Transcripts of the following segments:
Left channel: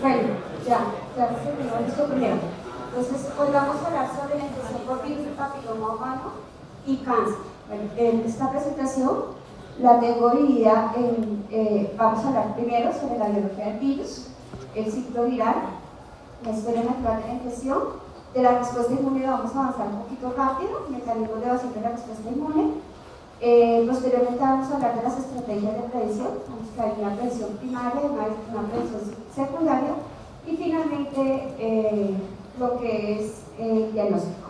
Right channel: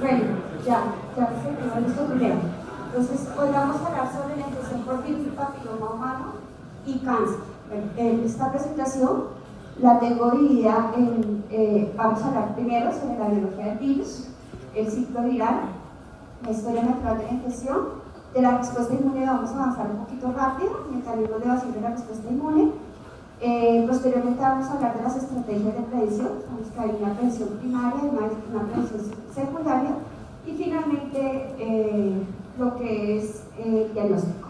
Bueno, ya se quedó listo primero. Entonces, hoy vamos a hablar sobre la infección por virus del papiloma humano y cáncer. Bueno, en esta presentación la tengo dividida en, vamos a hablar primero sobre la biología del virus, el ciclo viral, la historia natural de la infección, de la respuesta inmune vamos a avanzar un poquito rápido, mecanismos de evasión de la respuesta inmune. Posteriormente vamos a hablar de las estrategias de prevención, que hay una prevención primaria, una prevención secundaria y finalmente lo que es el diagnóstico.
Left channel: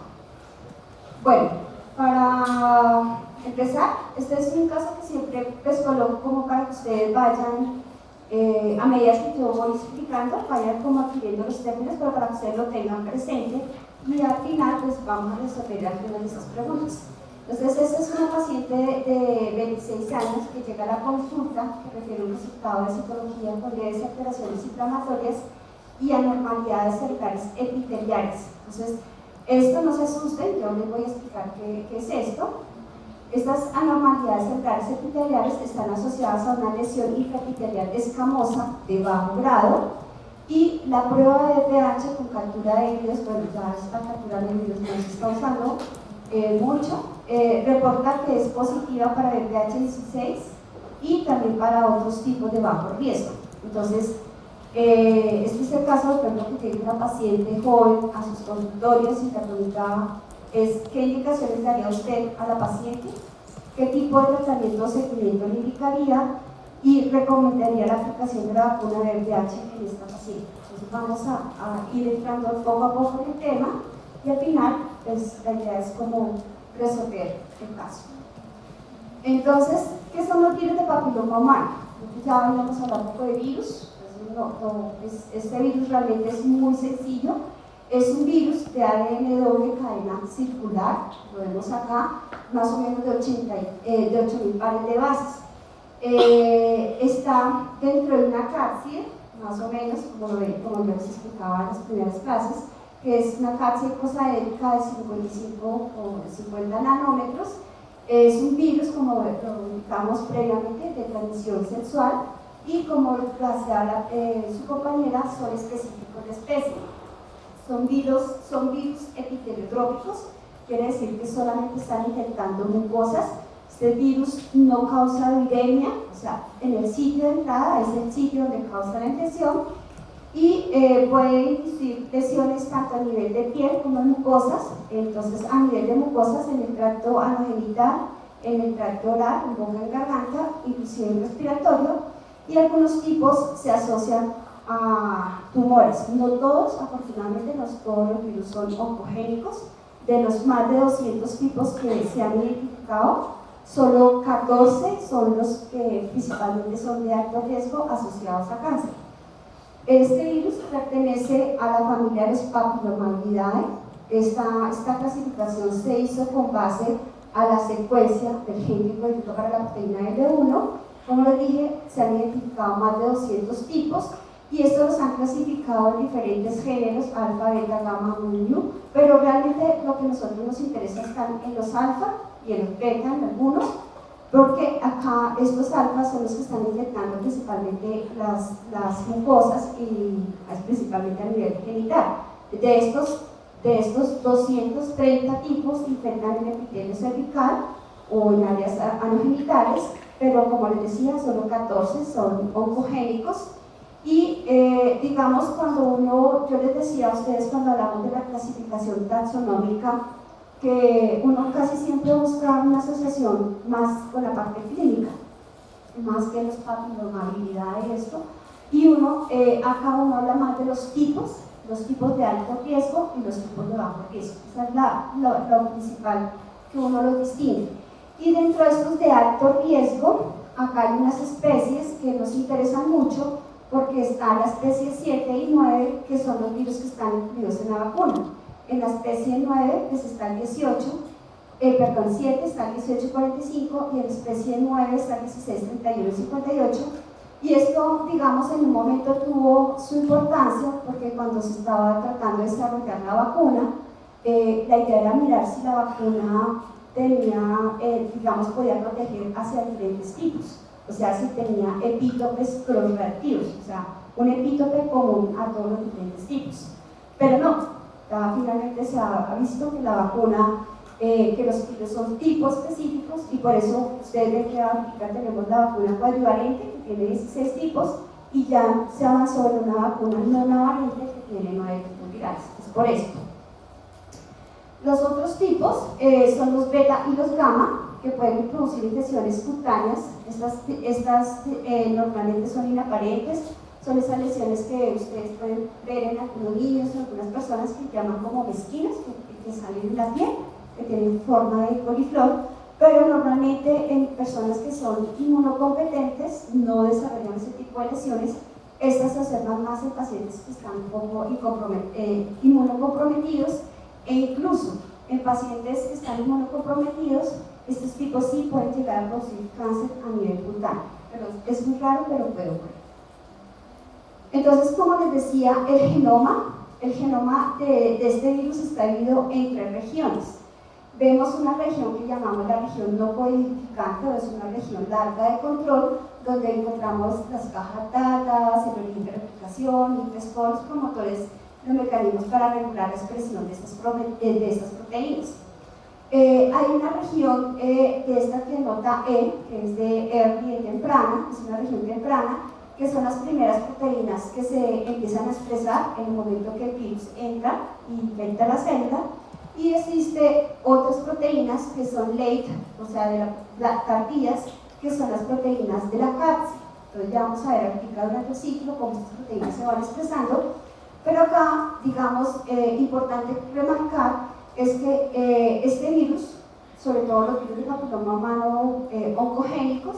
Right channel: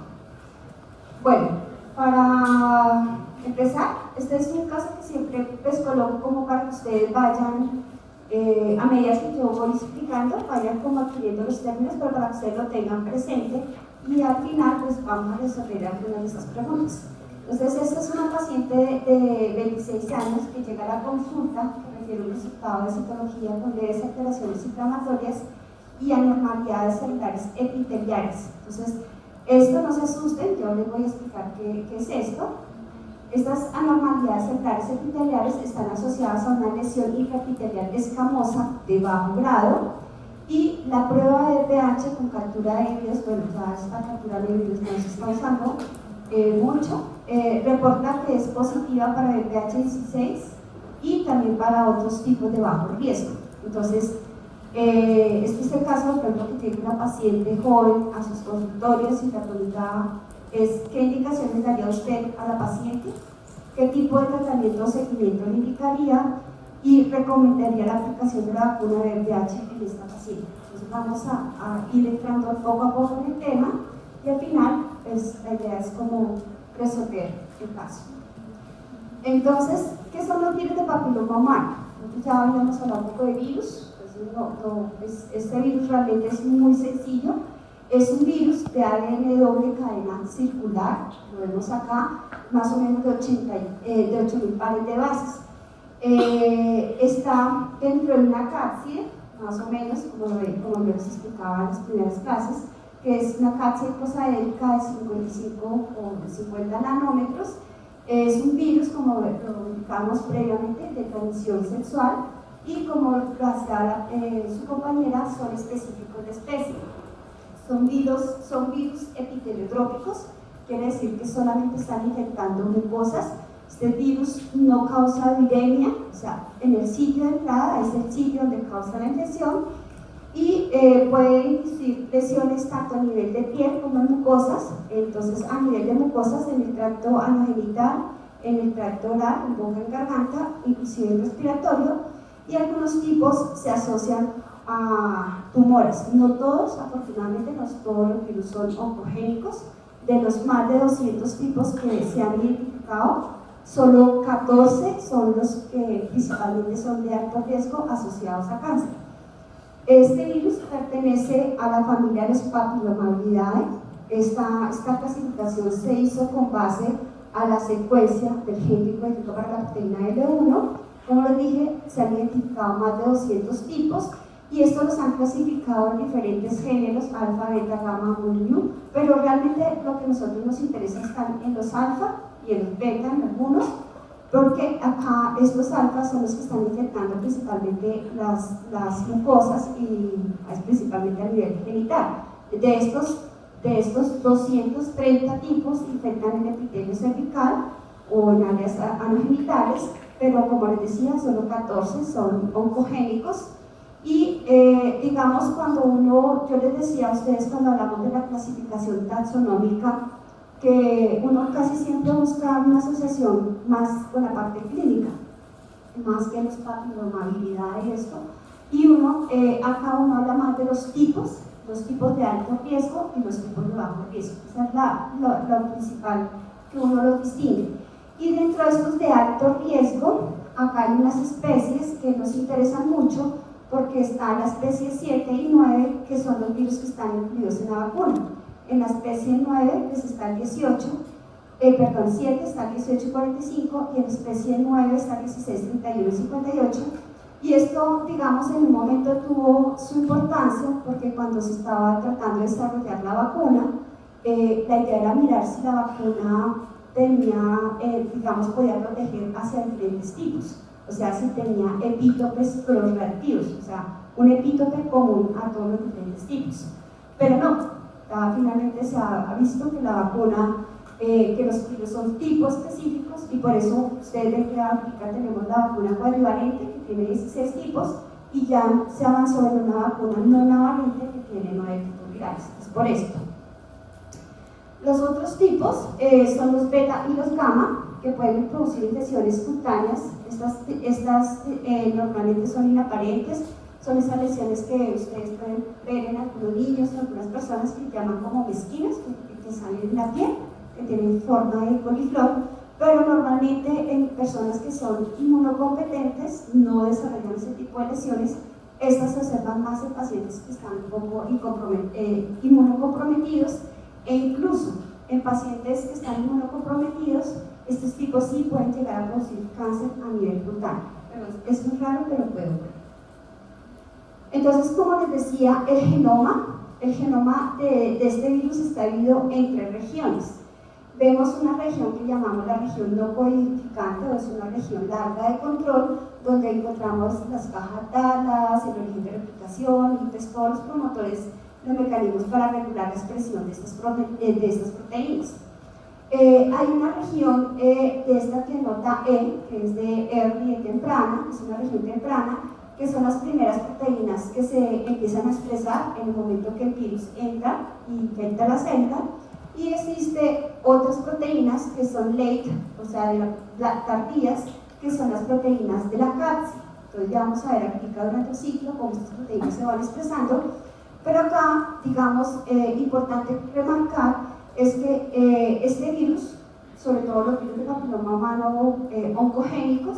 Bueno, para empezar, este es un caso que siempre les coloco como para que ustedes vayan, a medida que yo voy explicando, vayan como adquiriendo los términos, pero para que ustedes lo tengan presente y al final pues vamos a resolver algunas de esas preguntas. Entonces, esta es una paciente de 26 años que llega a la consulta, que requiere un resultado de citología con leves alteraciones inflamatorias y anormalidades celulares epiteliales. Entonces, esto no se asusten, yo les voy a explicar qué es esto. Estas anormalidades celulares epiteliales están asociadas a una lesión intraepitelial escamosa de bajo grado y la prueba de pH con captura de virus, bueno, ya esta captura de virus no se está usando mucho, reporta que es positiva para el pH 16 y también para otros tipos de bajo riesgo. Entonces, este es el caso, por ejemplo, que tiene una paciente joven a sus consultorios y la pregunta es ¿qué indicaciones daría usted a la paciente? ¿Qué tipo de tratamiento o seguimiento le indicaría? Y recomendaría la aplicación de la vacuna de VIH en esta paciente. Entonces vamos a ir entrando poco a poco en el tema y al final pues, la idea es como resolver el caso. Entonces, ¿qué son los virus de papiloma humano? Ya habíamos hablado un poco de virus. Este virus realmente es muy sencillo. Es un virus de ADN doble cadena circular, lo vemos acá, más o menos de 8.000 pares de bases. Está dentro de una cápside, más o menos, como yo les explicaba en las primeras clases, que es una cápside cosaédrica de 55 o 50 nanómetros. Es un virus, como lo indicamos previamente, de transmisión sexual y como lo hacía su compañera, son específicos de especie. Son virus epiteliotrópicos, quiere decir que solamente están infectando mucosas. Este virus no causa viremia, o sea, en el sitio de entrada es el sitio donde causa la infección y puede inducir lesiones tanto a nivel de piel como en mucosas. Entonces, a nivel de mucosas, en el tracto anogenital, en el tracto oral, en boca y garganta, inclusive en respiratorio, y algunos tipos se asocian a tumores. No todos, afortunadamente, no todos los virus son oncogénicos. De los más de 200 tipos que se han identificado, solo 14 son los que principalmente son de alto riesgo asociados a cáncer. Este virus pertenece a la familia de los Papillomavidae. Esta clasificación se hizo con base a la secuencia del gen que codifica la proteína L1. Como les dije, se han identificado más de 200 tipos y estos los han clasificado en diferentes géneros, alfa, beta, gamma, mu, pero realmente lo que a nosotros nos interesa están en los alfa y en los beta en algunos, porque acá estos alfas son los que están infectando principalmente las mucosas y principalmente a nivel genital. De estos 230 tipos infectan el epitelio cervical o en áreas anogenitales, pero como les decía, solo 14 son oncogénicos. Y digamos, yo les decía a ustedes cuando hablamos de la clasificación taxonómica, que uno casi siempre busca una asociación más con la parte clínica, más que los papilomabilidad y esto, y acá uno habla más de los tipos de alto riesgo y los tipos de bajo riesgo. Esa es lo principal que uno lo distingue. Y dentro de estos de alto riesgo, acá hay unas especies que nos interesan mucho porque están la especie 7 y 9, que son los virus que están incluidos en la vacuna. En la especie 9 pues está el 7 está el 1845 y en la especie 9 está el 16, 31 y 58. Y esto, digamos, en un momento tuvo su importancia porque cuando se estaba tratando de desarrollar la vacuna, la idea era mirar si la vacuna podía proteger hacia diferentes tipos, o sea, si tenía epítopes cross-reactivos, o sea, un epítope común a todos los diferentes tipos. Pero no, finalmente se ha visto que la vacuna, que los virus son tipos específicos, y por eso ustedes ven que ahorita tenemos la vacuna cuadrivalente, que tiene 16 tipos, y ya se avanzó en una vacuna monovalente que tiene 9 tipos virales. Es por esto. Los otros tipos son los beta y los gamma, que pueden producir infecciones cutáneas. Estas normalmente son inaparentes, son esas lesiones que ustedes pueden ver en algunos niños o algunas personas que llaman como mesquinas, que salen en la piel, que tienen forma de coliflor, pero normalmente en personas que son inmunocompetentes no desarrollan ese tipo de lesiones. Estas se observan más en pacientes que están un poco inmunocomprometidos, e incluso en pacientes que están inmunocomprometidos, estos tipos sí pueden llegar a producir cáncer a nivel brutal. Es muy raro, pero puede ocurrir. Entonces, como les decía, el genoma de este virus está dividido en 3 regiones. Vemos una región que llamamos la región no codificante, o es una región larga de control, donde encontramos las cajas dadas, el origen de replicación, intersporos, promotores, los mecanismos para regular la expresión de estas proteínas. Hay una región de esta que nota E, que es de early, de temprana, es una región temprana, que son las primeras proteínas que se empiezan a expresar en el momento que el virus entra y infecta la célula. Y existe otras proteínas que son late, o sea, tardías, que son las proteínas de la cápsula. Entonces ya vamos a ver aquí durante el ciclo cómo estas proteínas se van expresando. Pero acá, digamos, importante remarcar es que este virus, sobre todo los virus de papiloma humano oncogénicos,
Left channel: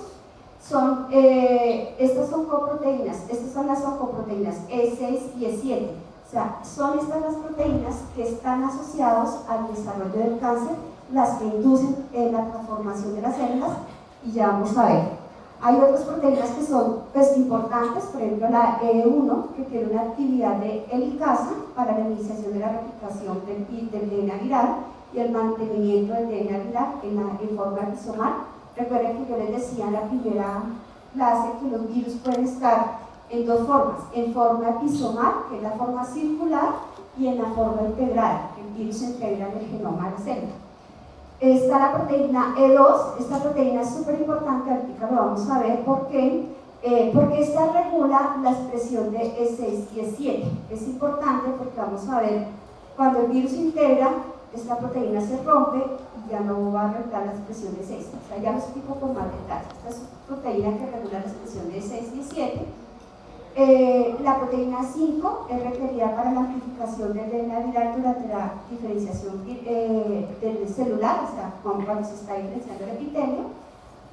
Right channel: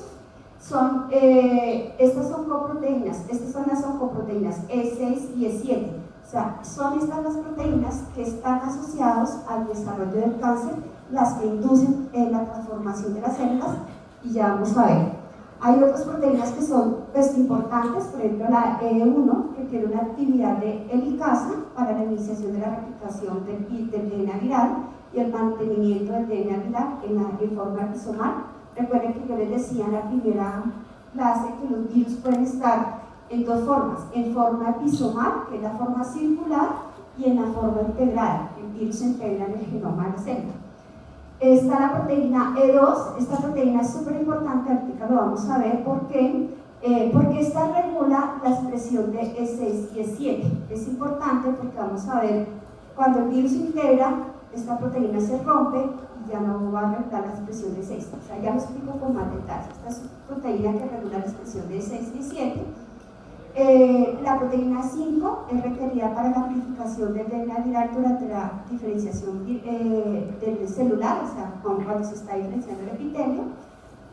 estas son coproteínas, estas son las oncoproteínas E6 y E7. O sea, son estas las proteínas que están asociadas al desarrollo del cáncer, las que inducen la transformación de las células, y ya vamos a ver. Hay otras proteínas que son importantes, por ejemplo la E1, que tiene una actividad de helicasa para la iniciación de la replicación del DNA viral y el mantenimiento del DNA viral en forma rizomal. Recuerden que yo les decía en la primera clase que los virus pueden estar en 2 formas, en forma episomal, que es la forma circular, y en la forma integrada, que el virus se integra en el genoma de la célula. Está la proteína E2, esta proteína es súper importante, ahorita lo vamos a ver porque esta regula la expresión de E6 y E7. Es importante porque vamos a ver, cuando el virus integra, esta proteína se rompe y ya no va a regular la expresión de E6. O sea, ya lo explico con más detalle. Esta es una proteína que regula la expresión de E6 y E7. La proteína 5 es requerida para la amplificación del DNA viral durante la diferenciación del celular, o sea, cuando se está diferenciando el epitelio.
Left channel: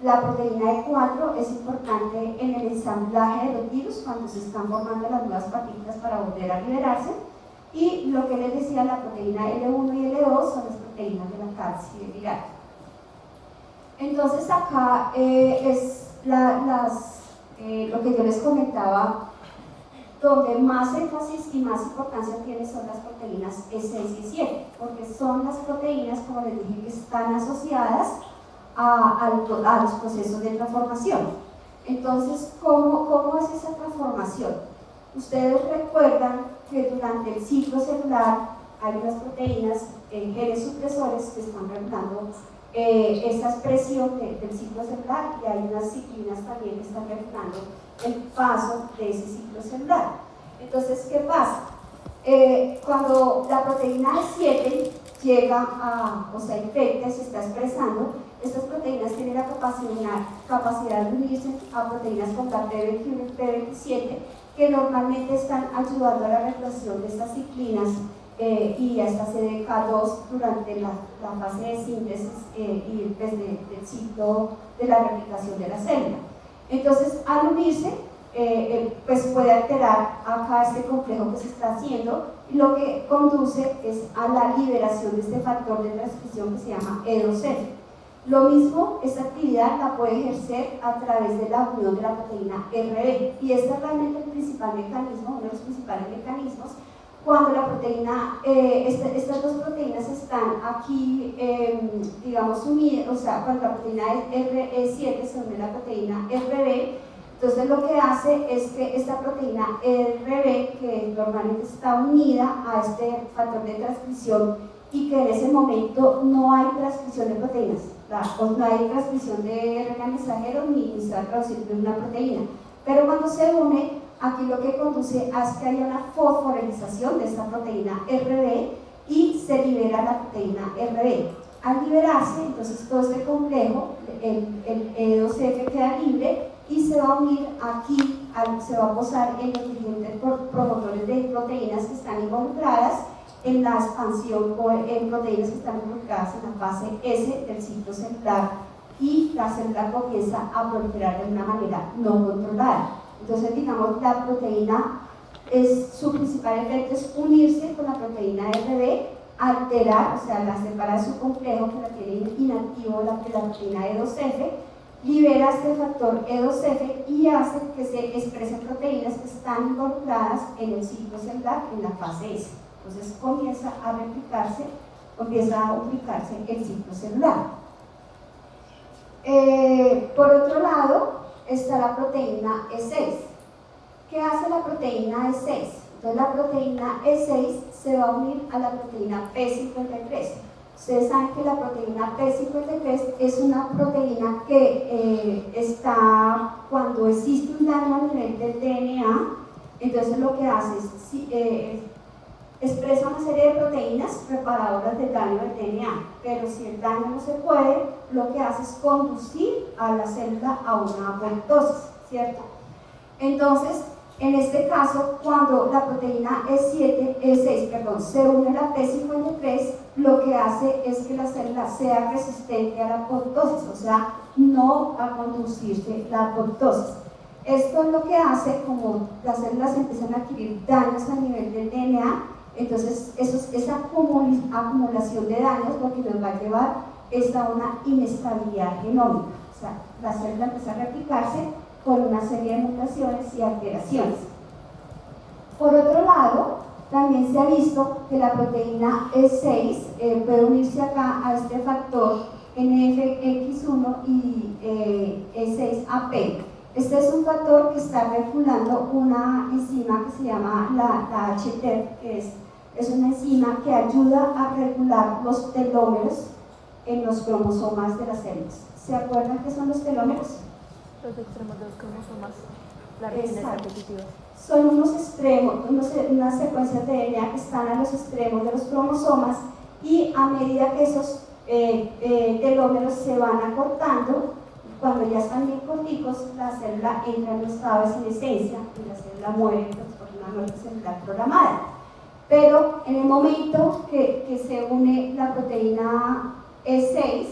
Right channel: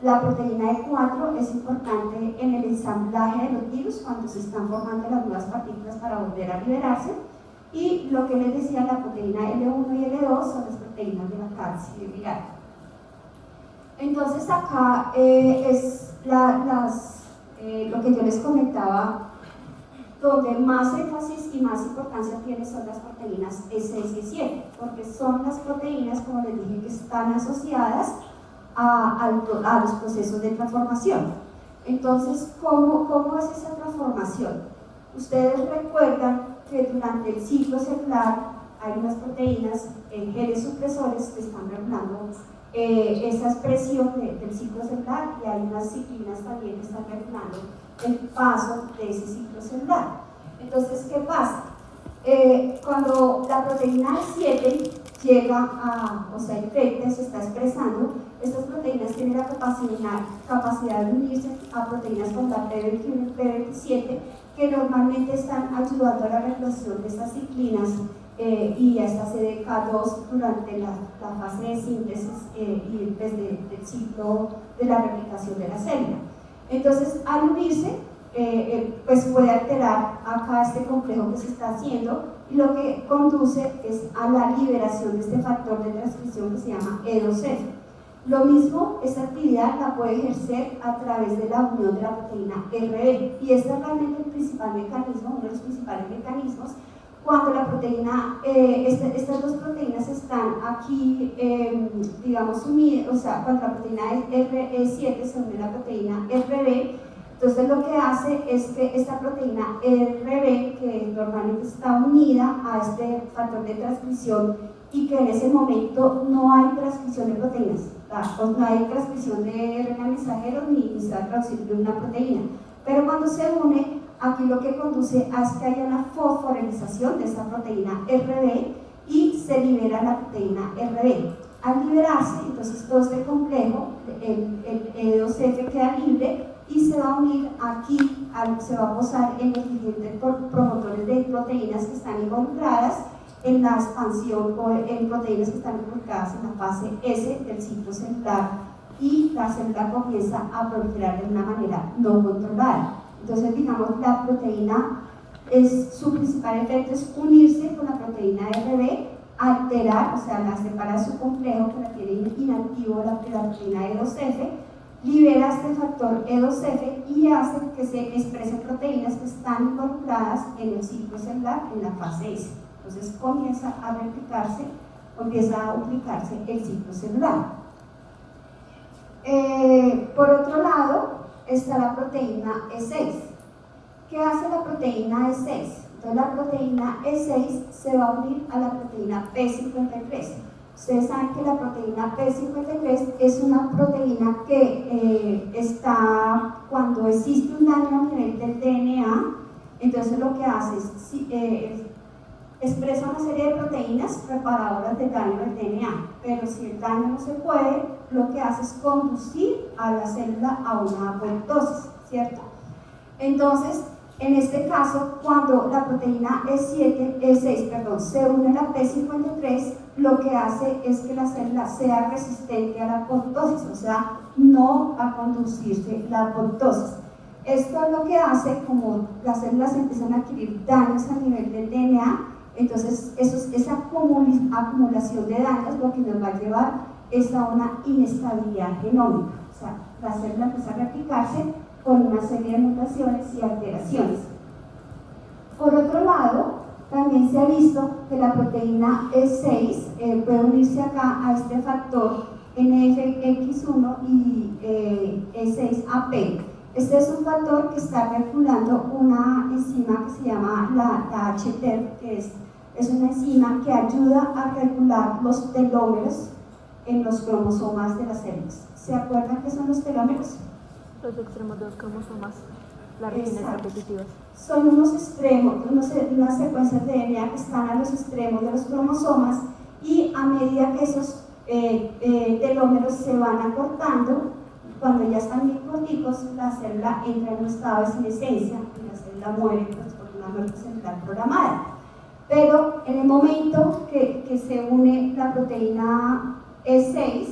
La proteína E4 es importante en el ensamblaje de los virus cuando se están formando las nuevas partículas para volver a liberarse. Y lo que les decía, la proteína L1 y L2 son las proteínas de la cápside viral. Entonces acá es lo que yo les comentaba, donde más énfasis y más importancia tienen son las proteínas E6 y E7, porque son las proteínas, como les dije, que están asociadas a los procesos de transformación. Entonces, ¿cómo es esa transformación? Ustedes recuerdan que durante el ciclo celular hay unas proteínas, genes supresores, que están regulando esa expresión del ciclo celular, y hay unas ciclinas también que están regulando el paso de ese ciclo celular. Entonces, ¿qué pasa? Cuando la proteína 7 llega o sea, infecta, se está expresando, estas proteínas tienen la capacidad de unirse a proteínas como la P21 y P27, que normalmente están ayudando a la regulación de estas ciclinas y a esta CDK2 durante la fase de síntesis y del ciclo de la replicación de la célula. Entonces, al unirse, pues puede alterar acá este complejo que se está haciendo, y lo que conduce es a la liberación de este factor de transcripción que se llama E2F. Lo mismo, esta actividad la puede ejercer a través de la unión de la proteína RB, y este es realmente el principal mecanismo, uno de los principales mecanismos, cuando la proteína, estas 2 proteínas están aquí, digamos, unidas, o sea, cuando la proteína RE7 se une a la proteína RB, Entonces lo que hace es que esta proteína RB, que normalmente está unida a este factor de transcripción y que en ese momento no hay transcripción de proteínas, no hay transcripción de RNA mensajero ni se va a traducir de una proteína, pero cuando se une, aquí lo que conduce a que haya una fosforilización de esta proteína RB y se libera la proteína RB. Al liberarse, entonces todo este complejo, el E2F queda libre y se va a unir aquí, se va a posar en los diferentes promotores de proteínas que están involucradas en la expansión en proteínas que están involucradas en la fase S del ciclo celular, y la célula comienza a proliferar de una manera no controlada. Entonces, digamos, la proteína, su principal efecto es unirse con la proteína RB, alterar, o sea, la separa su complejo que la tiene inactivo la proteína E2F, libera este factor E2F y hace que se expresen proteínas que están involucradas en el ciclo celular en la fase S. Entonces comienza a replicarse, comienza a duplicarse el ciclo celular. Por otro lado, está la proteína E6. ¿Qué hace la proteína E6? Entonces la proteína E6 se va a unir a la proteína P53. Ustedes saben que la proteína P53 es una proteína que está, cuando existe un daño a nivel del DNA, entonces lo que hace es expresa una serie de proteínas reparadoras del daño del DNA, pero si el daño no se puede, lo que hace es conducir a la célula a una apoptosis, ¿cierto? Entonces, en este caso, cuando la proteína E6 se une a la P53, lo que hace es que la célula sea resistente a la apoptosis, o sea, no a conducirse la apoptosis. Esto es lo que hace, como las células empiezan a adquirir daños a nivel del DNA, entonces esa acumulación de daños lo que nos va a llevar es a una inestabilidad genómica, o sea, la célula empieza a replicarse con una serie de mutaciones y alteraciones. Por otro lado, también se ha visto que la proteína E6 puede unirse acá a este factor NFX1 y E6AP. Este es un factor que está regulando una enzima que se llama la HTER, que es una enzima que ayuda a regular los telómeros en los cromosomas de las células. ¿Se acuerdan qué son los telómeros? Los extremos de los cromosomas, las regiones repetitivas. Son unos extremos, unas secuencias de DNA que están a los extremos de los cromosomas, y a medida que esos telómeros se van acortando, cuando ya están bien corticos, la célula entra en un estado de senescencia y la célula muere por una muerte celular programada. Pero en el momento que se une la proteína E6,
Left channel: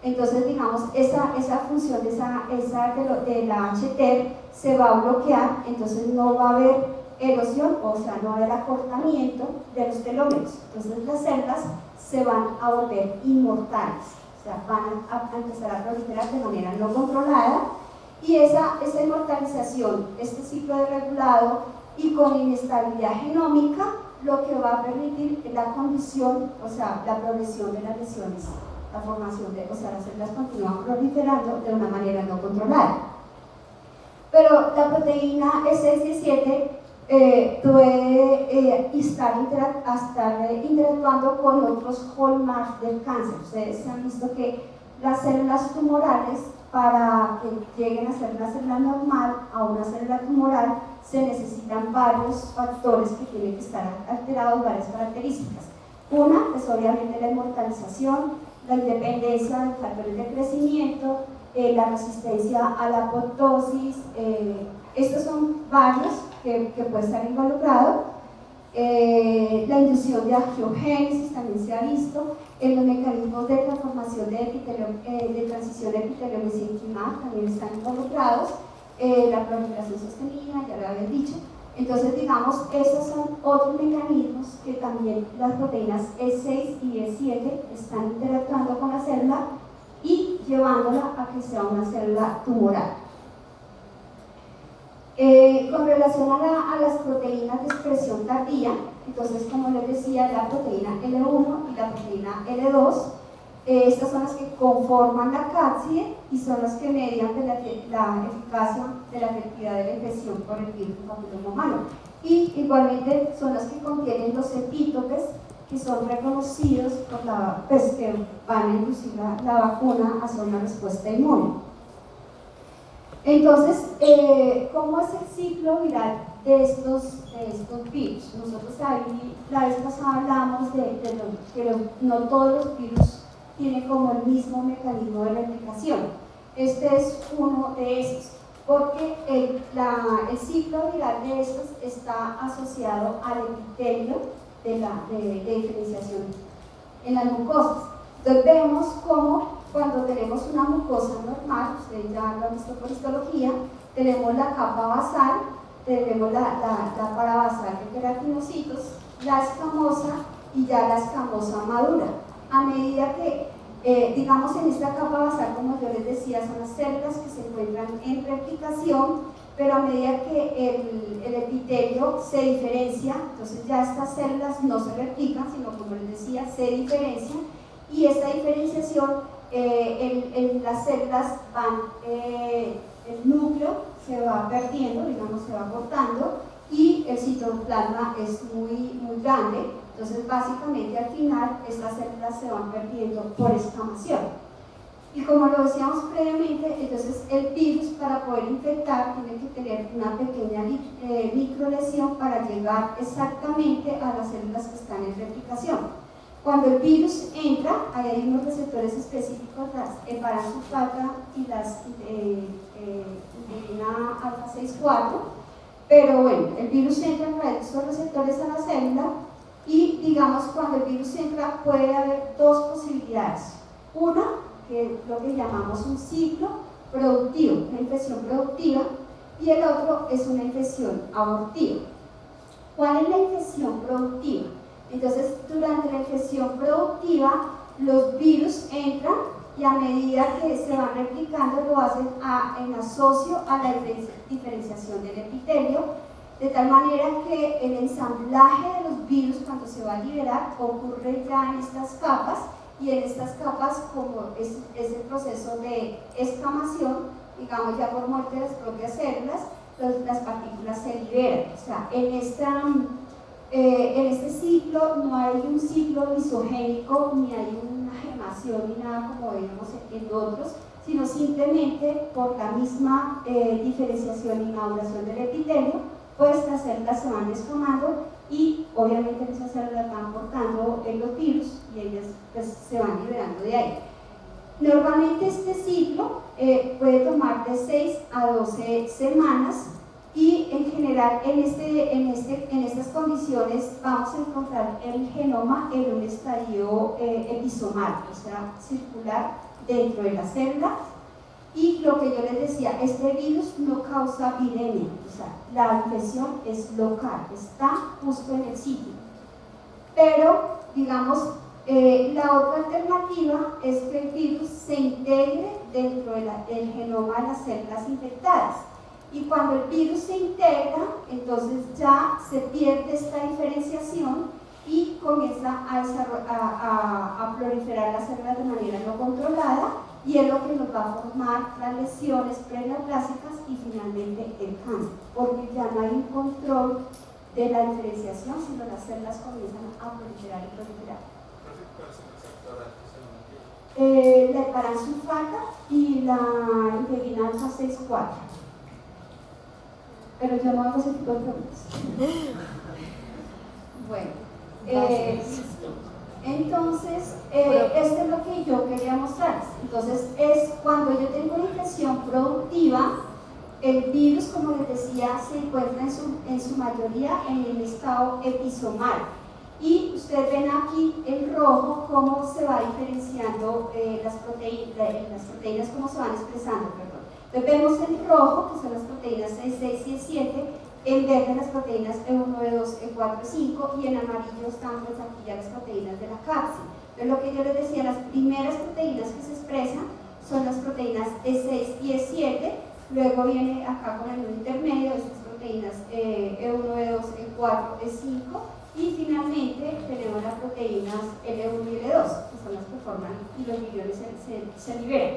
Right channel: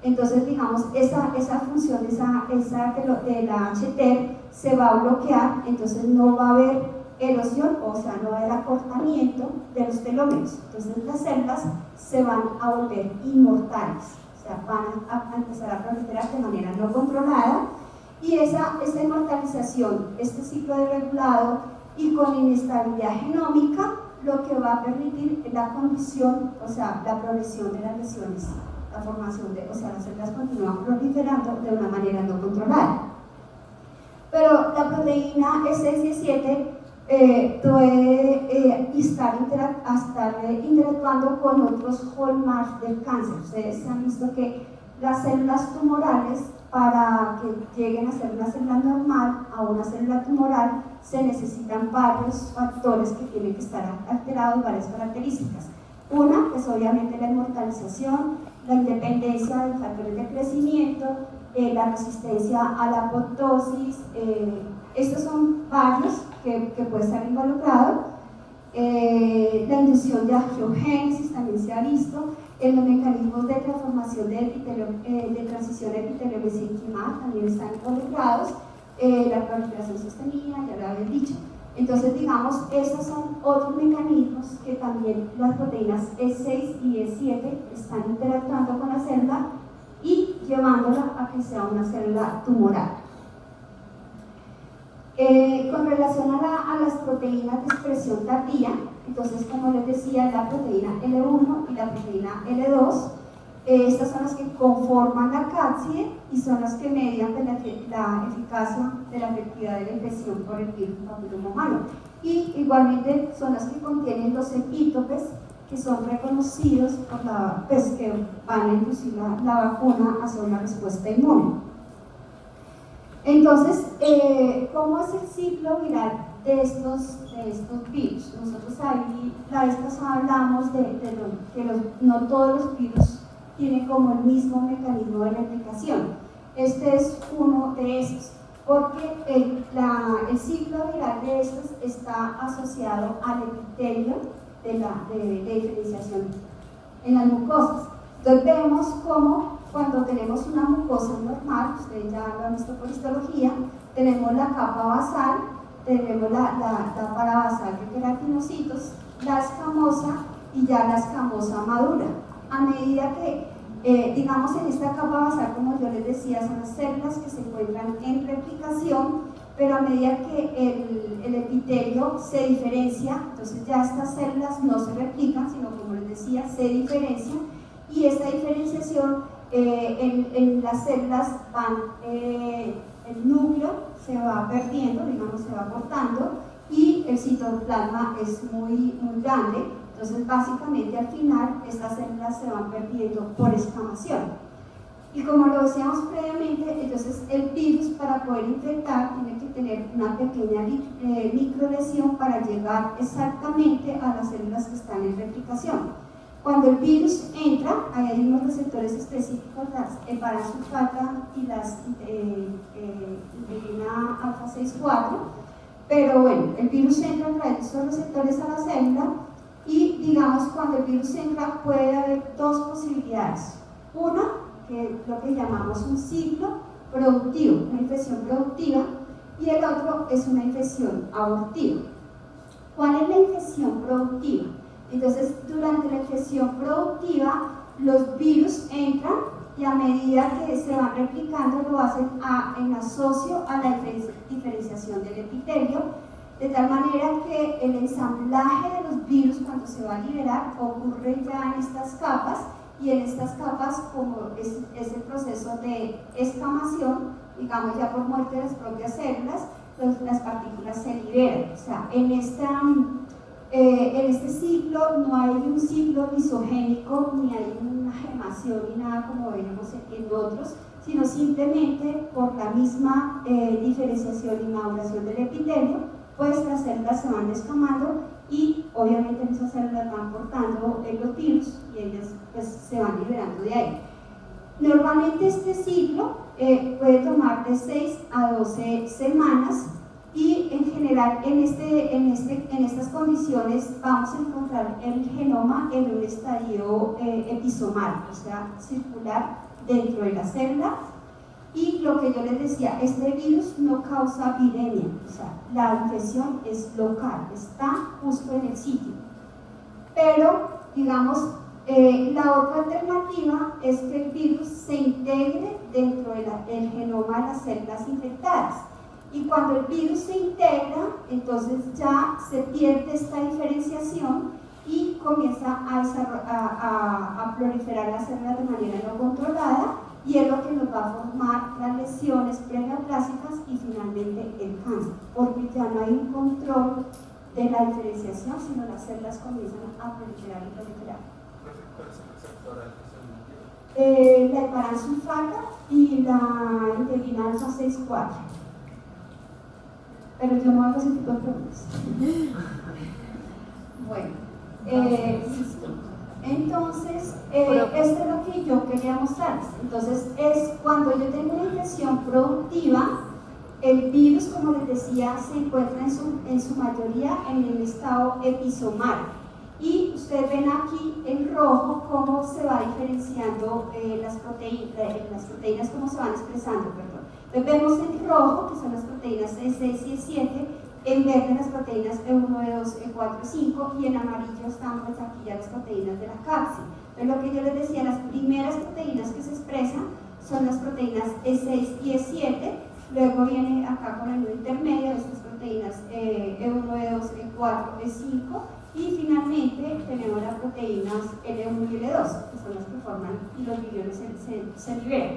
entonces, digamos, esa función de la HTER se va a bloquear, entonces no va a haber erosión, o sea, no va a haber acortamiento de los telómeros. Entonces las células se van a volver inmortales, o sea, van a empezar a proliferar de manera no controlada, y esa inmortalización, este ciclo de regulado y con inestabilidad genómica, lo que va a permitir la condición, o sea, la progresión de las lesiones. La formación de, o sea, las células continúan proliferando de una manera no controlada. Pero la proteína E6 y E7 puede estar interactuando con otros hallmarks del cáncer. Ustedes han visto que las células tumorales, para que lleguen a ser una célula normal a una célula tumoral, se necesitan varios factores que tienen que estar alterados, varias características. Una es obviamente la inmortalización, la independencia de factores de crecimiento, la resistencia a la apoptosis. Estos son varios que pueden estar involucrados. La inducción de angiogénesis también se ha visto. Los mecanismos de transformación de transición epitelio-mesenquimal también están involucrados. La proliferación sostenida, ya lo había dicho. Entonces, digamos, estos son otros mecanismos que también las proteínas E6 y E7 están interactuando con la célula y llevándola a que sea una célula tumoral. Con relación a las proteínas de expresión tardía, entonces, como les decía, la proteína L1 y la proteína L2 Estas son las que conforman la cápside y son las que median la eficacia de la efectividad de la infección por el virus papiloma humano. Y igualmente son las que contienen los epítopes que son reconocidos por pues, que van a inducir la vacuna hacia una respuesta inmune. Entonces, ¿cómo es el ciclo viral de estos virus? Nosotros ahí la vez pasada hablamos de que no todos los virus tienen como el mismo mecanismo de replicación. Este es uno de estos, porque el ciclo viral de estos está asociado al epitelio de diferenciación en las mucosas. Entonces vemos cómo cuando tenemos una mucosa normal, ustedes ya lo han visto por histología, tenemos la capa basal, tenemos la parabasal de queratinocitos, la escamosa y ya la escamosa madura. A medida que, digamos, en esta capa basal, como yo les decía, son las células que se encuentran en replicación, pero a medida que el epitelio se diferencia, entonces ya estas células no se replican, sino como les decía, se diferencian, y esta diferenciación en las células el núcleo se va perdiendo, digamos, se va cortando, y el citoplasma es muy grande. Entonces, básicamente, al final, estas células se van perdiendo por escamación. Y como lo decíamos previamente, entonces el virus, para poder infectar, tiene que tener una pequeña microlesión para llegar exactamente a las células que están en replicación. Cuando el virus entra, hay unos receptores específicos, las heparan-sulfata y las interferona alfa 6,4, pero bueno, el virus entra a través de esos receptores a la célula. Y digamos, cuando el virus entra puede haber dos posibilidades. Una, que es lo que llamamos un ciclo productivo, una infección productiva, y el otro es una infección abortiva. ¿Cuál es la infección productiva? Entonces, durante la infección productiva, los virus entran y a medida que se van replicando lo hacen en asocio a la diferenciación del epitelio, de tal manera que el ensamblaje de los virus, cuando se va a liberar, ocurre ya en estas capas, y en estas capas, como es el proceso de escamación, digamos ya por muerte de las propias células, las partículas se liberan. O sea, en este ciclo no hay un ciclo lisogénico, ni hay una germación, ni nada como veíamos en otros, sino simplemente por la misma diferenciación y maduración del epitelio, pues las células se van descamando y obviamente esas células van portando los virus y ellas pues se van liberando de ahí. Normalmente este ciclo puede tomar de 6 a 12 semanas y en general en estas condiciones vamos a encontrar el genoma en un estadio episomal, o sea, circular dentro de la célula. Y lo que yo les decía, este virus no causa viremia, o sea, la infección es local, está justo en el sitio. Pero, digamos, la otra alternativa es que el virus se integre dentro del genoma de las células infectadas. Y cuando el virus se integra, entonces ya se pierde esta diferenciación y comienza a proliferar las células de manera no controlada, y es lo que nos va a formar las lesiones preneoplásicas y finalmente el cáncer, porque ya no hay un control de la diferenciación, sino las células comienzan a proliferar y proliferar. La heparan-sulfata y la interferona alfa 6,4. Pero yo no hago ese tipo de preguntas. Bueno, entonces, esto es lo que yo quería mostrarles. Entonces, es cuando yo tengo una infección productiva, el virus, como les decía, se encuentra en su mayoría en el estado episomal. Y ustedes ven aquí en rojo cómo se va diferenciando las proteínas, cómo se van expresando, perdón. Entonces vemos en rojo, que son las proteínas E6 y E7, en verde las proteínas E1, E2, E4, E5, y en amarillo están pues aquí ya las proteínas de la cápside. Entonces lo que yo les decía, las primeras proteínas que se expresan son las proteínas E6 y E7, luego viene acá con el intermedio, estas proteínas E1, E2, E4, E5, y finalmente tenemos las proteínas L1 y L2, que personas que forman los millones se liberan.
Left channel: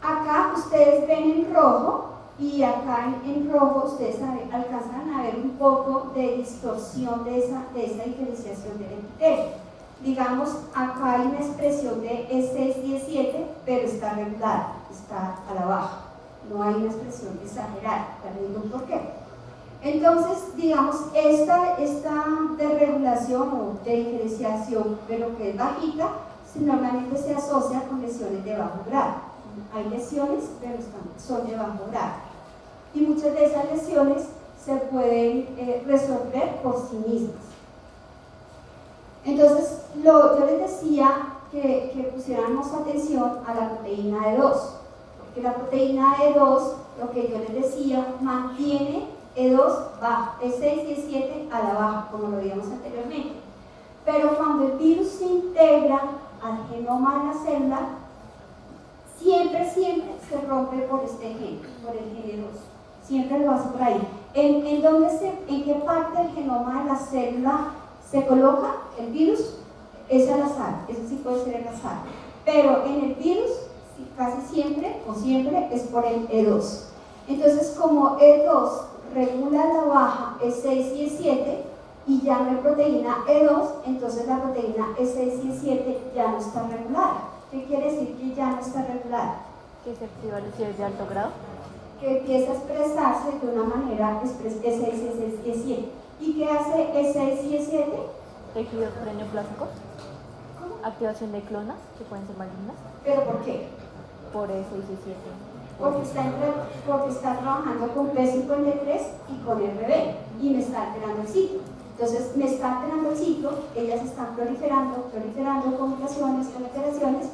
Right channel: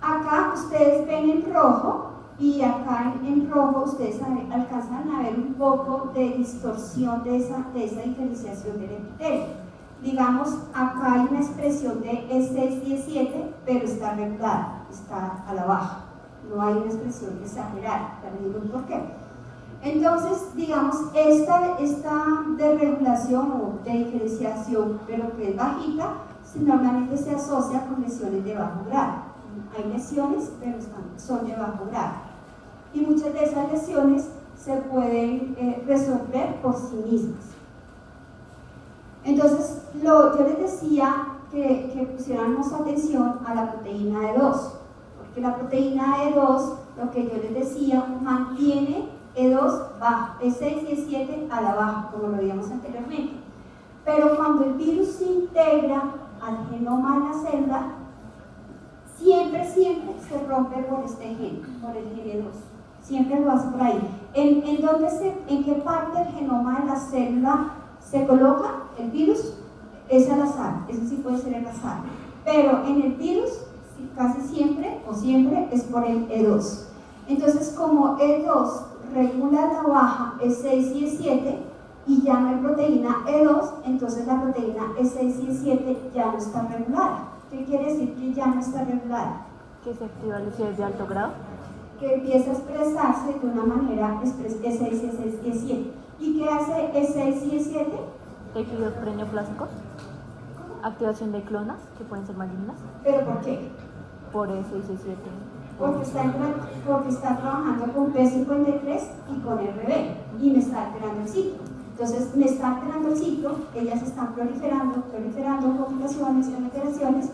Acá ustedes ven en rojo, y acá en rojo ustedes alcanzan a ver un poco de distorsión de esa diferenciación del epitelio. Digamos, acá hay una expresión de E6 y E7, pero está regulada, está a la baja. No hay una expresión exagerada, para ningún por qué. Entonces, digamos, esta desregulación o de diferenciación, pero que es bajita, normalmente se asocia con lesiones de bajo grado. Hay lesiones, pero son de bajo grado. Y muchas de esas lesiones se pueden resolver por sí mismas. Entonces, yo les decía que pusiéramos atención a la proteína E2, porque la proteína E2, lo que yo les decía, mantiene E2 bajo, E6 y E7 a la baja, como lo vimos anteriormente. Pero cuando el virus se integra al genoma de la célula, siempre se rompe por este gen, por el gen E2. Siempre lo hace por ahí. ¿En qué parte del genoma de la célula se coloca el virus? Es al azar, eso sí puede ser al azar. Pero en el virus, casi siempre o siempre es por el E2. Entonces, como E2 regula la baja E6 y E7 y ya no hay proteína E2, entonces la proteína E6 y E7 ya no está regulada. ¿Qué quiere decir que ya no está regulada? Que se activa el cierre de alto grado. Que empieza a expresarse de una manera E6, E6 y E7. ¿Y qué hace E6 y E7? Tejidos preneoplásticos. Activación de clonas que pueden ser malignas. ¿Pero por qué? Por E6 y E7. Porque está trabajando con P53 y con RB y me está alterando el ciclo. Entonces me está alterando el ciclo, ellas están proliferando complicaciones, alteraciones,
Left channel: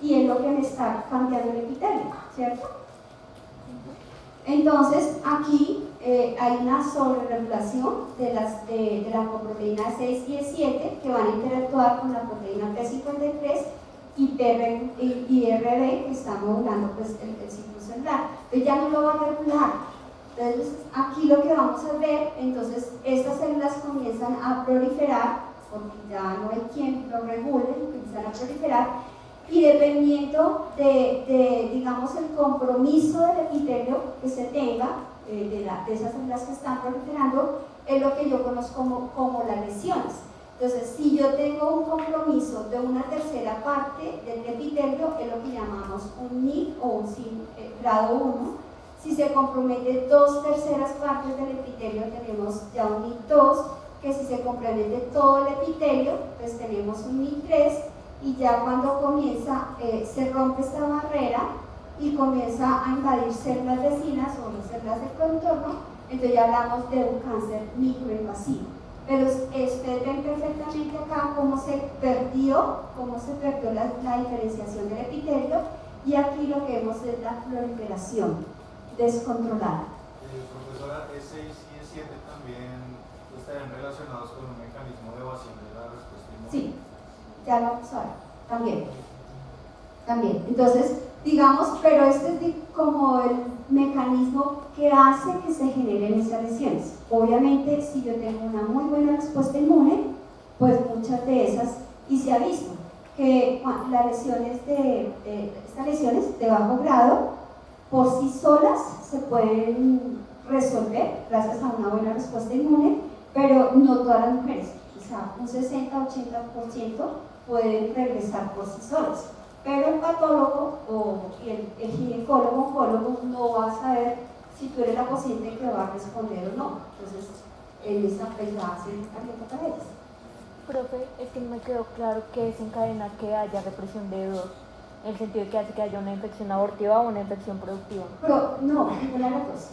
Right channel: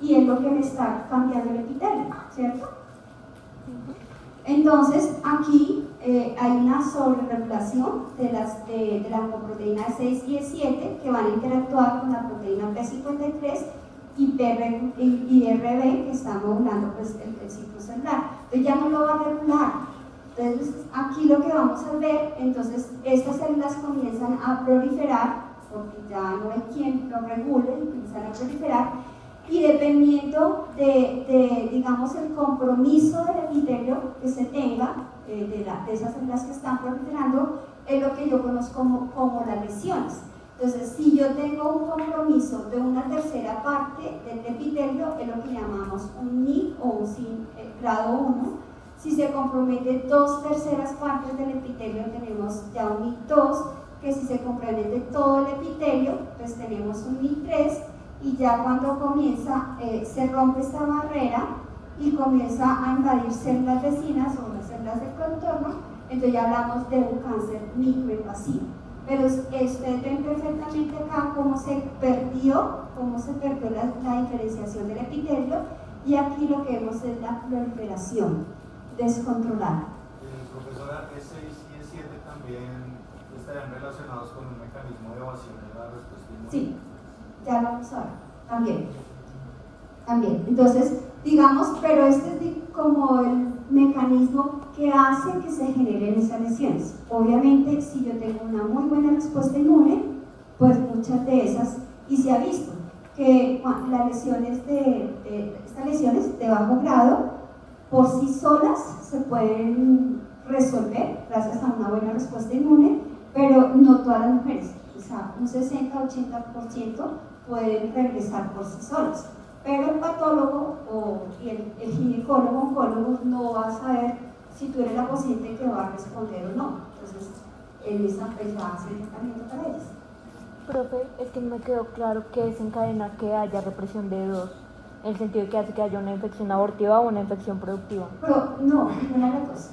y es lo que me está cambiando el epitelio, ¿cierto? Entonces aquí hay una sobreregulación de la coproteína 6 y E7 que van a interactuar con la proteína P53 y RB que está modulando pues, el ciclo celular. Entonces ya no lo va a regular. Entonces aquí lo que vamos a ver, entonces estas células comienzan a proliferar, porque ya no hay quien lo regule, comienzan a proliferar, y dependiendo de digamos, el compromiso del epitelio que se tenga, de esas células que están proliferando, es lo que yo conozco como las lesiones. Entonces, si yo tengo un compromiso de una tercera parte del epitelio, es lo que llamamos un NIC o un grado 1. Si se compromete 2/3 partes del epitelio, tenemos ya un NIC 2, que si se compromete todo el epitelio, pues tenemos un NIC 3, y ya cuando comienza, se rompe esta barrera y comienza a invadir células vecinas o las células del contorno, entonces ya hablamos de un cáncer microinvasivo. Pero ustedes ven perfectamente acá cómo se perdió la diferenciación del epitelio, y aquí lo que vemos es la proliferación descontrolada. Profesora, E6 y E7 también estarían relacionados con un mecanismo de evasión de la respuesta inmune. Sí, ya lo vamos a ver, también. Entonces, digamos, pero este es como el mecanismo que hace que se generen esas lesiones. Obviamente, si yo tengo una muy buena respuesta inmune, pues muchas de esas, y se ha visto que las lesiones estas lesiones de bajo grado, por sí solas se pueden resolver gracias a una buena respuesta inmune, pero no todas las mujeres, o sea, un 60-80% pueden regresar por sí solas. Pero el patólogo o el ginecólogo oncólogo no va a saber si tú eres la paciente que va a responder o no. Entonces, en esa pues va a ser tratamiento para ellas. Profe, es que no me quedó claro qué desencadena que haya represión de E2, en el sentido de que hace que haya una infección abortiva o una infección productiva. Pero no, ninguna de las dos.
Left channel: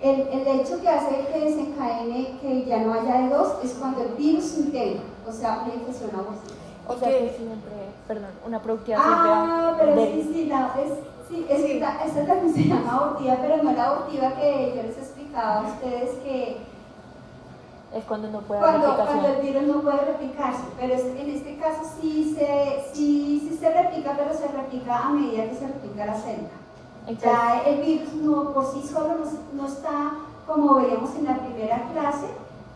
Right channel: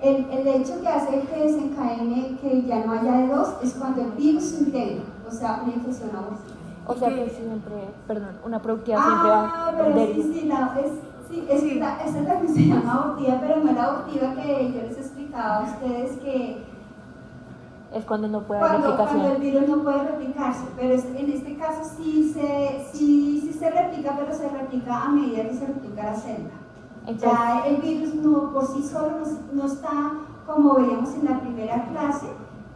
El hecho que hace que desencadene que ya no haya E2 es cuando el virus se integra, o sea, una infección abortiva. O sea, que siempre, perdón, una productiva pero siempre esta también se llama abortiva, pero no la abortiva que yo les explicaba a ustedes, que es cuando no puede cuando el virus no puede replicarse, pero en este caso sí se replica, pero se replica a medida que se replica la célula. Entonces, ya el virus no por sí solo no está, como veíamos en la primera clase,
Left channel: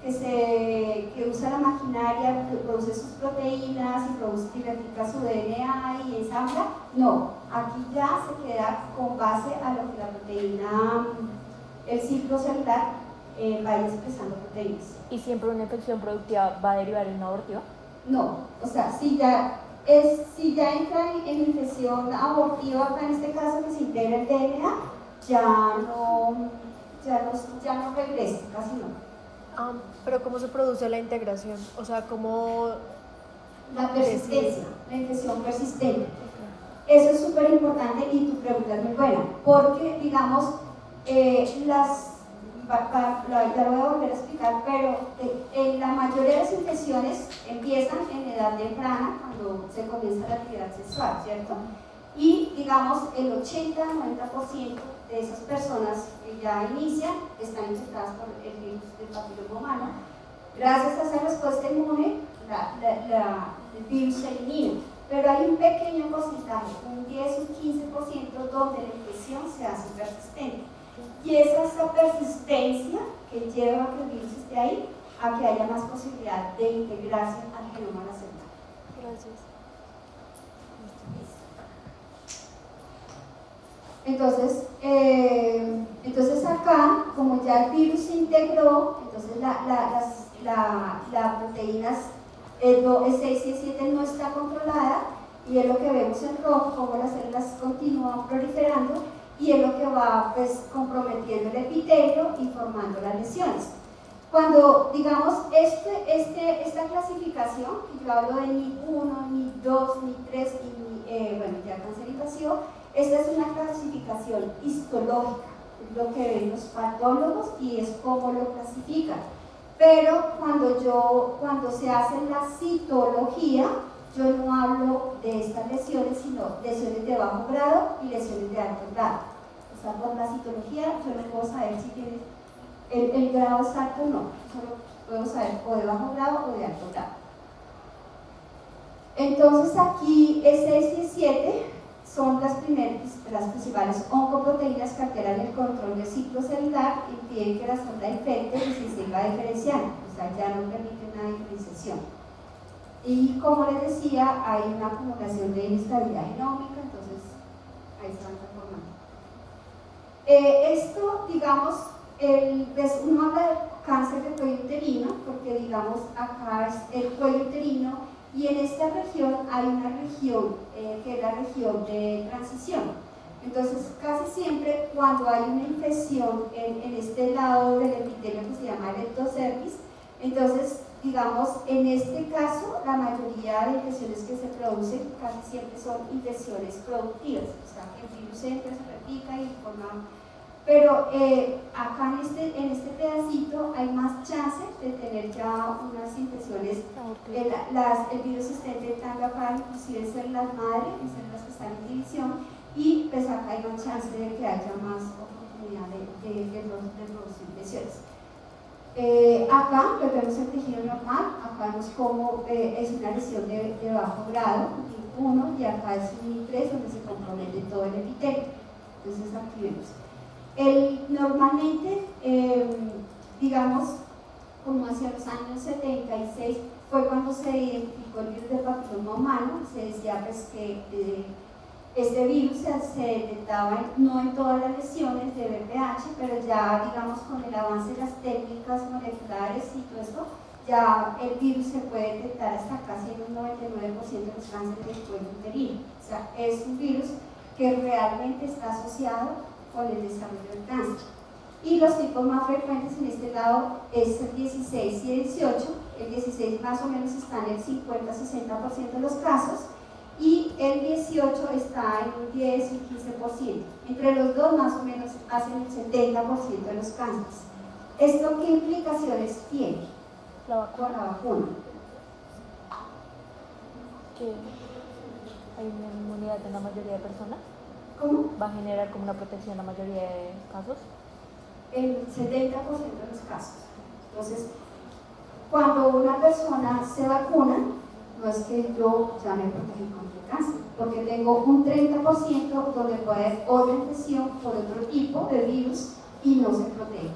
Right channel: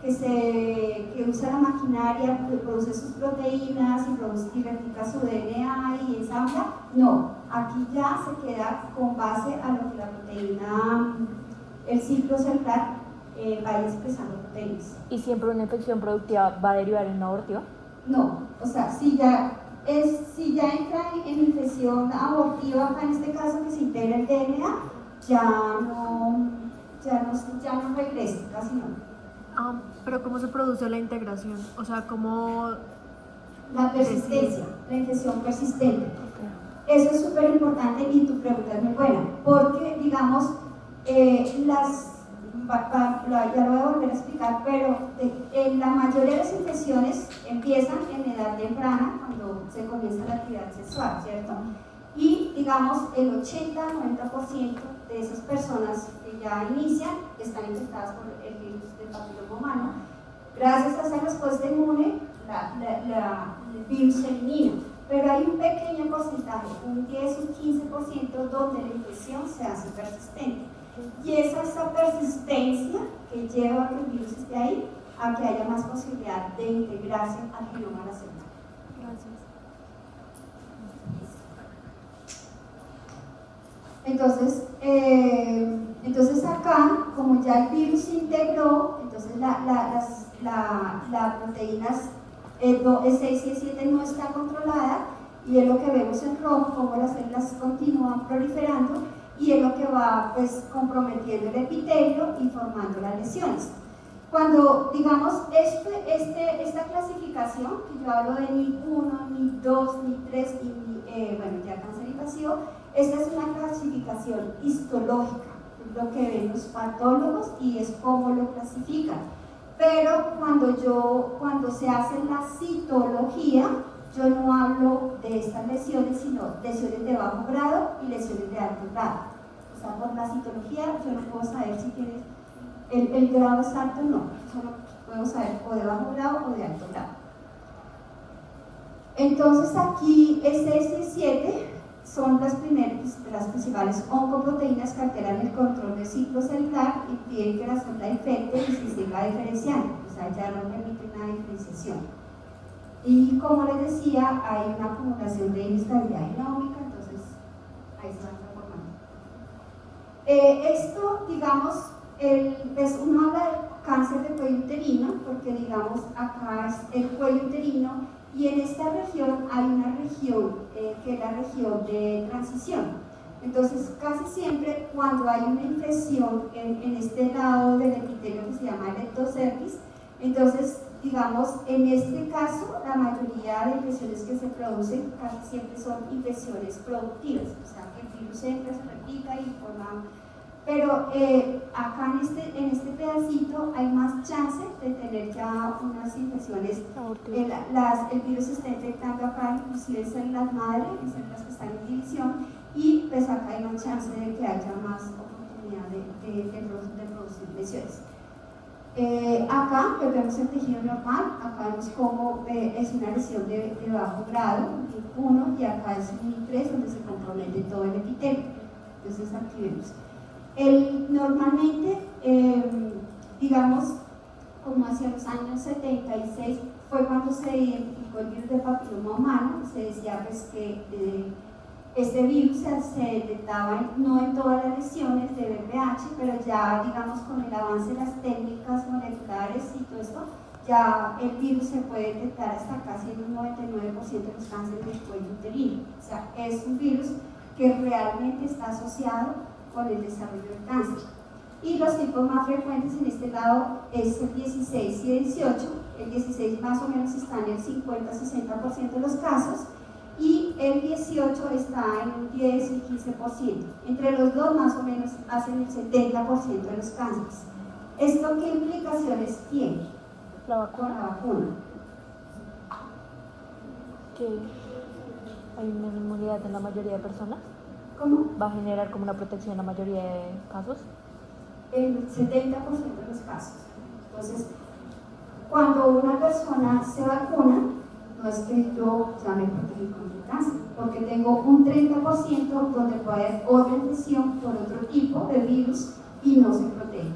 que usa la maquinaria, que produce sus proteínas y replica su DNA y ensambla. No, aquí ya se queda con base a lo que la proteína, el ciclo celular vaya expresando proteínas. ¿Y siempre una infección productiva va a derivar en un abortivo? No, o sea, si ya entra en infección abortiva, acá en este caso que se integra el DNA, ya no regresa, casi no. Pero ¿cómo se produce la integración? O sea, ¿cómo...? La persistencia, la infección persistente. Eso es súper importante y tu pregunta es muy buena, porque digamos, ya lo voy a volver a explicar, pero la mayoría de las infecciones empiezan en edad temprana, cuando se comienza la actividad sexual, ¿cierto? Y digamos, el 80-90% de esas personas que ya inician están infectadas por el virus del papiloma humano. Gracias a esa respuesta inmune, el virus se elimina. Pero hay un pequeño porcentaje, un 10 o un 15%, donde la infección se hace persistente. Y es esa persistencia que lleva a que el virus esté ahí, a que haya más posibilidad de integrarse al genoma celular. Gracias. Entonces acá, como ya el virus se integró, entonces las proteínas E6 y E7 no está controlada, y es lo que vemos en rojo, como las células continúan proliferando, y es lo que va pues comprometiendo el epitelio y formando las lesiones. Cuando digamos esta clasificación, que yo hablo de NIP1, NIP2, NIP3 y bueno, ya cáncer invasivo, esta es una clasificación histológica, es lo que ven los patólogos y es cómo lo clasifican. Pero cuando se hace la citología, yo no hablo de estas lesiones, sino lesiones de bajo grado y lesiones de alto grado. O sea, por la citología yo no puedo saber si tienes el grado es alto o no, solo podemos saber o de bajo grado o de alto grado. Entonces aquí E6 y E7 son las principales oncoproteínas que alteran el control del ciclo celular y impiden que la célula infecte y se siga diferenciando, o sea, ya no permiten la diferenciación. Y como les decía, hay una acumulación de inestabilidad genómica, entonces ahí se van transformando. Esto, digamos, uno habla de cáncer de cuello uterino, porque digamos, acá es el cuello uterino, y en esta región hay una región que es la región de transición. Entonces, casi siempre cuando hay una infección en este lado del epitelio que se llama electrocervis, entonces, digamos, en este caso, la mayoría de infecciones que se producen casi siempre son infecciones productivas, o sea, que el virus entra, se replica y forma. Pero acá en este pedacito hay más chances de tener ya unas infecciones. El virus está infectando acá inclusive en células madre, en células que están en división, y pues acá hay más chance de que haya más oportunidad de producir lesiones. Acá que vemos el tejido normal, acá vemos como es una lesión de bajo grado, NIP1, y acá es un NIP3 donde se compromete todo el epitelio. Entonces aquí vemos. Normalmente, digamos, como hacia los años 76 fue cuando se identificó el virus del papiloma humano. Se decía pues que este virus se detectaba no en todas las lesiones de VPH, pero ya digamos con el avance de las técnicas moleculares y todo esto, ya el virus se puede detectar hasta casi en un 99% de los cánceres del cuello uterino. O sea, es un virus que realmente está asociado con el desarrollo del cáncer. Y los tipos más frecuentes en este lado es el 16 y el 18. El 16 más o menos está en el 50-60% de los casos y el 18 está en un 10 y 15%. Entre los dos más o menos hacen el 70% de los cánceres. ¿Esto qué implicaciones tiene con la vacuna? Que hay una inmunidad en la mayoría de personas. ¿Cómo? ¿Va a generar como una protección en la mayoría de casos? En el 70% de los casos. Entonces, cuando una persona se vacuna, no es que yo ya me protegí contra el cáncer, porque tengo un 30% donde puede haber otra infección por otro tipo de virus y no se protege.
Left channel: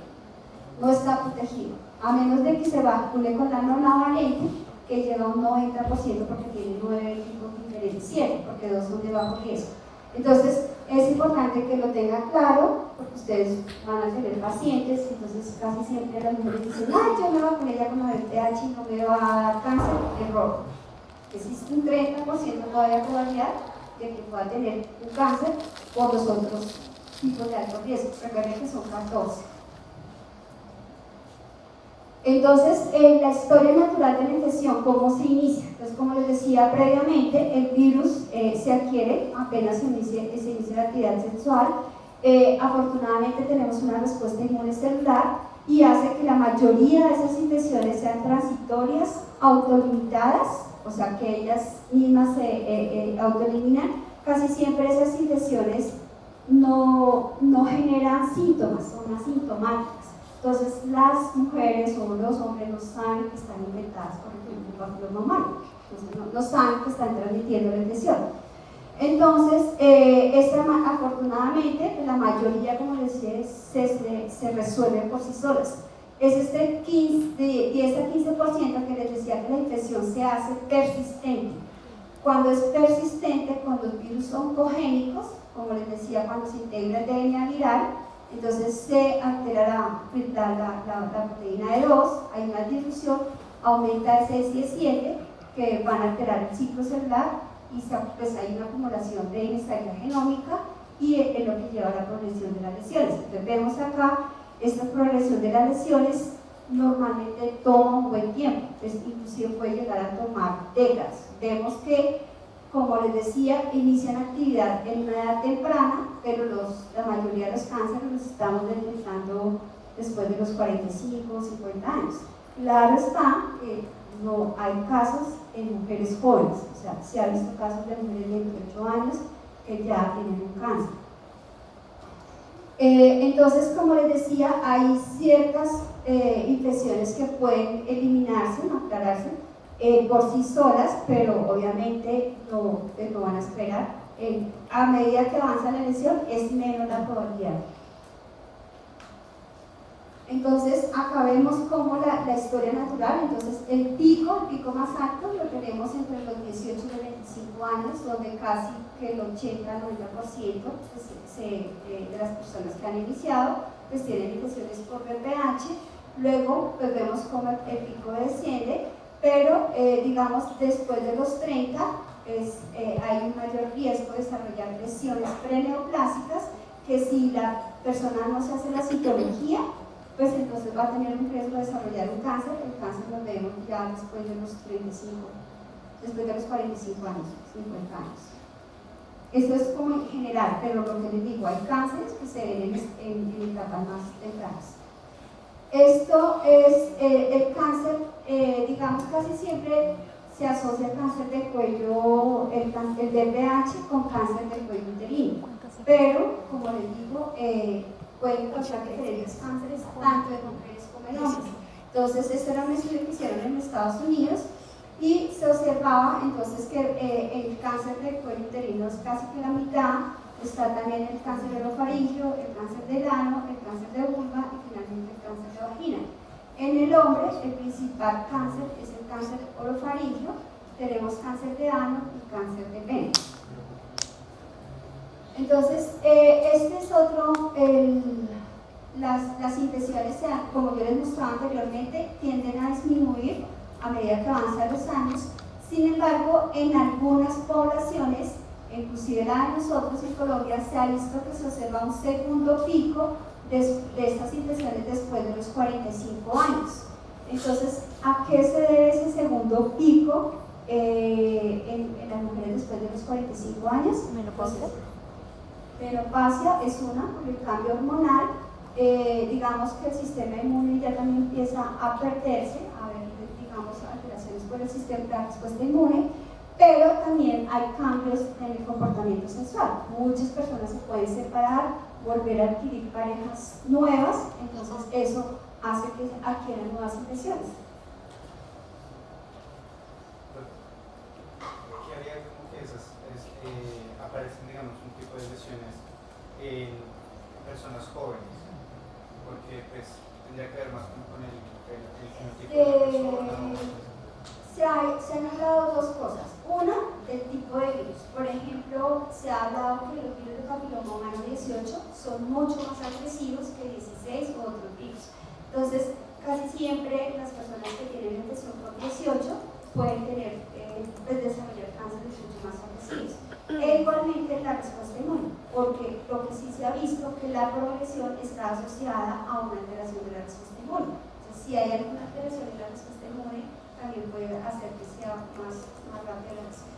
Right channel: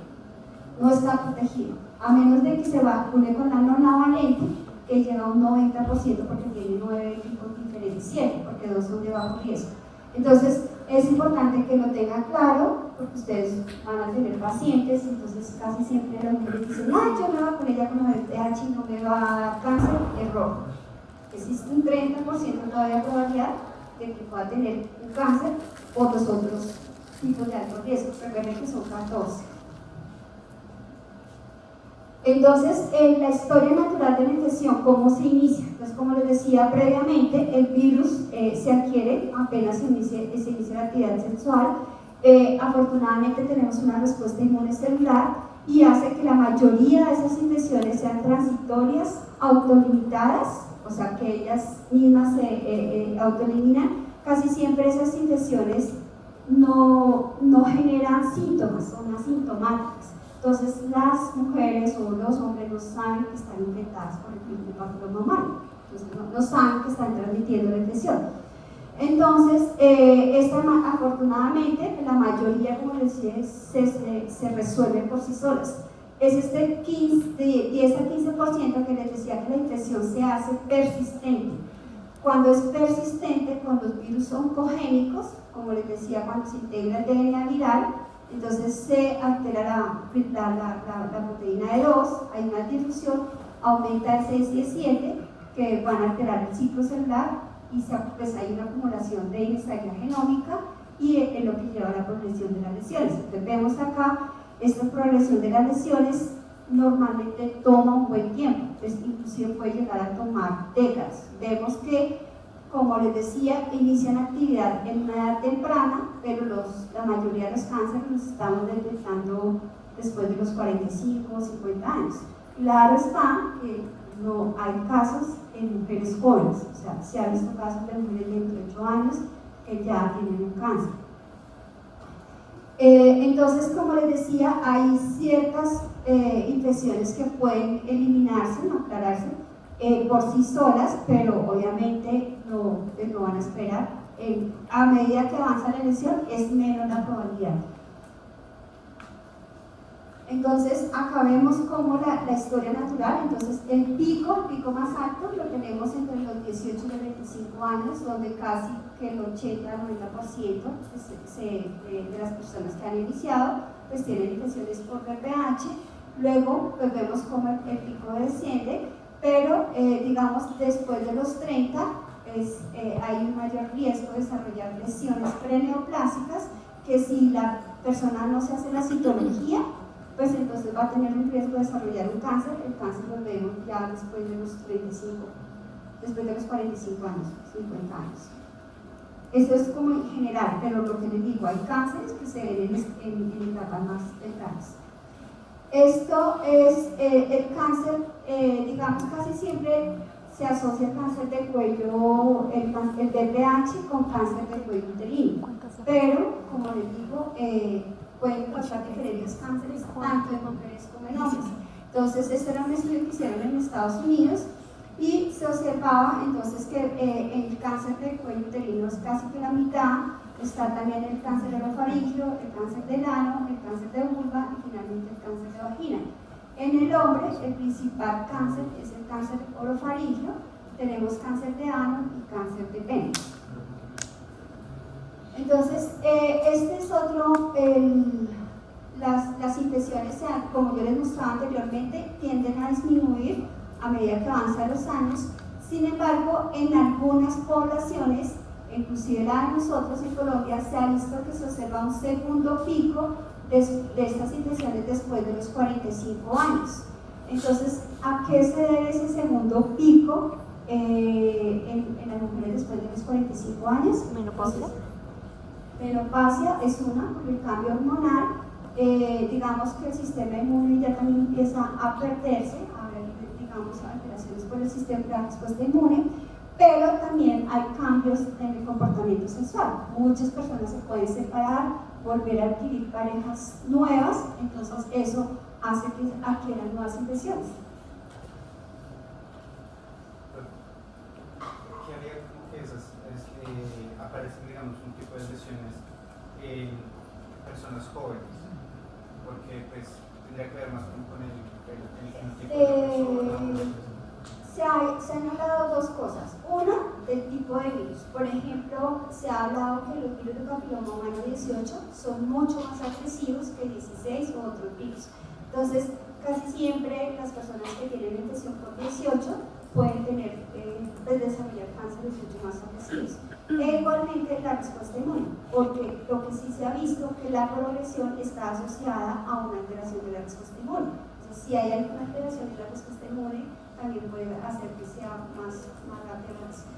No está protegido. a menos de que se vacune con la nonavalente, que lleva un 90% porque tiene 9 tipos diferentes, 7, porque 2 son de bajo riesgo. Entonces, es importante que lo tengan claro, porque ustedes van a tener pacientes, entonces casi siempre las mujeres dicen, ay, yo me vacuné ya con la VPH y no me va a dar cáncer. Error. Existe un 30% todavía de probabilidad de que pueda tener un cáncer por los otros tipos de alto riesgo. Recuerden que son 14. Entonces, la historia natural de la infección, ¿cómo se inicia? Entonces, como les decía previamente, el virus se adquiere apenas se inicia la actividad sexual. Afortunadamente tenemos una respuesta inmune celular y hace que la mayoría de esas infecciones sean transitorias, autolimitadas, o sea que ellas mismas se autoeliminan. Casi siempre esas infecciones no generan síntomas, son asintomáticas. Entonces las mujeres o los hombres no saben que están infectadas por el papiloma, no saben que están transmitiendo la infección. Entonces, afortunadamente, la mayoría, como les decía, se resuelve por sí solas. Es este 10 a 15% que les decía que la infección se hace persistente. Cuando es persistente, con los virus oncogénicos, como les decía, cuando se integra el DNA viral, entonces se altera la proteína de 2, hay una difusión, aumenta el 6 y el 7, que van a alterar el ciclo celular, y pues hay una acumulación de inestabilidad genómica y es lo que lleva a la progresión de las lesiones. Entonces vemos acá, esta progresión de las lesiones normalmente toma un buen tiempo, entonces inclusive puede llegar a tomar décadas. Vemos que, como les decía, inician actividad en una edad temprana, pero la mayoría de los cánceres los estamos detectando después de los 45 o 50 años. Claro está que no hay casos en mujeres jóvenes, o sea, se ha visto casos de mujeres de 28 años que ya tienen un cáncer. Entonces, como les decía, hay ciertas infecciones que pueden eliminarse, no aclararse por sí solas, pero obviamente no van a esperar. A medida que avanza la lesión, es menos la probabilidad. Entonces, acá vemos como la historia natural. Entonces, el pico más alto lo tenemos entre los 18 y los 25 años, donde casi que el 80-90% de las personas que han iniciado pues tienen infecciones por VPH. Luego, pues vemos como el pico desciende, pero digamos después de los 30 hay un mayor riesgo de desarrollar lesiones preneoplásicas, que si la persona no se hace la citología, pues entonces va a tener un riesgo de desarrollar un cáncer. El cáncer lo vemos ya después de los 45 años, 50 años. Esto es como en general, pero lo que les digo, hay cánceres que se ven en etapas más tempranas. Esto es el cáncer, digamos, casi siempre se asocia el cáncer de cuello, el VPH con cáncer de cuello uterino, pero como les digo, pueden causar diferentes cánceres tanto en mujeres como en hombres. Entonces, este era un estudio que hicieron en Estados Unidos y se observaba entonces que el cáncer de cuello uterino es casi que la mitad. Está también el cáncer orofaringio, el cáncer del ano, el cáncer de vulva y finalmente el cáncer de vagina. En el hombre, el principal cáncer es el cáncer orofaringio, tenemos cáncer de ano y cáncer de pene. Entonces, este es otro, las infecciones, como yo les mostraba anteriormente, tienden a disminuir a medida que avanzan los años. Sin embargo, en algunas poblaciones, inclusive la de nosotros en Colombia, se ha visto que se observa un segundo pico de estas infecciones después de los 45 años. Entonces, ¿a qué se debe ese segundo pico en las mujeres después de los 45 años? Menopausia es una, por el cambio hormonal, digamos que el sistema inmune ya también empieza a perderse, a haber, digamos, alteraciones por el sistema de respuesta inmune, pero también hay cambios en el comportamiento sexual. Muchas personas se pueden separar, volver a adquirir parejas nuevas, entonces eso hace que adquieran nuevas infecciones. ¿Qué haría como que esas aparecen, digamos, un tipo de lesiones en personas jóvenes? Porque pues tendría que ver más con el Se han hablado dos cosas. Una, del tipo de virus. Por ejemplo, se ha hablado que los virus de papiloma humano 18 son mucho más agresivos que 16 o otros virus. Entonces, casi siempre las personas que tienen infección por 18 pueden tener, desarrollar cánceres mucho más agresivos. E igualmente la respuesta inmune, porque lo que sí se ha visto que la progresión está asociada a una alteración de la respuesta inmune. Entonces, si hay alguna alteración de la respuesta inmune, también puede hacer que sea más rápida la respuesta.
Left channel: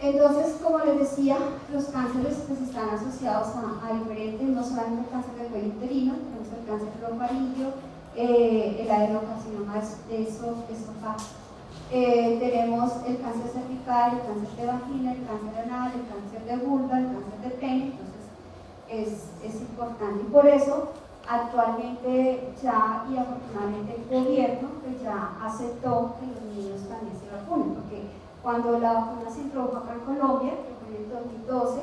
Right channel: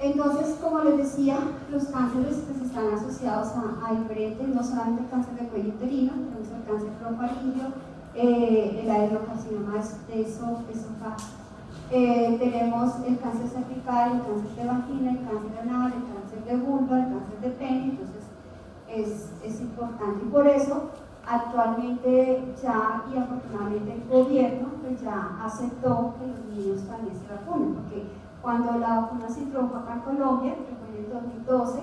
Entonces, como les decía, los cánceres pues, están asociados a diferentes, no solamente el cáncer de cuello uterino, tenemos el cáncer orofaríngeo, el adenocarcinoma esofágico. Tenemos el cáncer cervical, el cáncer de vagina, el cáncer anal, el cáncer de vulva, el cáncer de pene, entonces es importante. Y por eso, actualmente ya, y afortunadamente el gobierno pues ya aceptó que los niños también se vacunen, porque cuando la vacuna se introdujo acá en Colombia, que fue en el 2012,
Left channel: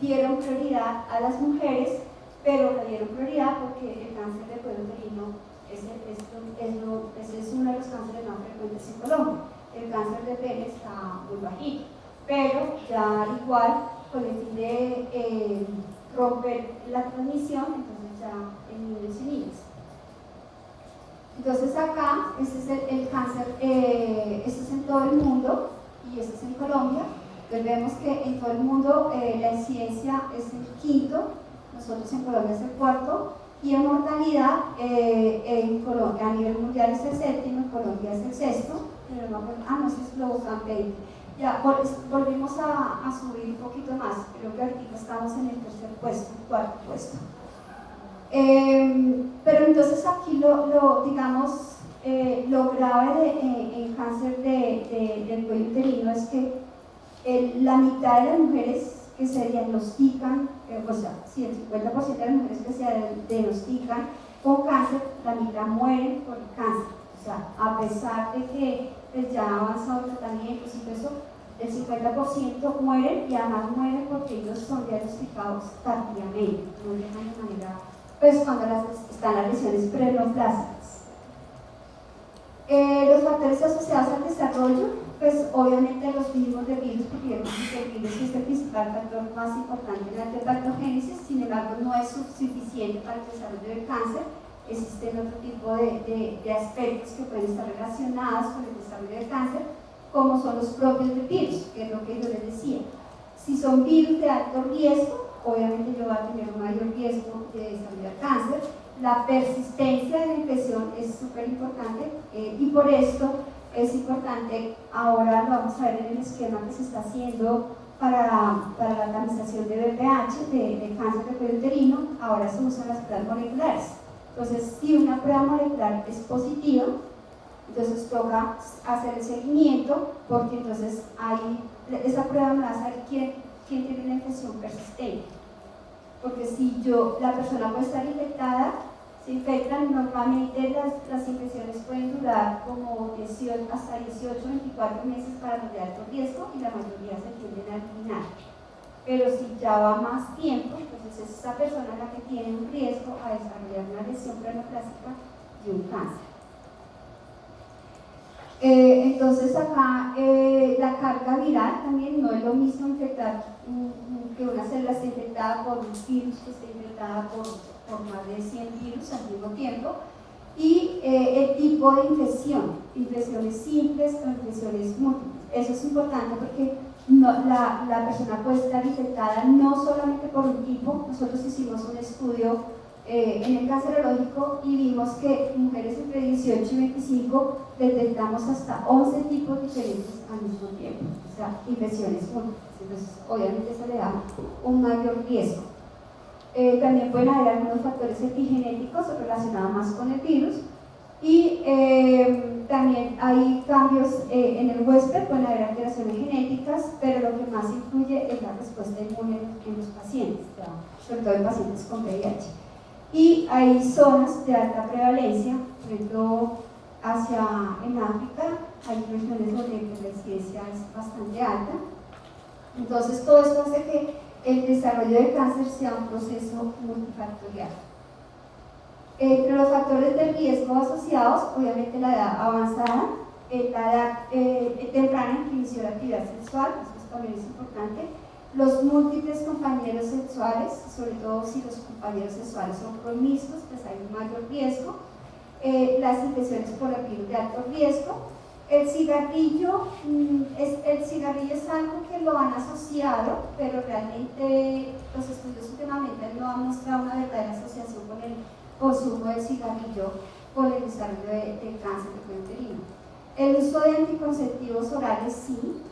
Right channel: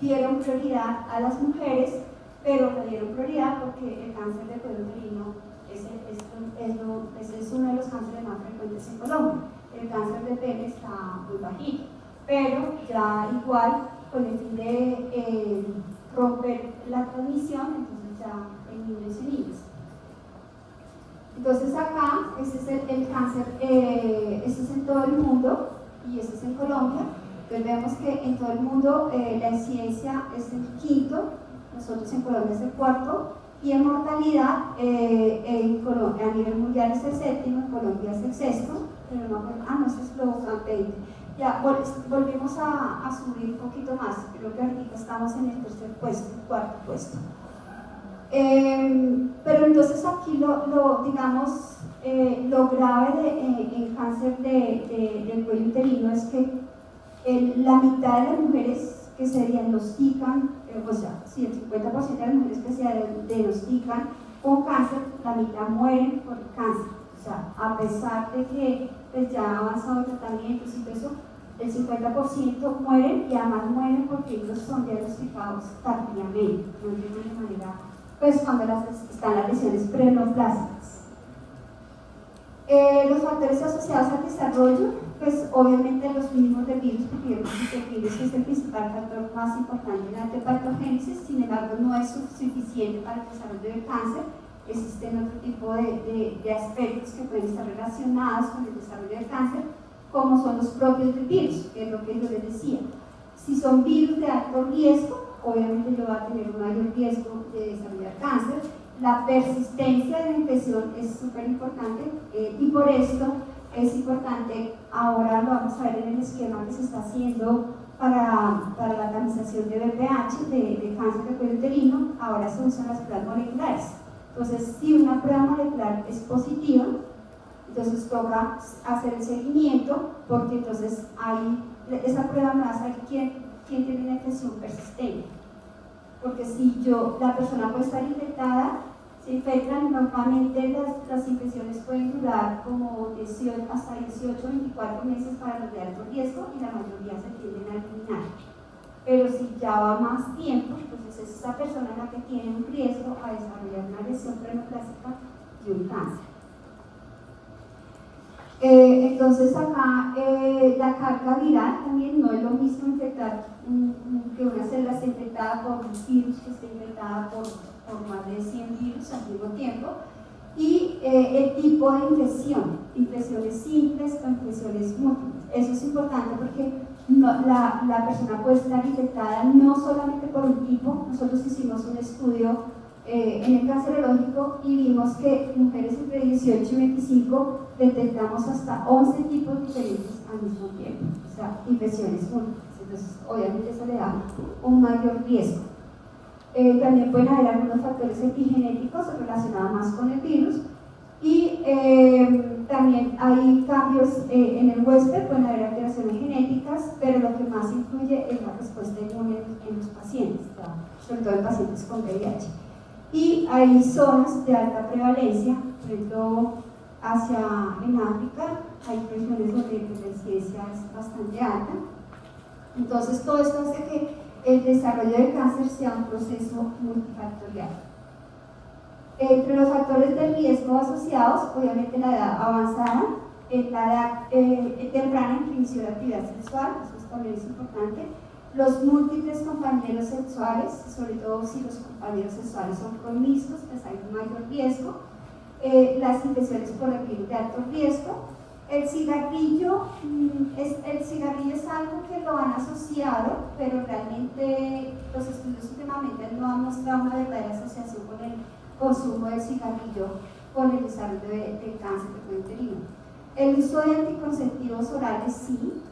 dieron prioridad a las mujeres, pero le dieron prioridad porque el cáncer de cuello uterino es uno de los cánceres más frecuentes en Colombia. El cáncer de pene está muy bajito, pero ya igual con el fin de romper la transmisión, entonces ya en niños y niñas. Entonces acá, este es el cáncer, este es en todo el mundo y este es en Colombia. Entonces vemos que en todo el mundo la incidencia es el quinto, nosotros en Colombia es el cuarto, y en mortalidad en Colombia, a nivel mundial es el séptimo, en Colombia es el sexto, pero no este es Global 20. Ya volvimos a subir un poquito más, creo que ahorita estamos en el tercer puesto, el cuarto puesto. Pero entonces aquí digamos, lo grave del cáncer del cuello uterino es que la mitad de las mujeres que se diagnostican, o sea, si el 50% de las mujeres que se diagnostican con cáncer, la mitad mueren por cáncer. O sea, a pesar de que pues, ya ha avanzado el tratamiento y todo eso, el 50% mueren y además mueren porque ellos son diagnosticados tardíamente, no de alguna manera, pues cuando están las lesiones preneoplásticas. Los factores asociados al desarrollo, pues obviamente los mínimos de virus, porque el virus es el principal factor más importante en la antipatogénesis, sin embargo no es suficiente para el desarrollo del cáncer. Existen otro tipo de aspectos que pueden estar relacionados con el desarrollo del cáncer, como son los propios del virus, que es lo que yo les decía. Si son virus de alto riesgo, obviamente yo voy a tener un mayor riesgo de desarrollar cáncer. La persistencia de la infección es súper importante y por esto es importante, ahora lo vamos a ver en el esquema que se está haciendo para la organización de BPH, de cáncer de cuello uterino, ahora se usan las pruebas moleculares. Entonces, si una prueba molecular es positiva, entonces toca hacer el seguimiento, porque entonces esa prueba me va a saber quién tiene una infección persistente. Porque si la persona puede estar infectada, se infectan, normalmente las infecciones pueden durar como hasta 18 o 24 meses para los de alto riesgo y la mayoría se tienden a eliminar. Pero si ya va más tiempo, entonces es esa persona la que tiene un riesgo a desarrollar una lesión preneoplástica y un cáncer. Entonces acá la carga viral también no es lo mismo infectar que una célula esté infectada por un virus que esté infectada por más de 100 virus al mismo tiempo, y el tipo de infección, infecciones simples o infecciones múltiples. Eso es importante porque la persona puede estar infectada no solamente por un tipo. Nosotros hicimos un estudio en el cancerológico y vimos que mujeres entre 18 y 25 detectamos hasta 11 tipos diferentes al mismo tiempo, o sea, infecciones múltiples. Entonces, obviamente eso le da un mayor riesgo. También pueden haber algunos factores epigenéticos relacionados más con el virus y también hay cambios en el huésped, pueden haber alteraciones genéticas, pero lo que más influye es la respuesta inmune en los pacientes, sobre todo en pacientes con VIH. Y hay zonas de alta prevalencia, por ejemplo, en África hay regiones donde la incidencia es bastante alta. Entonces, todo esto hace que el desarrollo del cáncer sea un proceso multifactorial. Entre los factores de riesgo asociados, obviamente la edad avanzada, la edad temprana en que inició la actividad sexual, eso también es importante, los múltiples compañeros sexuales, sobre todo si los compañeros sexuales son promiscuos, pues hay un mayor riesgo, las infecciones por el virus de alto riesgo. El cigarrillo es algo que lo han asociado, pero realmente los estudios últimamente no han mostrado una verdadera asociación con el consumo del cigarrillo con el desarrollo de cáncer de cuello uterino. El uso de anticonceptivos orales sí,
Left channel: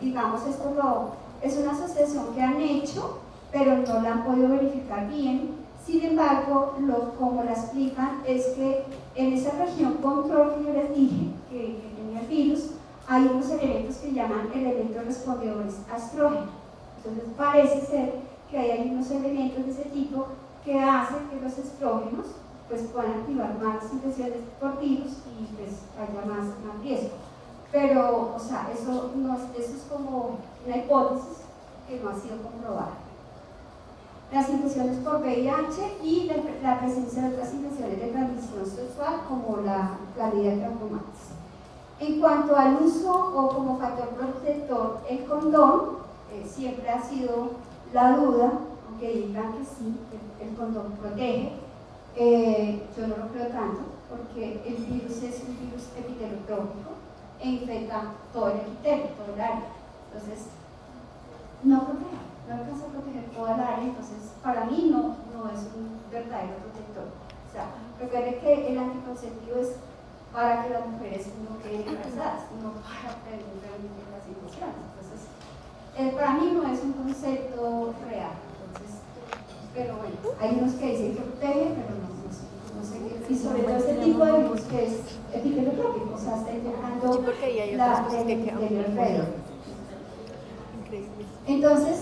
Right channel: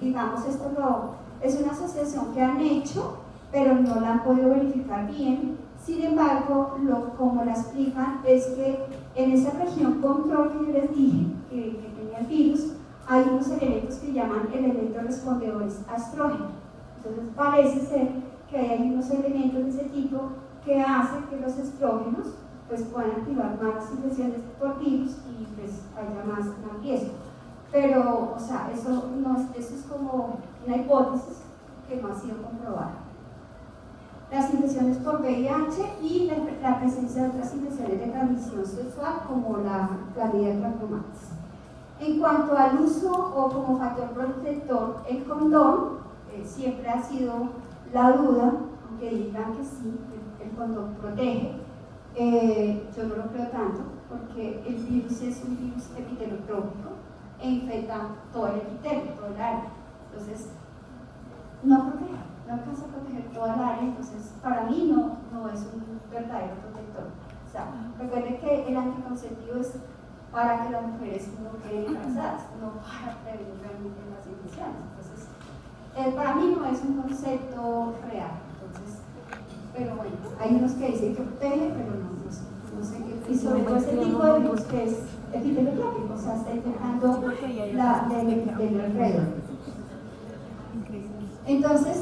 digamos esto es una asociación que han hecho, pero no la han podido verificar bien. Sin embargo, como la explican es que en esa región control que yo les dije, que tenía el virus, hay unos elementos que llaman elementos respondedores a estrógeno. Entonces parece ser que hay unos elementos de ese tipo que hacen que los estrógenos pues, puedan activar más infecciones por virus y pues haya más riesgo. Pero, o sea, eso es como una hipótesis que no ha sido comprobada. Las infecciones por VIH y la presencia de otras infecciones de transmisión sexual como la candida trachomatis. En cuanto al uso o como factor protector, el condón siempre ha sido la duda, aunque digan que sí, el condón protege. Yo no lo creo tanto, porque el virus es un virus epitelotrópico e infecta todo el epitelio, todo el área. Entonces, no protege. No alcanza a proteger toda el área, entonces para mí no es un verdadero protector. O sea, recuerde que el anticonceptivo es para que las mujeres no queden embarazadas, no para prevenir realmente las infecciones. Entonces, para mí no es un concepto real. Entonces, pero bueno, hay unos que dicen que protege, pero no sé qué. Y sobre todo este tipo de virus que es epitelotrópico, o sea, está intentando la alrededor. Entonces,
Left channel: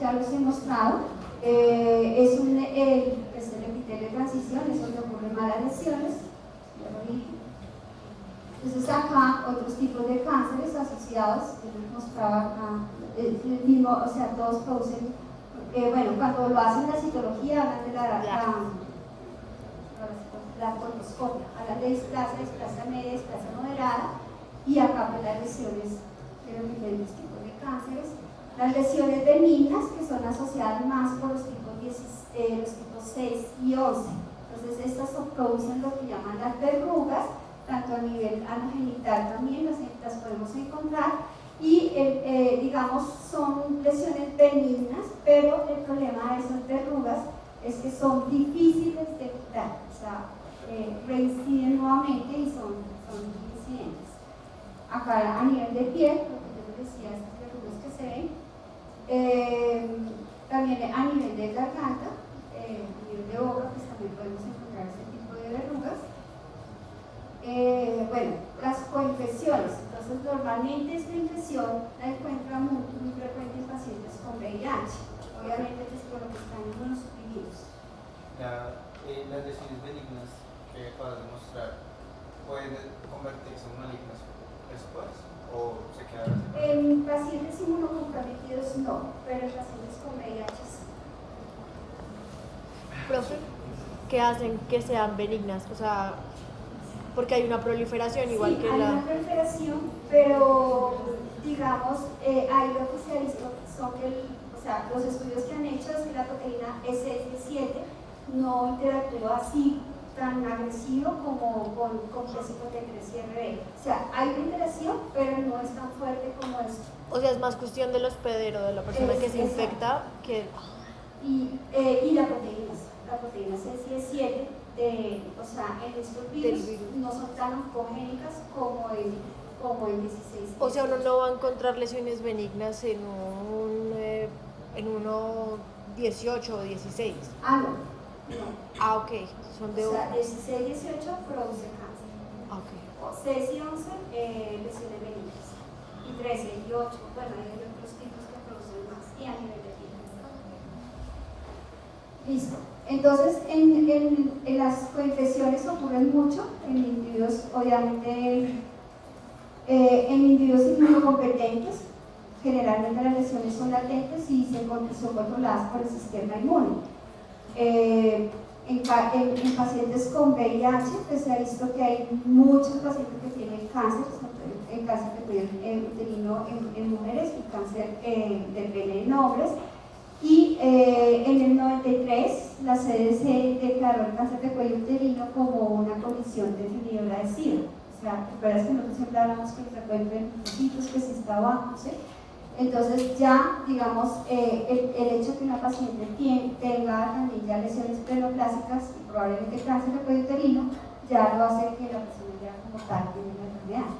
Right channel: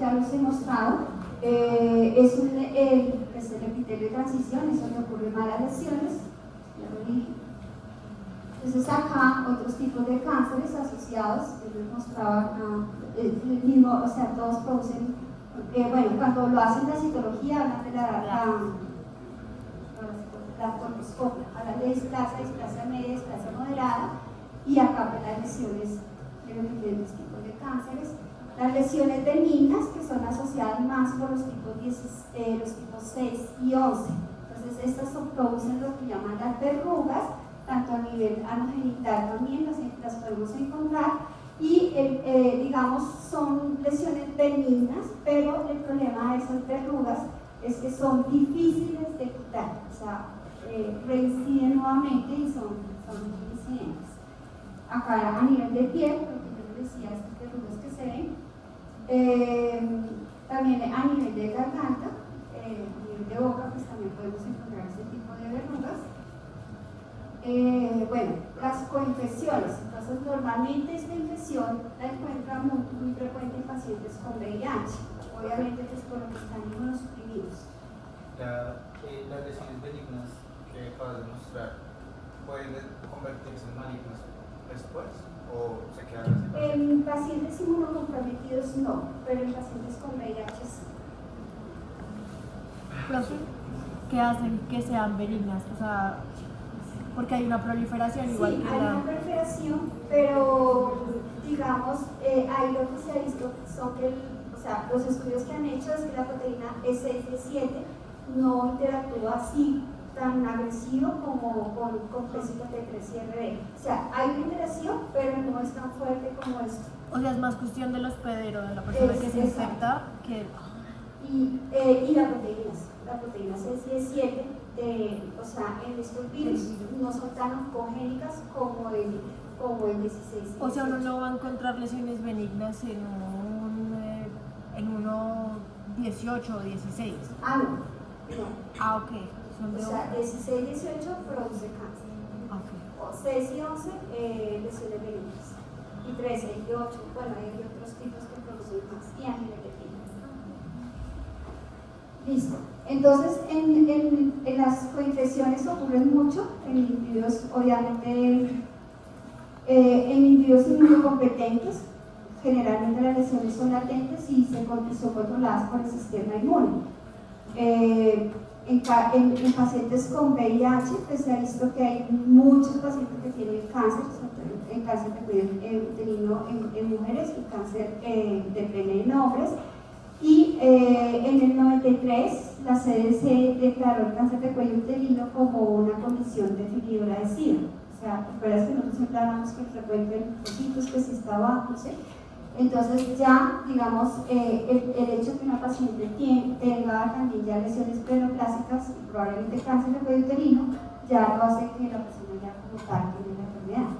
ya los he mostrado, es el epitelio de transición, es donde ocurren malas lesiones, ya lo dije. Entonces acá otros tipos de cánceres asociados, les mostraba el mismo, o sea, todos producen, bueno, cuando lo hacen la citología hablan de la colposcopia, hablan de displasia media, displasia moderada, y acá pues las lesiones de los diferentes tipos de cánceres. Las lesiones benignas que son asociadas más por los tipos 6 y 11. Entonces estas producen lo que llaman las verrugas, tanto a nivel anogenital también las podemos encontrar y digamos son lesiones benignas, pero el problema de esas verrugas es que son difíciles de quitar, o sea, reinciden nuevamente y son incidentes. Acá a nivel de piel, decía estas verrugas que se ven, también a nivel de garganta, a nivel de boca, pues también podemos encontrar ese tipo de verrugas. Bueno, las coinfecciones, entonces normalmente esta infección la encuentran muy frecuente en pacientes con VIH, obviamente pues por lo que están inmunosuprimidos. Las lesiones benignas que acabas de mostrar, ¿pueden convertirse en malignas después? ¿O se quedan así? En pacientes inmunocomprometidos no, pero en pacientes con VIH sí. Profe, ¿qué hacen que sean benignas? O sea, porque hay una proliferación igual sí, que hay la... una proliferación, pero digamos, ahí lo que se ha visto son que, o sea, los estudios que han hecho es que la proteína SS7 no interactúa así tan agresivo como con T3 y RB. O sea, hay una interacción, pero no es tan fuerte como esto. O sea, es más cuestión del hospedero, de la persona que se infecta, que... Y la proteína C7, o sea, en estos virus no son tan oncogénicas como el 16. O sea, uno no va a encontrar lesiones benignas en uno 18 o 16. Ah, no. Ah, ok. Son de... O sea, 16 y 18 produce cáncer. Ah, ok. O 6 y 11 lesiones benignas. Y 13 y 8, bueno, hay otros tipos que producen más. Y a nivel de piel. Listo. Entonces, en las coinfecciones ocurren mucho en individuos, obviamente, en individuos inmunocompetentes. Generalmente las lesiones son latentes y son controladas por el sistema inmune. en pacientes con VIH, pues se ha visto que hay muchos pacientes que tienen cáncer, el cáncer de cuello uterino en mujeres y cáncer de pene en hombres. Y en el 93 la CDC declaró el cáncer de cuello uterino como una condición definidora de SIDA. O sea, recuerdas que nosotros siempre hablamos que frecuenten sitios que se está abajo, ¿sí? Entonces ya, digamos, el hecho de que una paciente tenga también ya lesiones plenoplásticas y probablemente cáncer de cuello uterino, ya lo hace que la persona ya como tal tiene la enfermedad.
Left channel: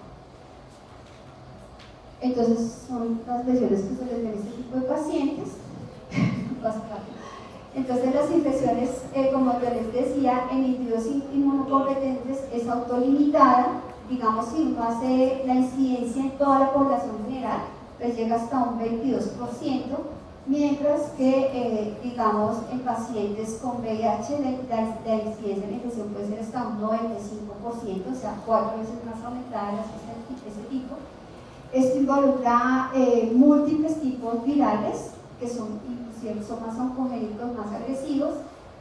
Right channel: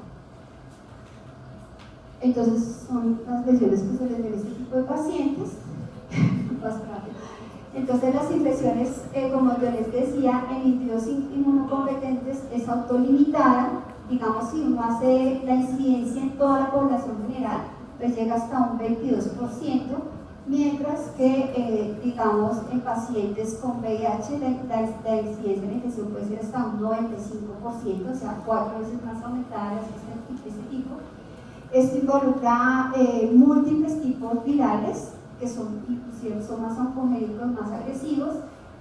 Entonces son las lesiones que se les ven a este tipo de pacientes. Entonces las infecciones, como yo les decía, en individuos inmunocompetentes es autolimitada. Digamos, si uno hace la incidencia en toda la población general, pues llega hasta un 22%, mientras que, digamos, en pacientes con VIH la incidencia de la infección puede ser hasta un 95%, o sea, 4 veces más aumentada de ese tipo. Esto involucra múltiples tipos virales, que son más oncogénicos, más agresivos.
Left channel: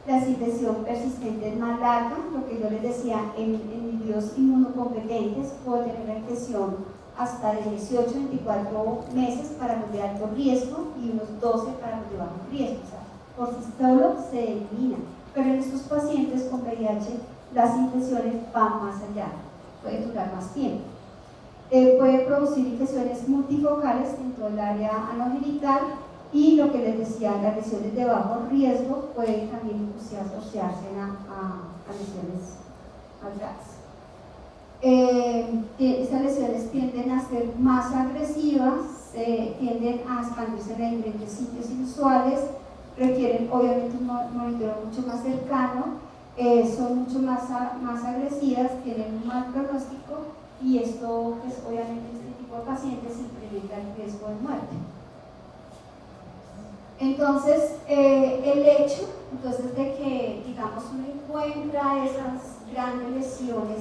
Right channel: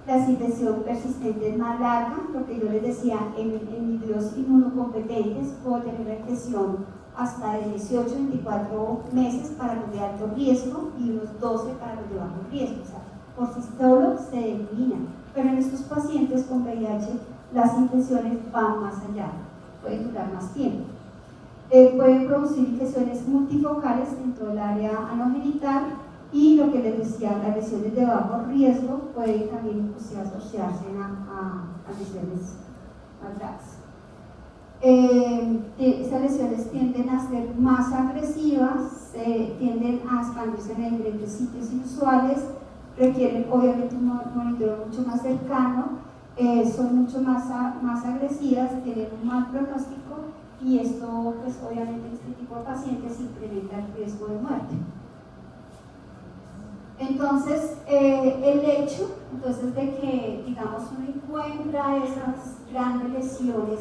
La infección persistente es más larga, porque yo les decía, en individuos inmunocompetentes puedo tener una infección hasta de 18 a 24 meses para los de alto riesgo y unos 12 para los de bajo riesgo. O sea, por sí solo se eliminan. Pero en estos pacientes con VIH las infecciones van más allá, pueden durar más tiempo. Pueden producir infecciones multifocales en todo el área anogenital. Y lo que les decía, las lesiones de bajo riesgo pueden también asociarse a lesiones más graves. Estas lesiones tienden a ser más agresivas, tienden a expandirse en diferentes sitios inusuales, requieren obviamente un monitoreo mucho más cercano, son mucho más agresivas, tienen un mal pronóstico y esto, pues obviamente en este tipo de pacientes incrementa el riesgo de muerte. Entonces, el hecho de que, digamos, uno encuentra esas grandes lesiones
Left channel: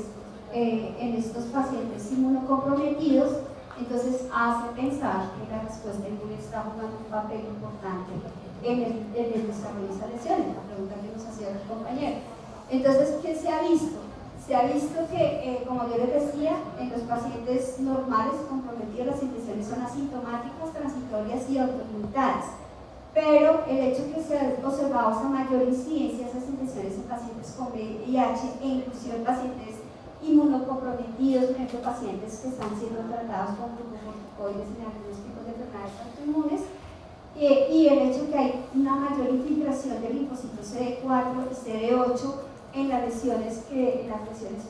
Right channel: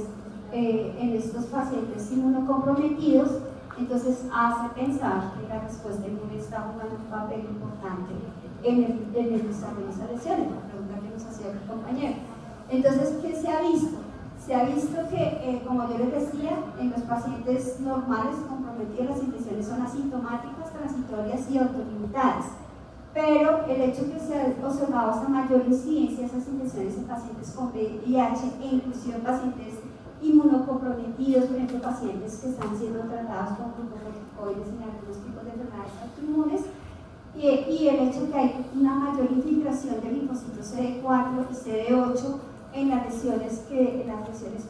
en estos pacientes inmunocomprometidos, entonces hace pensar que la respuesta inmune está jugando un papel importante en el desarrollo de esas lesiones, la pregunta que nos hacía el compañero. Entonces, ¿qué se ha visto? Se ha visto que, como yo les decía, en los pacientes normales comprometidos las infecciones son asintomáticas, transitorias y autolimitadas. Pero el hecho de que se ha observado esa mayor incidencia de esas infecciones en pacientes con VIH e inclusive en pacientes inmunocomprometidos, por ejemplo, pacientes que están siendo tratados con glucocorticoides en algunos tipos de enfermedades autoinmunes, y el hecho de que hay una mayor infiltración de linfocitos CD4 y CD8 en las lesiones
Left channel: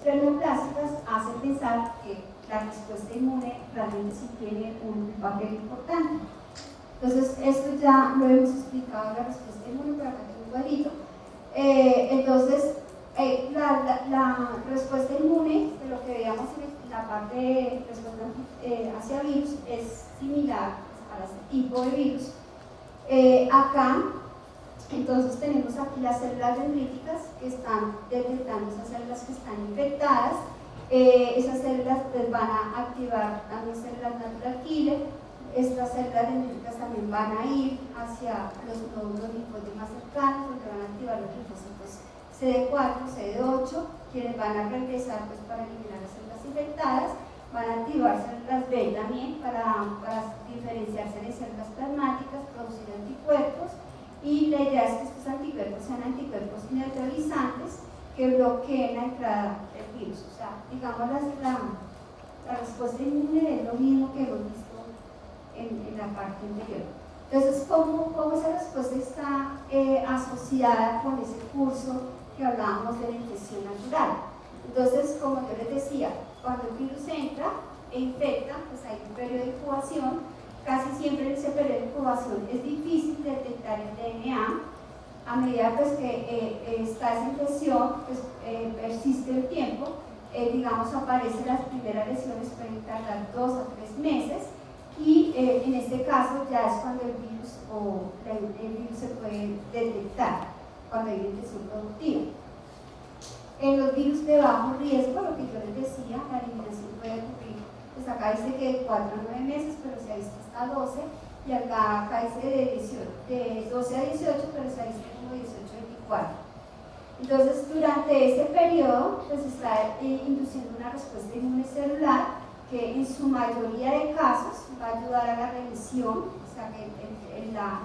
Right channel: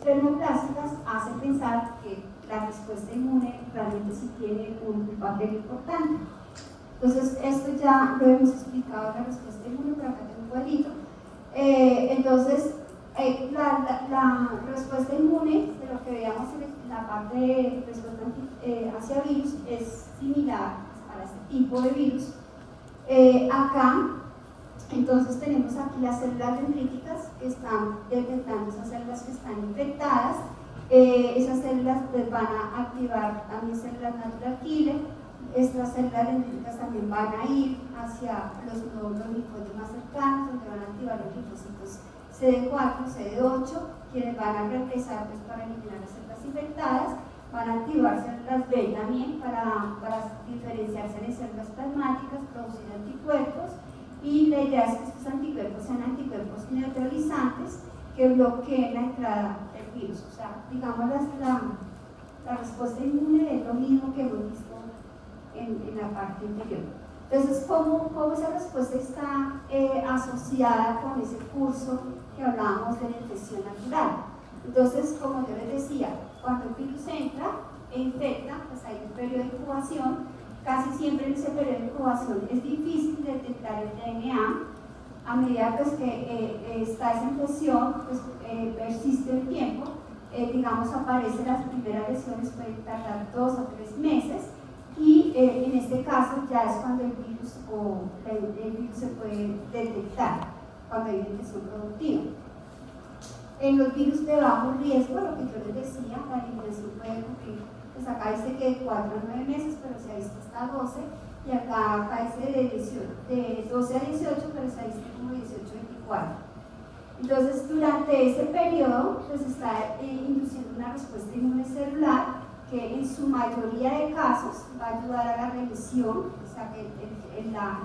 plenoplásticas hace pensar que la respuesta inmune realmente sí tiene un papel importante. Entonces, esto ya lo hemos explicado en la respuesta inmune, pero acá tengo un cuadrito. Entonces, la respuesta inmune, de lo que veamos en la parte de respuesta hacia virus, es similar a este tipo de virus. Acá, entonces, tenemos aquí las células dendríticas que están detectando esas células que están infectadas. Esas células pues, van a activar también células natural killer. Estas células dendríticas también van a ir hacia los nódulos linfoides más cercanos, donde van a activar los linfocitos CD4, CD8, quienes van a regresar pues, para eliminar las células infectadas, van a activar células B también para diferenciarse de células plasmáticas, producir anticuerpos, y la idea es que estos anticuerpos sean anticuerpos neutralizantes que bloqueen la entrada del virus. O sea, digamos la respuesta inmune es lo mismo que hemos visto en la parte anterior. Entonces, ¿cómo esa respuesta está asociada con ese curso que hablábamos de la infección natural? Entonces, como yo les decía, cuando el virus entra e infecta, pues hay un periodo de incubación. Casi siempre en ese periodo de incubación es difícil detectar el DNA. A medida pues, que está esa infección, pues, persiste el tiempo. Digamos, aparecen las primeras lesiones, pueden tardar 2 a 3 meses. Y en este caso ya es cuando el virus se puede detectar, cuando hay una infección productiva. En los virus de bajo riesgo, lo que yo les decía, la eliminación puede ocurrir, pues acá dice que de 4 a 9 meses, pero se ha visto hasta 12, y acá dice de 12 a 18, pero se ha visto como 18 a 24. Entonces, durante ese periodo, pues está induciendo una respuesta inmune celular que en su mayoría de casos va a ayudar a la remisión, o sea, que la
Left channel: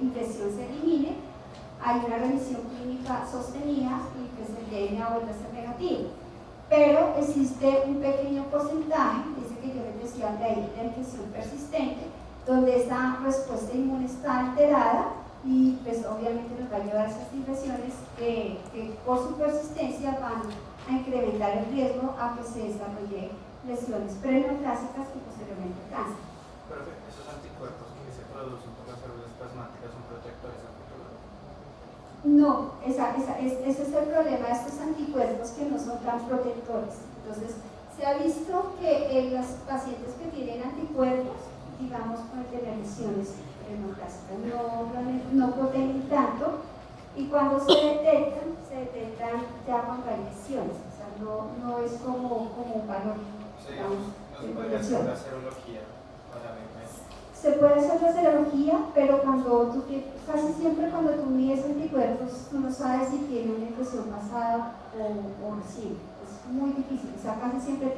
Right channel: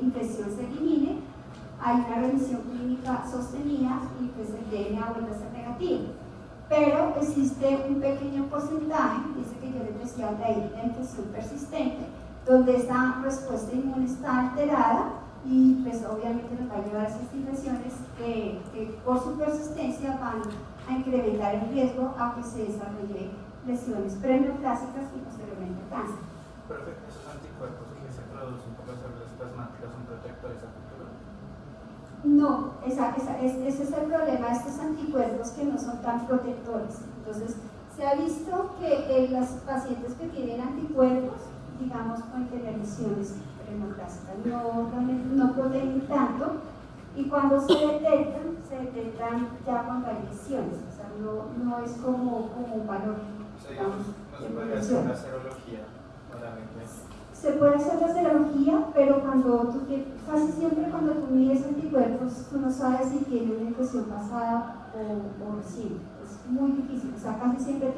infección se elimine, hay una remisión clínica sostenida y pues el DNA vuelve a ser negativo. Pero existe un pequeño porcentaje, dice que yo les decía de ahí, la infección persistente, donde esa respuesta inmune está alterada y pues obviamente nos va a llevar a esas infecciones que por su persistencia van a incrementar el riesgo a que se desarrolle lesiones preneoplásicas y posteriormente cáncer. Pero esos anticuerpos que se producen por las células plasmáticas son protectores a futuro. No, ese es el problema de estos anticuerpos que no son tan protectores. Entonces, se ha visto que en los pacientes que tienen anticuerpos, digamos, pueden tener lesiones preneoplásicas, no protegen tanto, y cuando se detectan ya cuando hay lesiones, o sea, no es como un valor, digamos, No de se puede protección. hacer la serología, obviamente. Se puede hacer la serología, pero casi siempre cuando tú mides anticuerpos, tú no sabes si tiene una infección pasada o reciente. Es muy difícil, o sea, casi siempre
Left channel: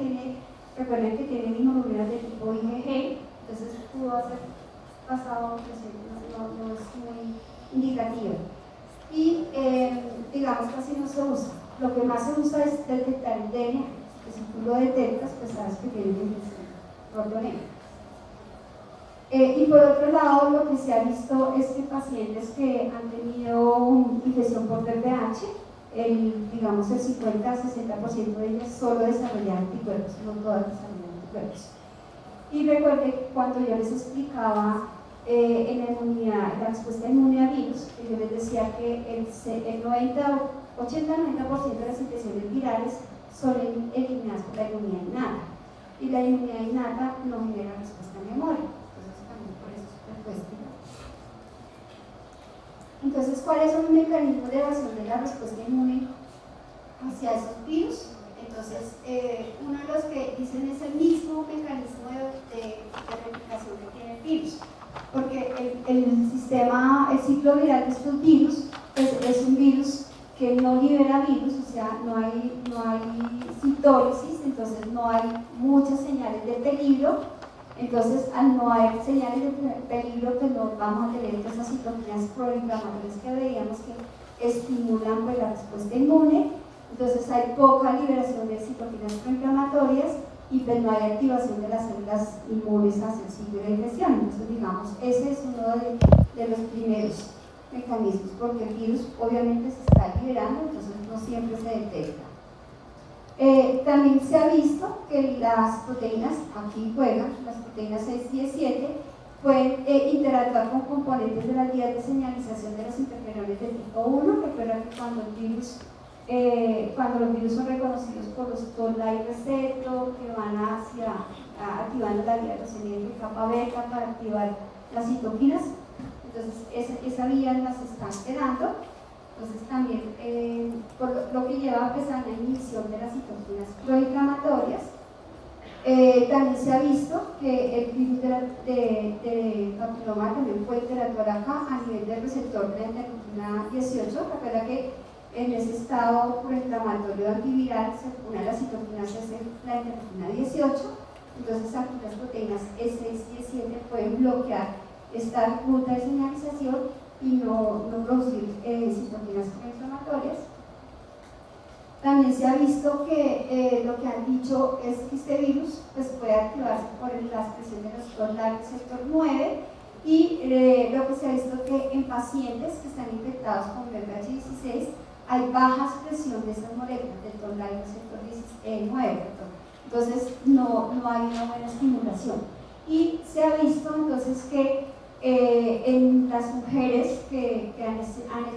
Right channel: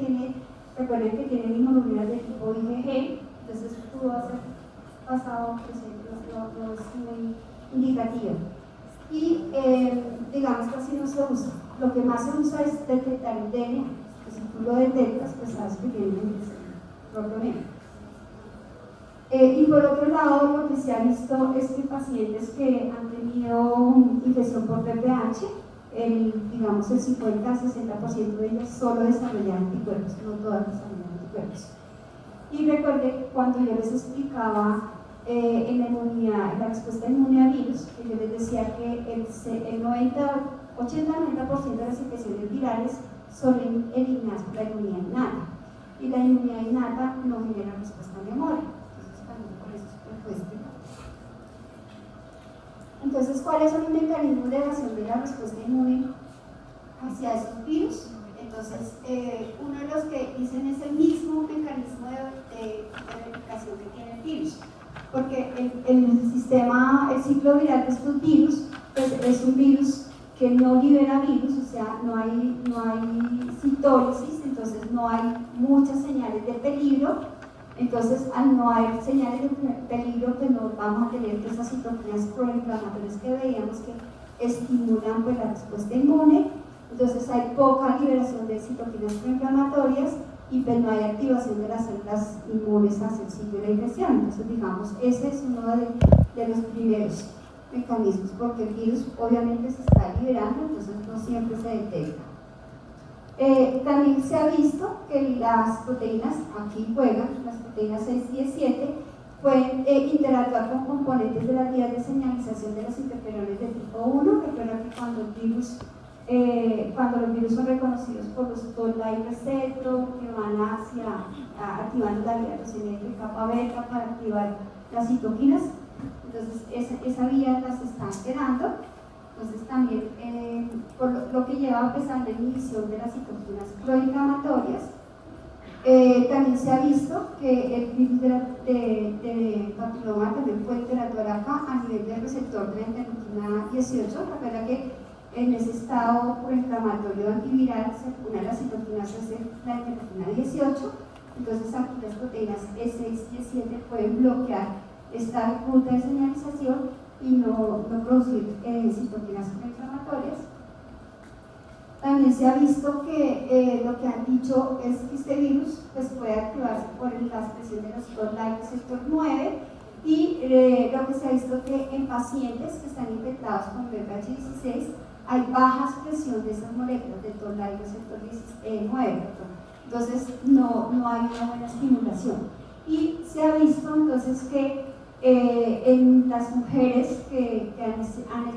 recuerden que tiene inmunoglobulinas de tipo IgG, entonces pudo hacer pasado o presente, no es muy indicativo. Y digamos casi no se usa. Lo que más se usa es detectar el DNA, que si tú lo detectas, pues sabes que tiene una infección protonema. Y por otro lado, lo que se ha visto es que pacientes que han tenido infección por VPH, digamos el 50-60% de ellas solo desarrollan anticuerpos, no todas desarrollan anticuerpos. Y recuerde que cuando yo les explicaba en la respuesta inmune a virus, que yo les decía que el 80-90% de las infecciones virales son eliminadas por la inmunidad innata, y la inmunidad innata no genera respuesta a memoria. Entonces, ¿cuáles son los mecanismos de evasión de la respuesta inmune hacia esos virus? Entonces, uno de los que dicen es el mismo mecanismo de replicación que tiene el virus, porque el ciclo viral de estos virus pues, es un virus que no libera virus, o sea, no hay citólisis, entonces no hay muchas señales de peligro. Entonces, al no haber señales de peligro, pues no vamos a tener todas esas citoquinas proinflamatorias que veíamos que estimulan pues, la respuesta inmune. Entonces, hay poca liberación de citoquinas proinflamatorias y pues no hay activación de las células inmunes hacia el sitio de infección. Entonces, digamos, ese es uno de los primeros mecanismos, porque el virus obviamente se está liberando, entonces no siempre se detecta. También se ha visto que las proteínas, aquí juegan, las proteínas 6 y 7, pueden interactuar con componentes de las vías de señalización de los interferones de tipo 1. Recuerda que cuando los virus son reconocidos por los toll-like receptor, que van activando la vía de capa beta para activar las citoquinas, entonces esa vía las está alterando. Entonces también por lo que lleva pues, a la inhibición de las citoquinas proinflamatorias. También se ha visto que el virus de papiloma también puede interactuar acá a nivel del receptor de la interleuquina 18. Recuerda que en ese estado proinflamatorio antiviral se une las citoquinas hacia la interleuquina 18. Entonces aquí las proteínas E6 y E7 pueden bloquear esta ruta de señalización y no producir citoquinas proinflamatorias. También se ha visto que lo que han dicho es que este virus pues, puede activarse por la expresión de los toll-like receptor 9 y lo que se ha visto que en pacientes que están infectados con VPH 16 hay baja expresión de esas moléculas de toll-like receptor 9. Entonces no hay una buena estimulación. Y se ha visto entonces que en las mujeres que han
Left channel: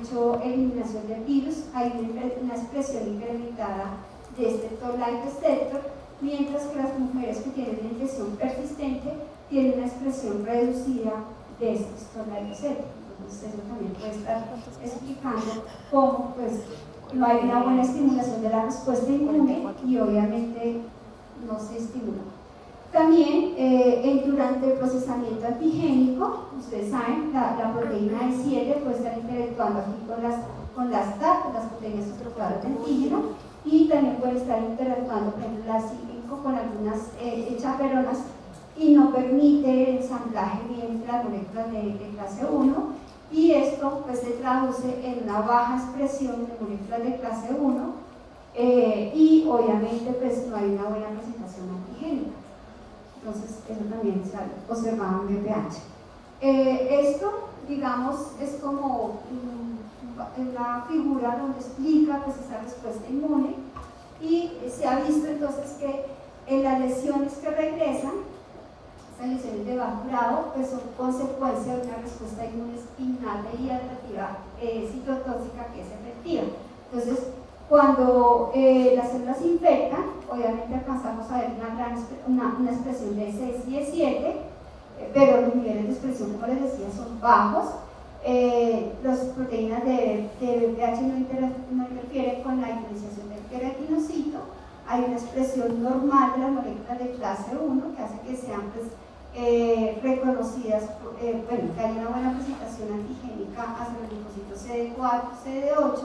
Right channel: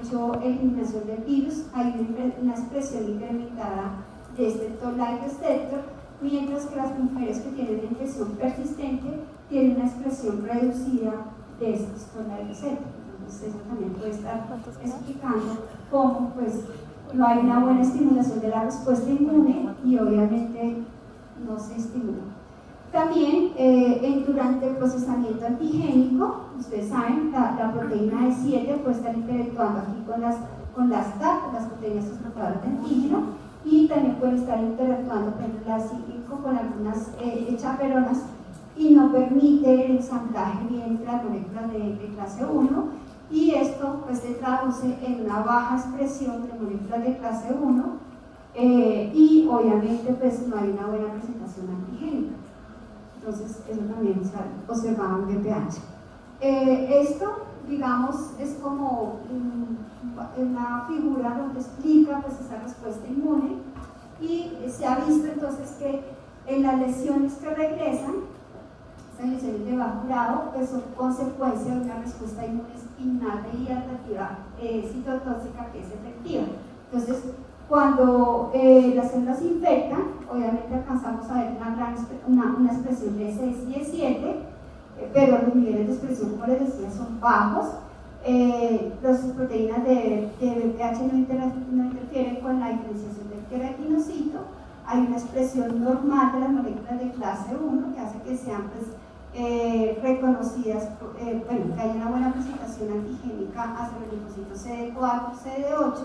hecho eliminación del virus hay una expresión incrementada de este toll-like receptor, mientras que las mujeres que tienen una infección persistente tienen una expresión reducida de estos toll-like receptor. Entonces eso también puede estar explicando cómo pues, no hay una buena estimulación de la respuesta inmune y obviamente no se estimula. También durante el procesamiento antigénico, ustedes saben, la proteína E7 puede estar interactuando aquí con las TAC, las proteínas estructurales de antígeno, y también puede estar interactuando, por ejemplo, la C5 con algunas chaperonas y no permite el ensamblaje bien de las moléculas de clase 1, y esto pues se traduce en una baja expresión de moléculas de clase 1 y obviamente pues no hay una buena presentación antigénica. Entonces eso también se ha observado en BPH. Esto, digamos, es como una figura donde explica pues esa respuesta inmune, y se ha visto entonces que en las lesiones que regresan, estas lesiones de bajo grado, pues son consecuencia de una respuesta inmune innata y adaptativa citotóxica que es efectiva. Entonces, cuando las células se infectan, obviamente alcanzamos a ver una expresión de S6 y E7, pero los niveles de expresión, como les decía, son bajos. Las proteínas de BPH no interfieren con la diferenciación del queratinocito. Hay una expresión normal de las moléculas de clase 1 que hace que sean pues, reconocidas, que haya una buena presentación antigénica hacia los linfocitos CD4, CD8.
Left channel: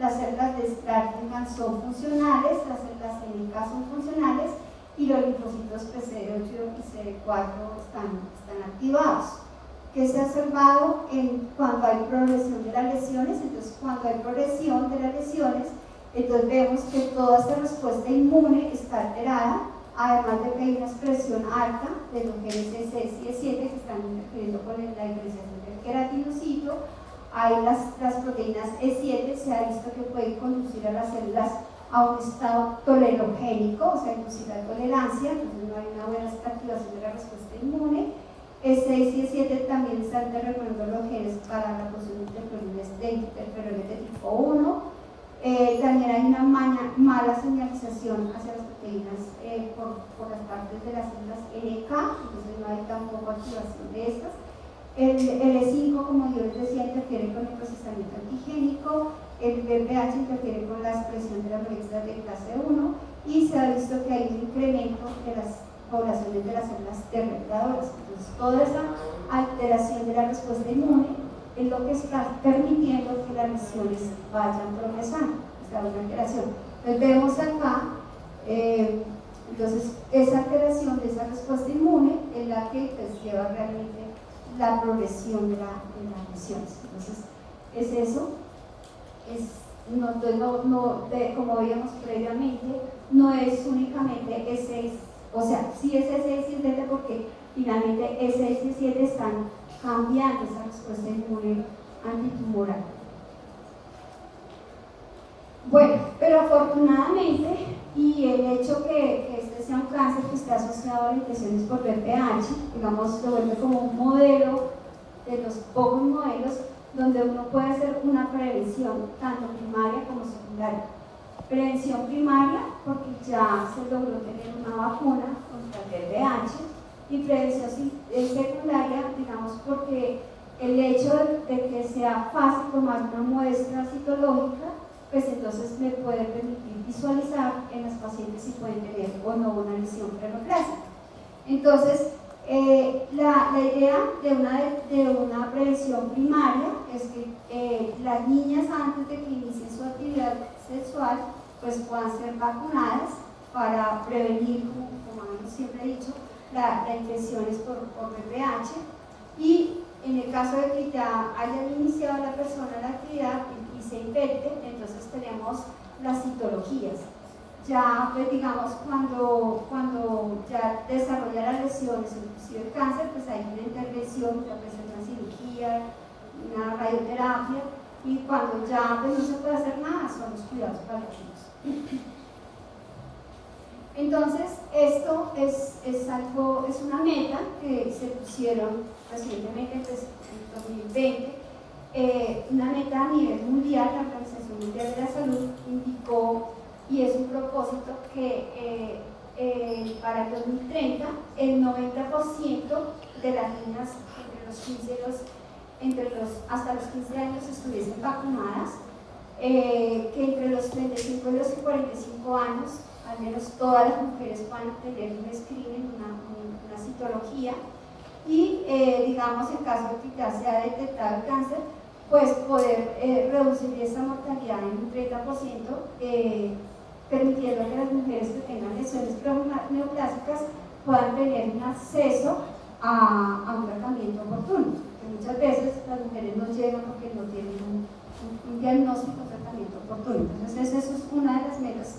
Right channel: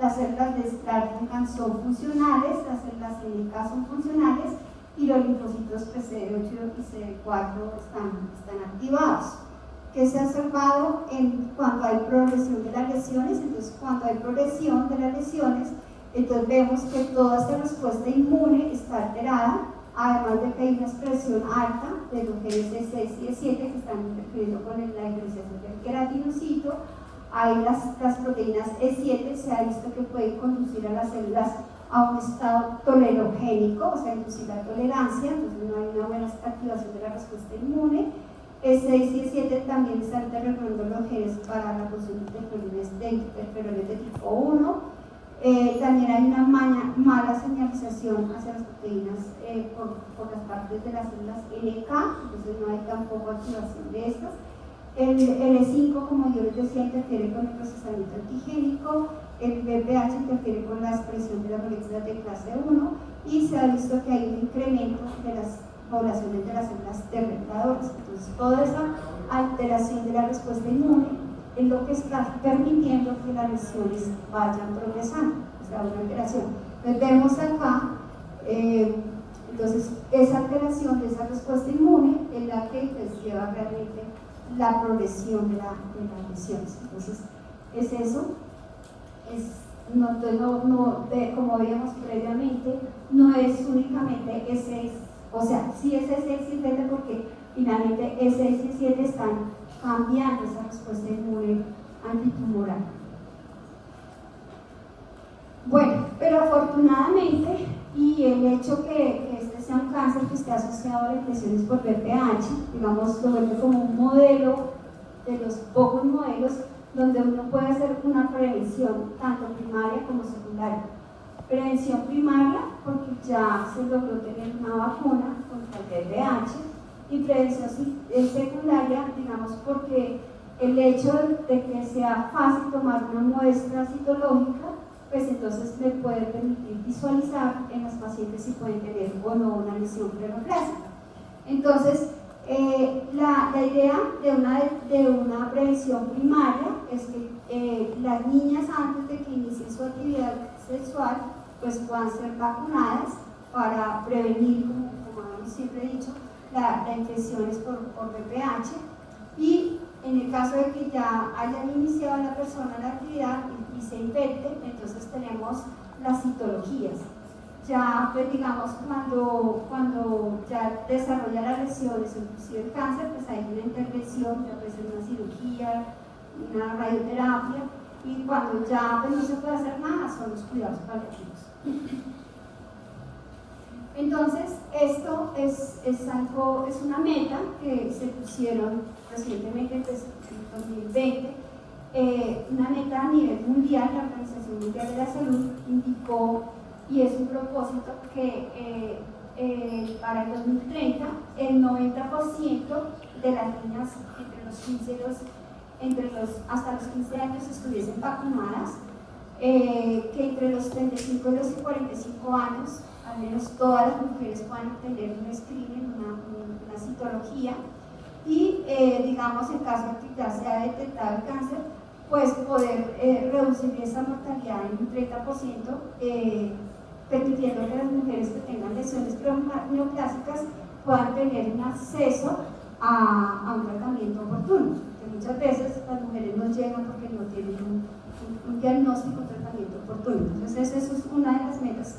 Las células de Stratigram son funcionales, las células NK son funcionales, y los linfocitos CD8 y CD4 están activados. ¿Qué se ha observado cuando hay progresión de las lesiones? Entonces, cuando hay progresión de las lesiones, entonces vemos que toda esta respuesta inmune está alterada, además de que hay una expresión alta de los genes E6 y E7 que están interfiriendo con la diferenciación del queratinocito. Hay las proteínas E7, se ha visto que pueden conducir a las células a un estado tolerogénico, o sea, inducir la tolerancia, entonces no hay una buena activación de la respuesta inmune. E6 y E7 también están interrogando los genes para la producción de interferones de tipo 1. También hay una mala señalización hacia las proteínas por las partes de las células NK, entonces no hay tampoco activación de estas. El E5, como yo les decía, interfiere con el procesamiento antigénico. El BPH interfiere con la expresión de las moléculas de clase 1, y se ha visto que hay un incremento de las poblaciones de las células T reguladoras. Entonces, toda esa alteración de la respuesta inmune es lo que está permitiendo que las lesiones vayan progresando, o sea, una alteración. Entonces, vemos acá, entonces, esa alteración de esa respuesta inmune es la que pues, lleva realmente la progresión de las lesiones. Entonces, es eso. Como veíamos previamente, no es únicamente ese, o sea, sí es ese y Z porque finalmente ese y 7 están cambiando esa respuesta inmune antitumoral. Bueno, pero afortunadamente, y el hecho que este sea un cáncer que esté asociado a las infecciones por BPH, digamos, lo vuelve como un modelo de los pocos modelos donde uno puede hacer una prevención tanto primaria como secundaria. Prevención primaria porque ya se logró tener una vacuna contra el VIH, y prevención secundaria, digamos, porque el hecho de que sea fácil tomar una muestra citológica, pues entonces me puede permitir visualizar en las pacientes si pueden tener o no una lesión prerroplásica. Entonces, la idea de una prevención primaria es que las niñas antes de que inicien su actividad sexual pues puedan ser vacunadas para prevenir, como siempre he dicho, las infecciones por VPH, y en el caso de que ya hayan iniciado la persona la actividad y se infecte, entonces tenemos las citologías. Ya, pues digamos, cuando ya desarrolla las lesiones, inclusive el cáncer, pues hay una intervención, ya puede ser una cirugía, una radioterapia, y cuando ya pues, no se puede hacer nada, son los cuidados paliativos. Entonces, esto es una meta que se pusieron recientemente, pues, en 2020, una meta a nivel mundial. La Organización Mundial de la Salud indicó, y es un propósito, que para el 2030 el 90% de las niñas hasta los 15 años estuviesen vacunadas, que entre los 35 y los 45 años al menos todas las mujeres puedan tener un screening, una citología, y digamos en caso de que ya se ha detectado el cáncer, pues poder reducir esa mortalidad en un 30%, permitiendo que las mujeres que tengan lesiones neoplásicas puedan tener un acceso a un tratamiento oportuno. Porque muchas veces las mujeres no llegan porque no tienen un diagnóstico, un tratamiento oportuno. Entonces, eso es una de las metas,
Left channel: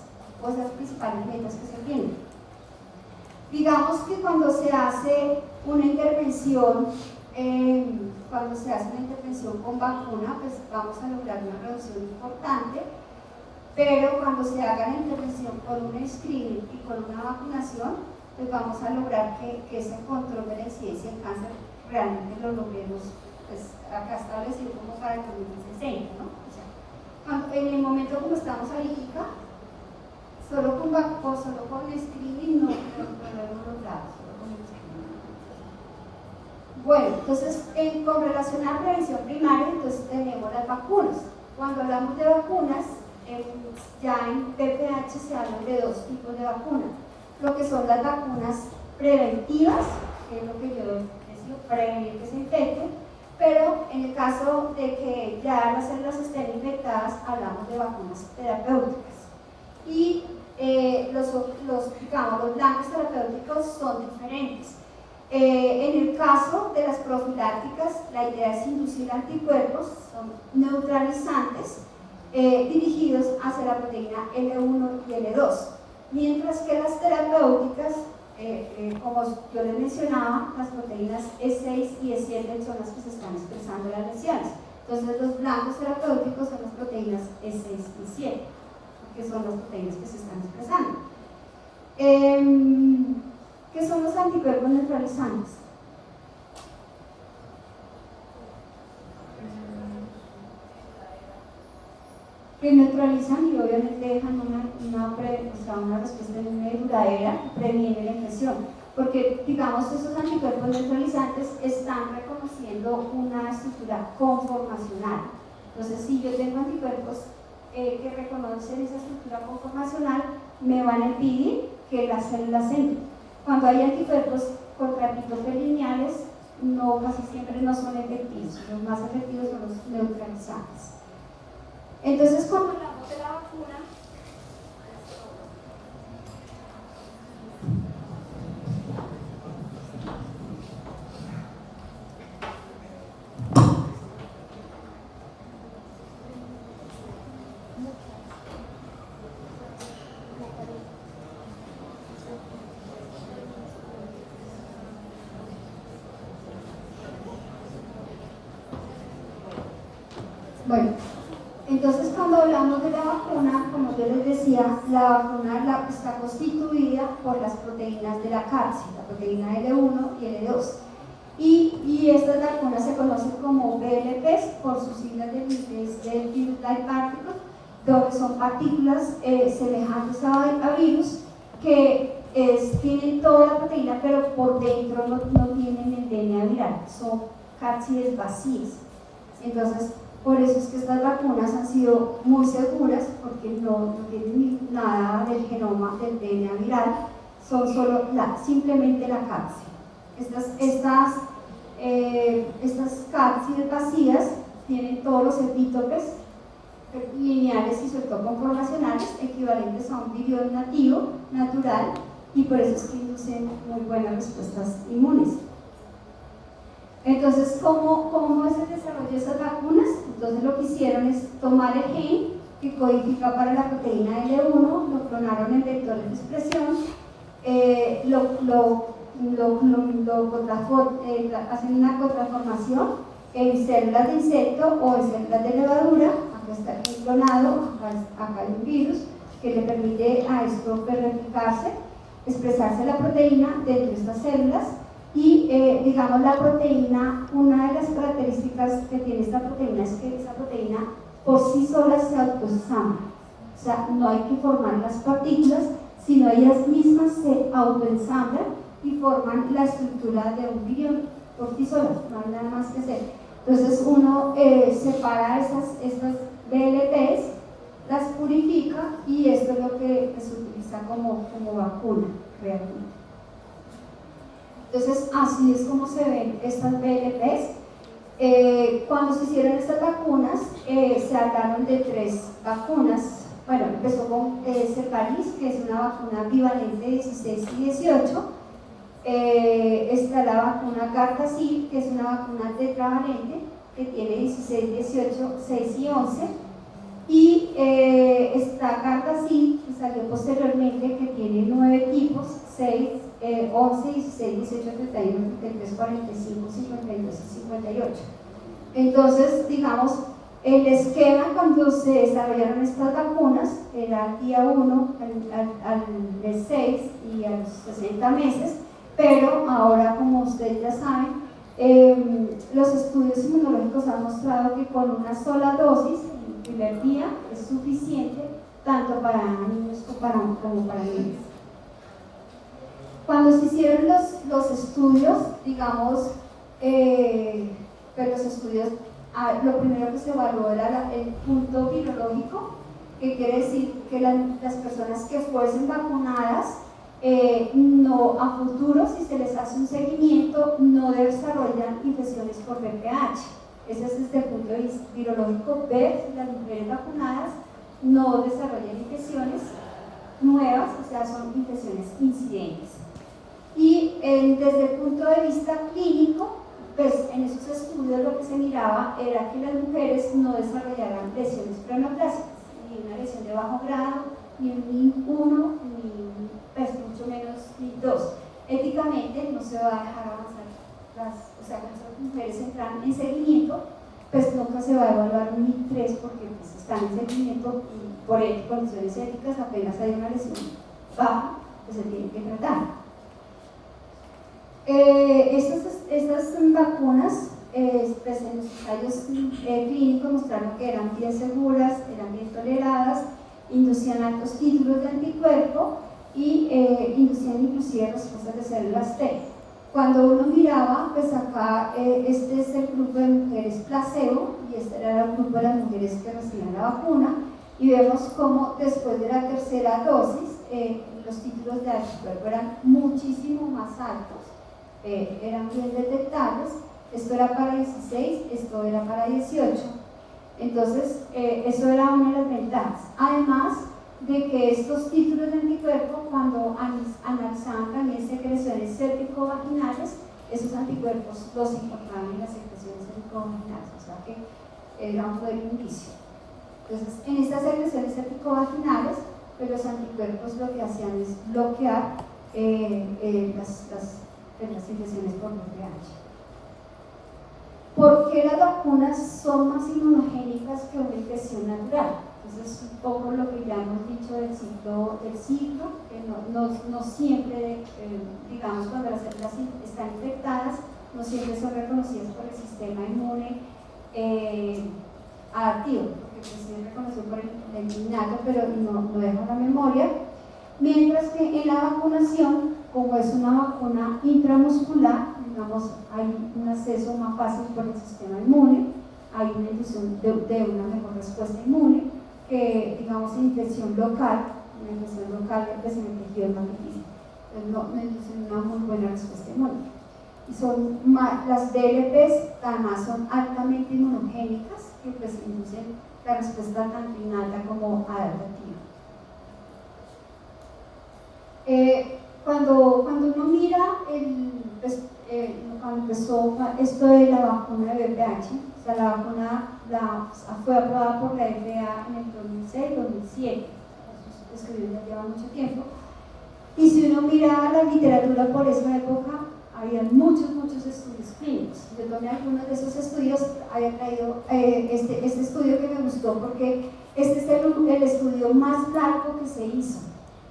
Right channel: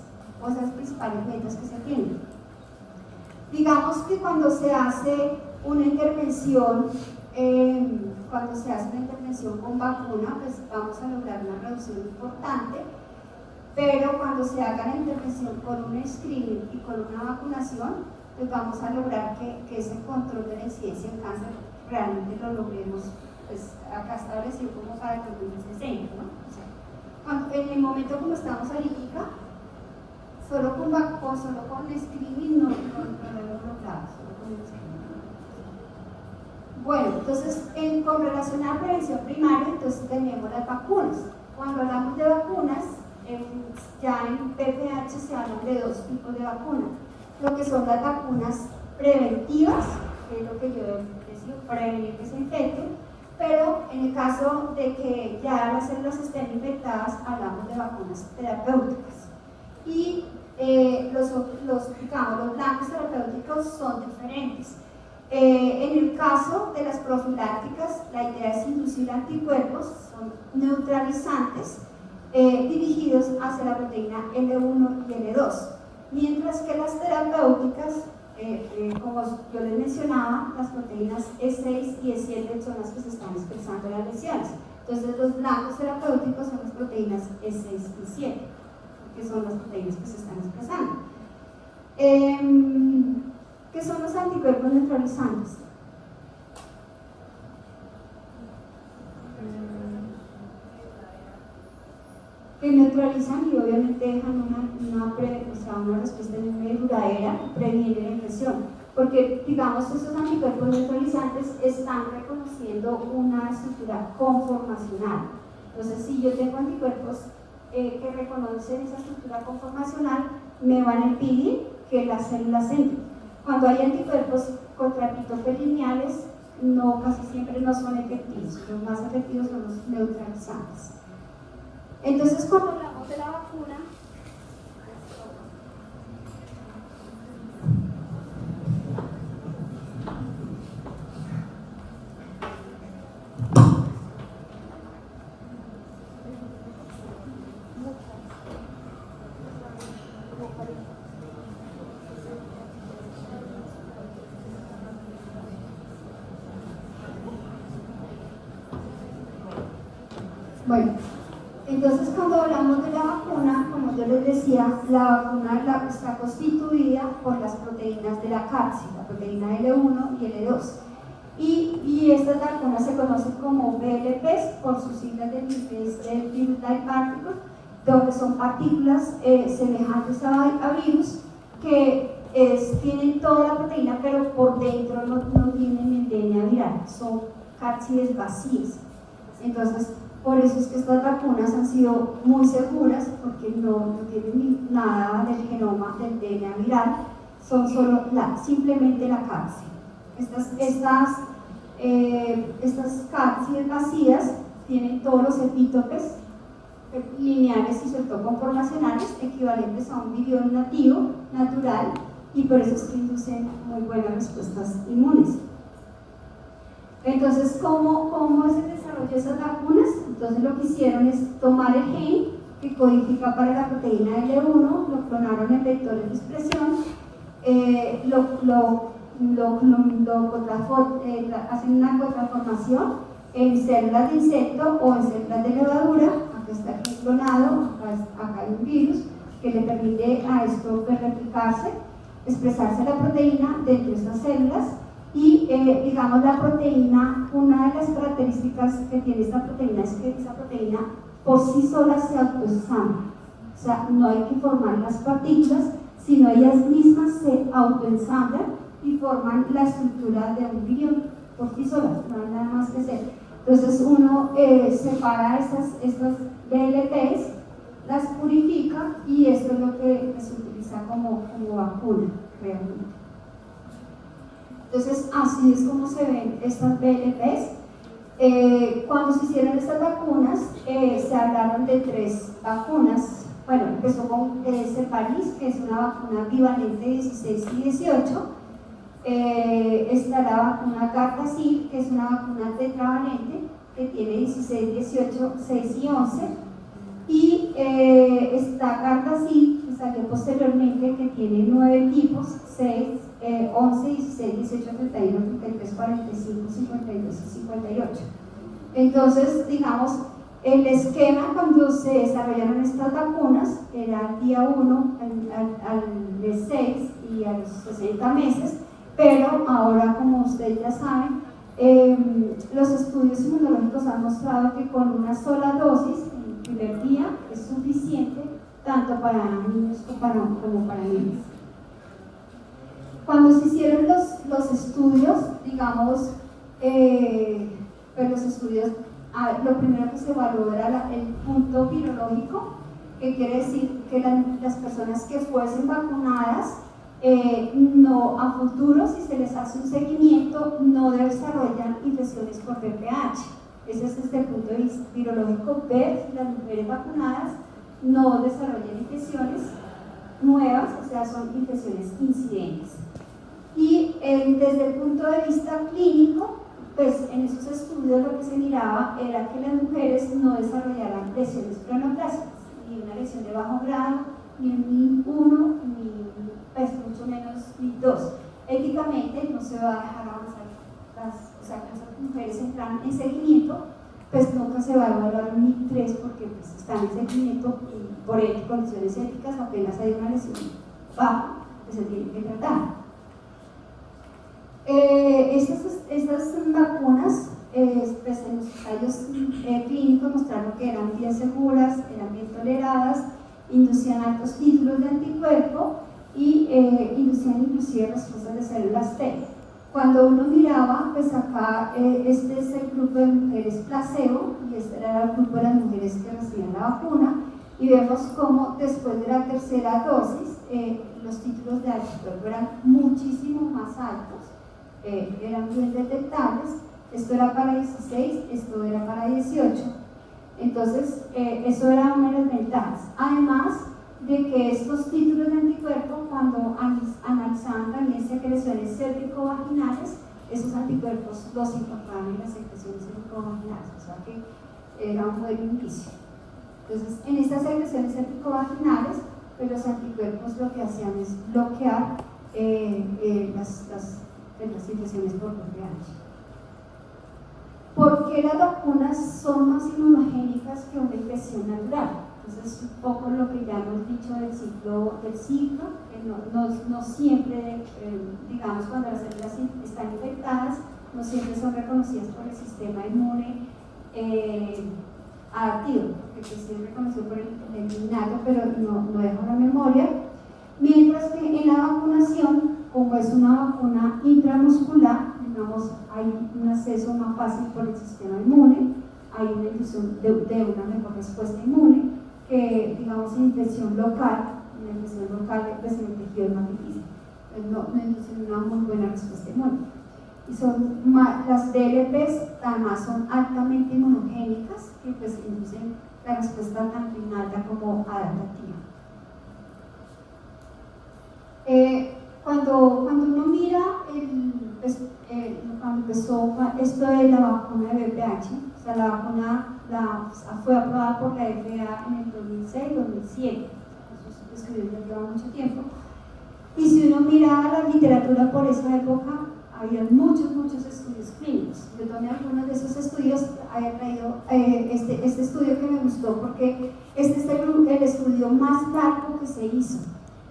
cosas principales metas que se tienen. Digamos que cuando se hace una intervención, con vacuna, pues vamos a lograr una reducción importante, pero cuando se haga la intervención con un screening y con una vacunación, pues vamos a lograr que ese control de la incidencia en cáncer realmente lo logremos, pues acá establecido como para el 2060, ¿no? O sea, en el momento como estamos ahorita, solo con screening no lo hemos logrado, solo con el screening. Bueno, entonces, con relación a prevención primaria, entonces tenemos las vacunas. Cuando hablamos de vacunas, ya en PPH se habla de dos tipos de vacunas. Lo que son las vacunas preventivas, que es lo que yo decía, prevenir que se infecten, pero en el caso de que ya las células estén infectadas, hablamos de vacunas terapéuticas. Y los blancos terapéuticos son diferentes. En el caso de las profilácticas, la idea es inducir anticuerpos, son neutralizantes, dirigidos hacia la proteína L1 y L2, mientras que las terapéuticas, como yo les mencionaba, las proteínas E6 y E7 son las que se están expresando en las lesiones. Entonces, los blancos terapéuticos son las proteínas E6 y 7, que son las proteínas que se están expresando. ¿Qué son los anticuerpos neutralizantes? Que neutralizan y obviamente dejan una respuesta duradera, previene la infección. Porque, digamos, esos anticuerpos neutralizantes están reconociendo una estructura conformacional. Entonces, si yo tengo anticuerpos que reconocen esa estructura conformacional, me van a impedir que las células entren. Cuando hay anticuerpos contra epitopes lineales, casi siempre no son efectivos. Los más efectivos son los neutralizantes. Entonces, cuando hablamos de la vacuna, entonces cuando hablamos de la vacuna, como yo les decía, la vacuna está constituida por las proteínas de la cápsida, la proteína L1 y L2. Y estas vacunas se conocen como VLPs por sus siglas de virus-like particles, donde son partículas semejantes a virus que tienen toda la proteína, pero por dentro no tienen el DNA viral, son cápsides vacías. Entonces, por eso es que estas vacunas han sido muy seguras, porque no tienen nada del genoma del DNA viral, son solo simplemente la cápside. Estas cápsides vacías tienen todos los epítopes lineales y sobre todo conformacionales equivalentes a un virión nativo, natural, y por eso es que inducen muy buenas respuestas inmunes. Entonces, ¿cómo es el desarrollo de esas vacunas? Entonces, lo que hicieron es tomar el gen que codifica para la proteína L1, lo clonaron en vectores de expresión, hacen una contraformación en células de insecto o en células de levadura. Acá está aquí clonado, acá hay un virus que le permite a esto replicarse, expresarse la proteína dentro de estas células. Y digamos, la proteína, una de las características que tiene esta proteína es que esa proteína por sí sola se autoensambla. O sea, no hay que formar las partículas, sino ellas mismas se autoensamblan y forman la estructura de un virión por sí solas, no hay nada más que hacer. Entonces uno separa estas VLPs, las purifica y esto es lo que se utiliza como vacuna realmente. Entonces, así es como se ven estas VLPs. Cuando se hicieron estas vacunas, se hablaron de 3 vacunas. Bueno, empezó con Ceparis, que es una vacuna bivalente 16 y 18. Está la vacuna Gardasil, que es una vacuna tetravalente, que tiene 16, 18, 6 y 11. Y está Gardasil, que salió posteriormente, que tiene 9 tipos, 6, 11, 16, 18, 31, 33, 45, 52 y 58. Entonces, digamos, el esquema cuando se desarrollaron estas vacunas era al día 1, al mes 6 y a los 60 meses, pero ahora, como ustedes ya saben, los estudios inmunológicos han mostrado que con una sola dosis, el primer día, es suficiente tanto para niños como para niños. Cuando se hicieron los estudios, digamos, los estudios, lo primero que se evaluó era el punto virológico, que quiere decir que las personas que fuesen vacunadas, no a futuro, si se les hace un seguimiento, no desarrollan infecciones por VPH. Ese es desde el punto de vista virológico, ver si las mujeres vacunadas no desarrollan infecciones nuevas, o sea, son infecciones incidentes. Y desde el punto de vista clínico, pues en esos estudios lo que se miraba era que las mujeres no desarrollaran lesiones preneoplásicas, ni una lesión de bajo grado, ni 1, ni pues, mucho menos ni 2. Éticamente no se va a dejar avanzar o sea, que las mujeres entran en seguimiento, pues nunca se va a evaluar un NIC3 porque pues, están en seguimiento y por condiciones éticas apenas hay una lesión baja, pues se tiene que tratar. Estas vacunas, pues en los ensayos clínicos mostraron que eran bien seguras, eran bien toleradas, inducían altos títulos de anticuerpo y inducían inclusive respuestas de células T. Cuando uno miraba, pues acá este es el grupo de mujeres placebo y este era el grupo de las mujeres que recibían la vacuna y vemos cómo después de la tercera dosis los títulos de anticuerpo eran muchísimo más altos. Eran bien detectables, esto era para 16, esto era para 18. Entonces, eso era una de las ventajas. Además de que estos títulos de anticuerpo, cuando analizaban también secreciones cérvico-vaginales, esos anticuerpos los encontraban en las secreciones cérvico-vaginales, o sea que era un buen indicio. Entonces, en estas secreciones cérvico-vaginales, pues los anticuerpos lo que hacían es bloquear las infecciones por VPH. ¿Por qué las vacunas son más inmunogénicas que una infección natural? Entonces, un poco lo que ya hemos dicho del ciclo, que no siempre, digamos, cuando las células están infectadas, no siempre son reconocidas por el sistema inmune adaptivo, porque se es reconocido por el innato, pero no deja la memoria. Mientras que en la vacunación, como es una vacuna intramuscular, digamos, hay un acceso más fácil por el sistema inmune, hay una inducción de una mejor respuesta inmune que, digamos, infección local. La infección local pues, en el tejido es más difícil, no induce una muy buena respuesta inmune. Y las DLPs además son altamente inmunogénicas, que pues inducen la respuesta tanto innata como adaptativa. Cuando uno mira cuando empezó esto de la vacuna de VPH, o sea, la vacuna fue aprobada por la FDA en el 2006-2007, esos estudios ya llevan mucho tiempo, y si uno mira la literatura por esa época, había muchos estudios clínicos. Yo tomé algunos de esos estudios, había traído este estudio que me gustó porque este es el estudio más largo que se hizo.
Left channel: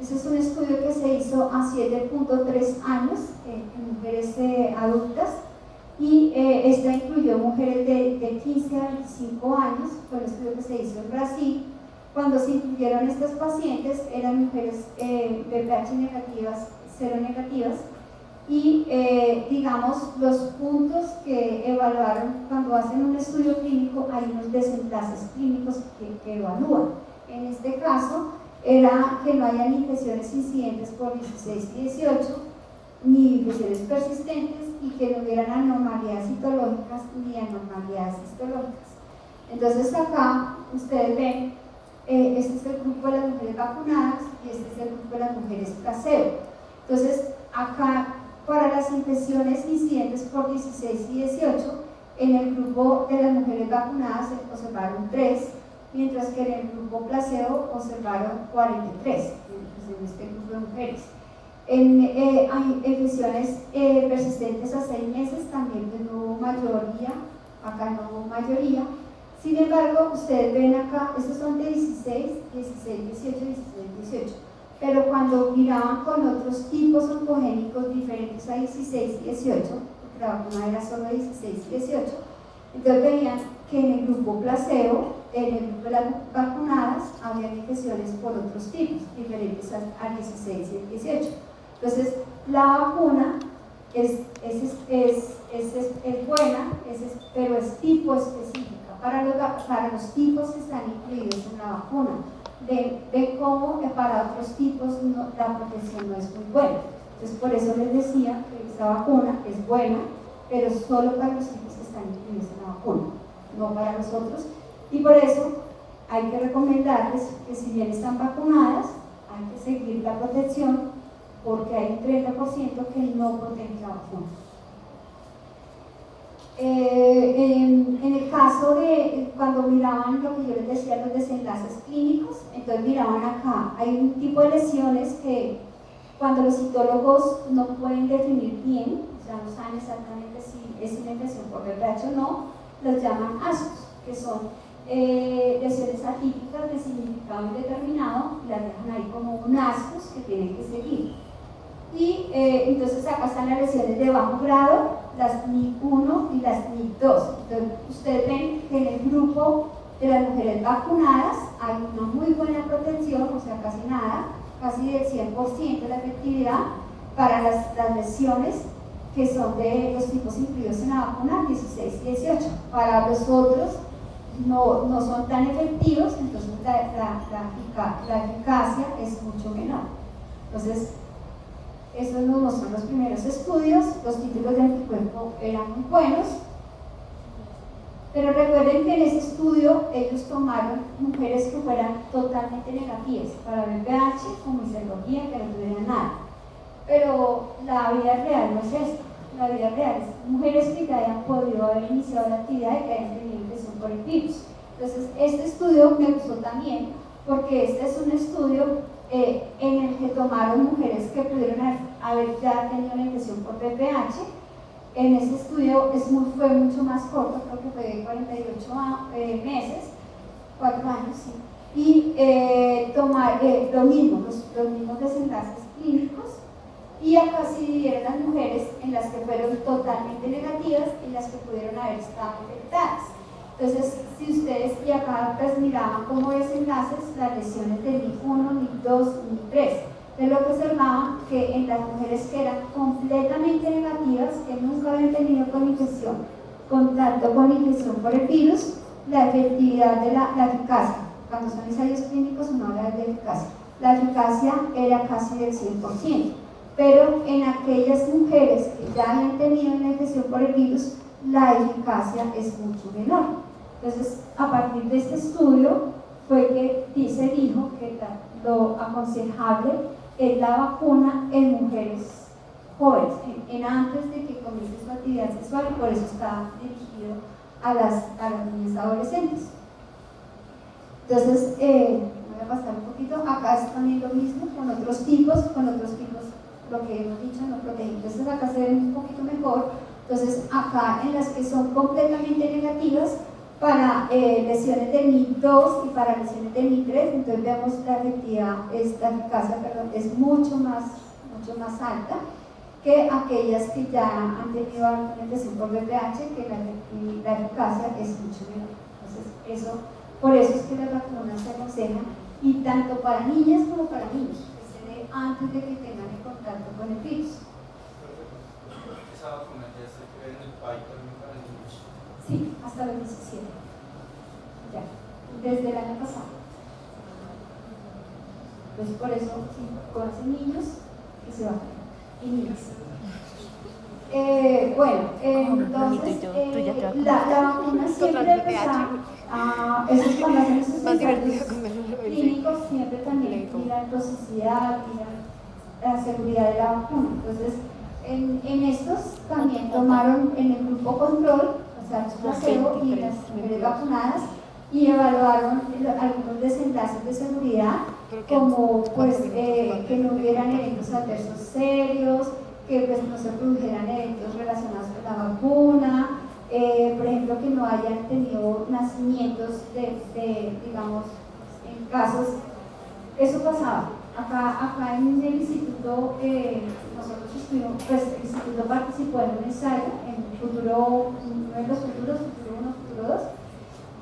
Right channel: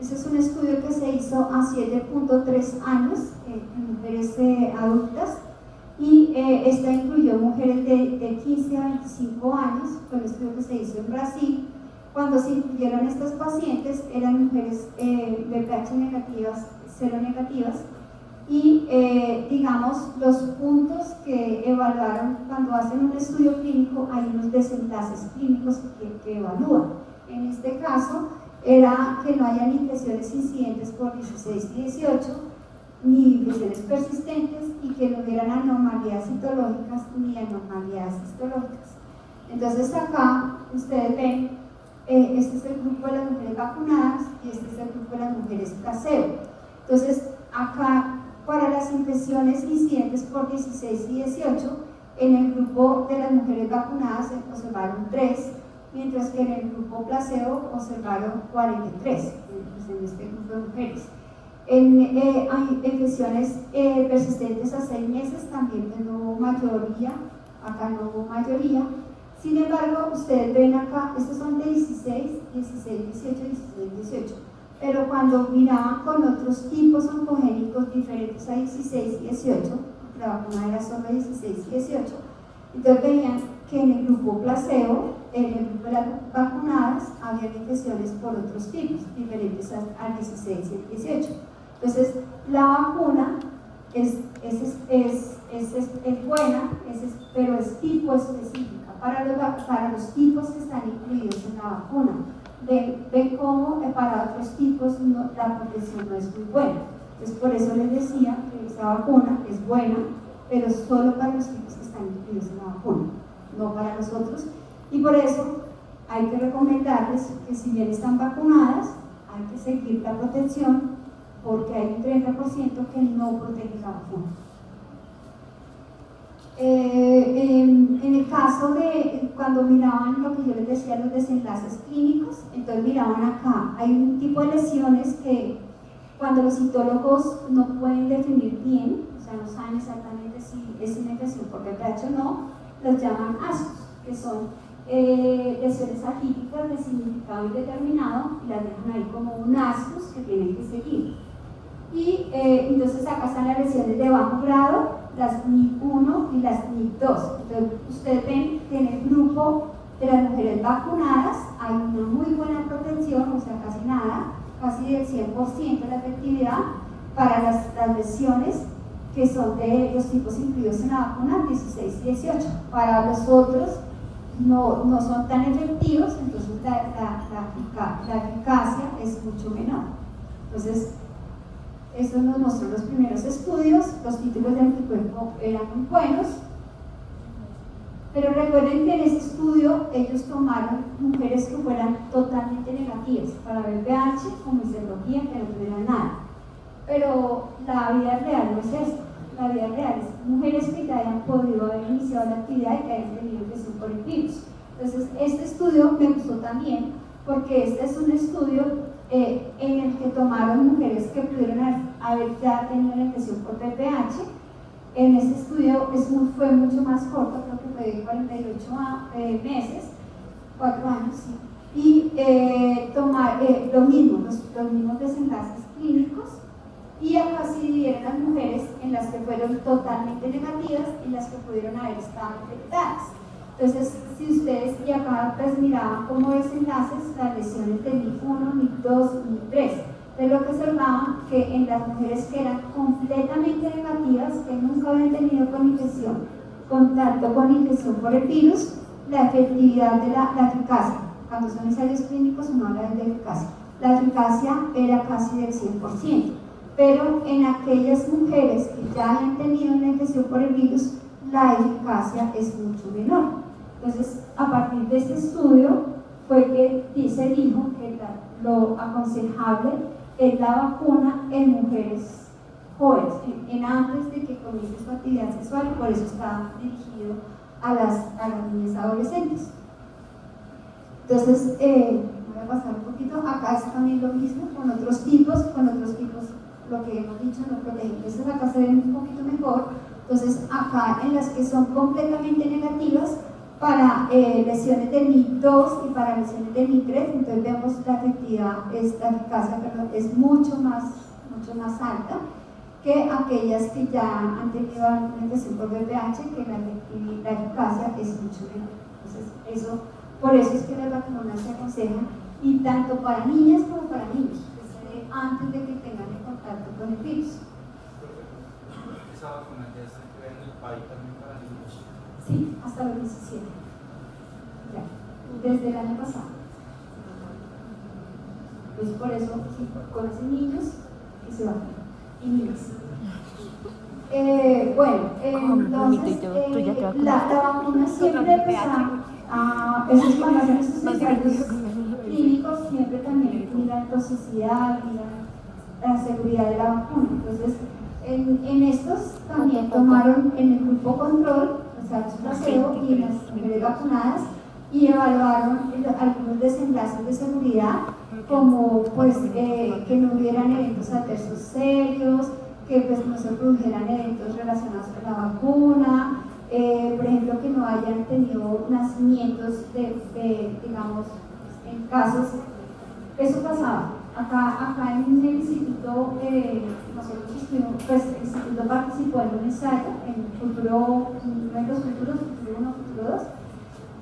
Ese es un estudio que se hizo a 7.3 años en mujeres adultas y esta incluyó mujeres de 15 a 25 años, fue un estudio que se hizo en Brasil. Cuando se incluyeron estas pacientes eran mujeres VPH negativas, seronegativas y digamos los puntos que evaluaron cuando hacen un estudio clínico hay unos desenlaces clínicos que evalúan. En este caso era que no hayan infecciones incidentes por 16 y 18, ni infecciones persistentes y que no hubieran anormalidades citológicas ni anormalidades histológicas. Entonces acá ustedes ven, este es el grupo de las mujeres vacunadas y este es el grupo de las mujeres placebo. Entonces acá para las infecciones incidentes por 16 y 18, en el grupo de las mujeres vacunadas se observaron 3, mientras que en el grupo placebo observaron 43, pues en este grupo de mujeres. Hay infecciones persistentes a 6 meses, también no hubo mayoría, acá no hubo mayoría. Sin embargo, ustedes ven acá, estos son de 16, 16, 18, 16, 18. Pero cuando miraban con otros tipos oncogénicos diferentes a 16 y 18, la vacuna era solo 16 y 18, entonces veían que en el grupo placebo, en el grupo de las vacunadas, había infecciones por otros tipos diferentes al 16 y al 18. Entonces, la vacuna es buena, pero es tipo específica para los tipos que están incluidos en la vacuna. Ven cómo para otros tipos la protección no es muy buena. Entonces, por eso les decía que esta vacuna es buena, pero solo para los tipos que están incluidos en la vacuna, no para los otros. Y por eso hay que recomendarles que si bien están vacunadas, hay que seguir la protección, porque hay un 30% que no protege la vacuna. En el caso de cuando miraban lo que yo les decía, los desenlaces clínicos, entonces miraban acá, hay un tipo de lesiones que cuando los citólogos no pueden definir bien, o sea, no saben exactamente si es una infección por VPH o no, los llaman ASCOS, que son lesiones atípicas de significado indeterminado y las dejan ahí como un ASCOS que tienen que seguir. Y entonces acá están las lesiones de bajo grado, las NIC1 y las NIC2. Entonces ustedes ven que en el grupo de las mujeres vacunadas hay una muy buena protección, o sea, casi nada, casi del 100% de la efectividad para las lesiones que son de los tipos incluidos en la vacuna 16 y 18. Para los otros no son tan efectivos, entonces la eficacia es mucho menor. Entonces, estos nos muestran los primeros estudios, los títulos de anticuerpo eran muy buenos, pero recuerden que en este estudio ellos tomaron mujeres que fueran totalmente negativas para VPH, con miserología, que no tuvieran nada. Pero la vida real no es esto. La vida real es mujeres que ya hayan podido haber iniciado la actividad y que hayan tenido infección por el virus. Entonces, este estudio me gustó también porque este es un estudio en el que tomaron mujeres que pudieron haber ya tenido la infección por VPH. En este estudio fue mucho más corto, creo que fue de 48 meses, 4 años, sí. Y tomar los mismos desenlaces clínicos, y acá se dividieron las mujeres en las que fueron totalmente negativas y las que pudieron haber estado infectadas. Entonces, si ustedes y acá pues miraban como desenlaces las lesiones de NIC1, NIC2, NIC3, de lo que observaban que en las mujeres que eran completamente negativas, que nunca habían tenido contacto con infección por el virus, la efectividad de la eficacia, cuando son ensayos clínicos no hablan de eficacia, la eficacia era casi del 100%, pero en aquellas mujeres que ya habían tenido una infección por el virus, la eficacia es mucho menor. Entonces, a partir de este estudio fue que se dijo que lo aconsejable es la vacuna en mujeres jóvenes, en antes de que comience su actividad sexual, y por eso está dirigido a las niñas adolescentes. Entonces, voy a pasar un poquito, acá es también lo mismo, con otros tipos, lo que hemos dicho no protege. Entonces acá se ve un poquito mejor. Entonces acá en las que son completamente negativas, para lesiones de NIC2 y para lesiones de NIC3, entonces vemos la eficacia es mucho más alta que aquellas que ya han tenido alguna infección por VPH, que la eficacia es mucho menor. Entonces, por eso es que las vacunas se aconsejan, y tanto para niñas como para niños, que se dé antes de que tengan contacto con el virus. ¿Esa vacuna ya está en el país también para niños? Sí, hasta los 17. Ya, desde el año pasado. Pues por eso, sí, con niños que se vacunan. y niñas. Bueno, entonces la vacuna siempre esos cuando hacen esos Más divertido ensayos comerlo. clínicos siempre también miran toxicidad, miran la seguridad de la vacuna. Entonces, en estos también tomaron en el grupo control, o sea, los placebo y en las mujeres vacunadas, y evaluaron algunos desenlaces de seguridad, como pues que no hubieran eventos adversos serios, que pues no se produjeran eventos relacionados con la vacuna, por ejemplo, que no hayan tenido nacimientos digamos, en casos, eso pasaba. Acá en el instituto, nosotros estuvimos, pues el instituto participó en un ensayo, en los futuros 1, futuro 2,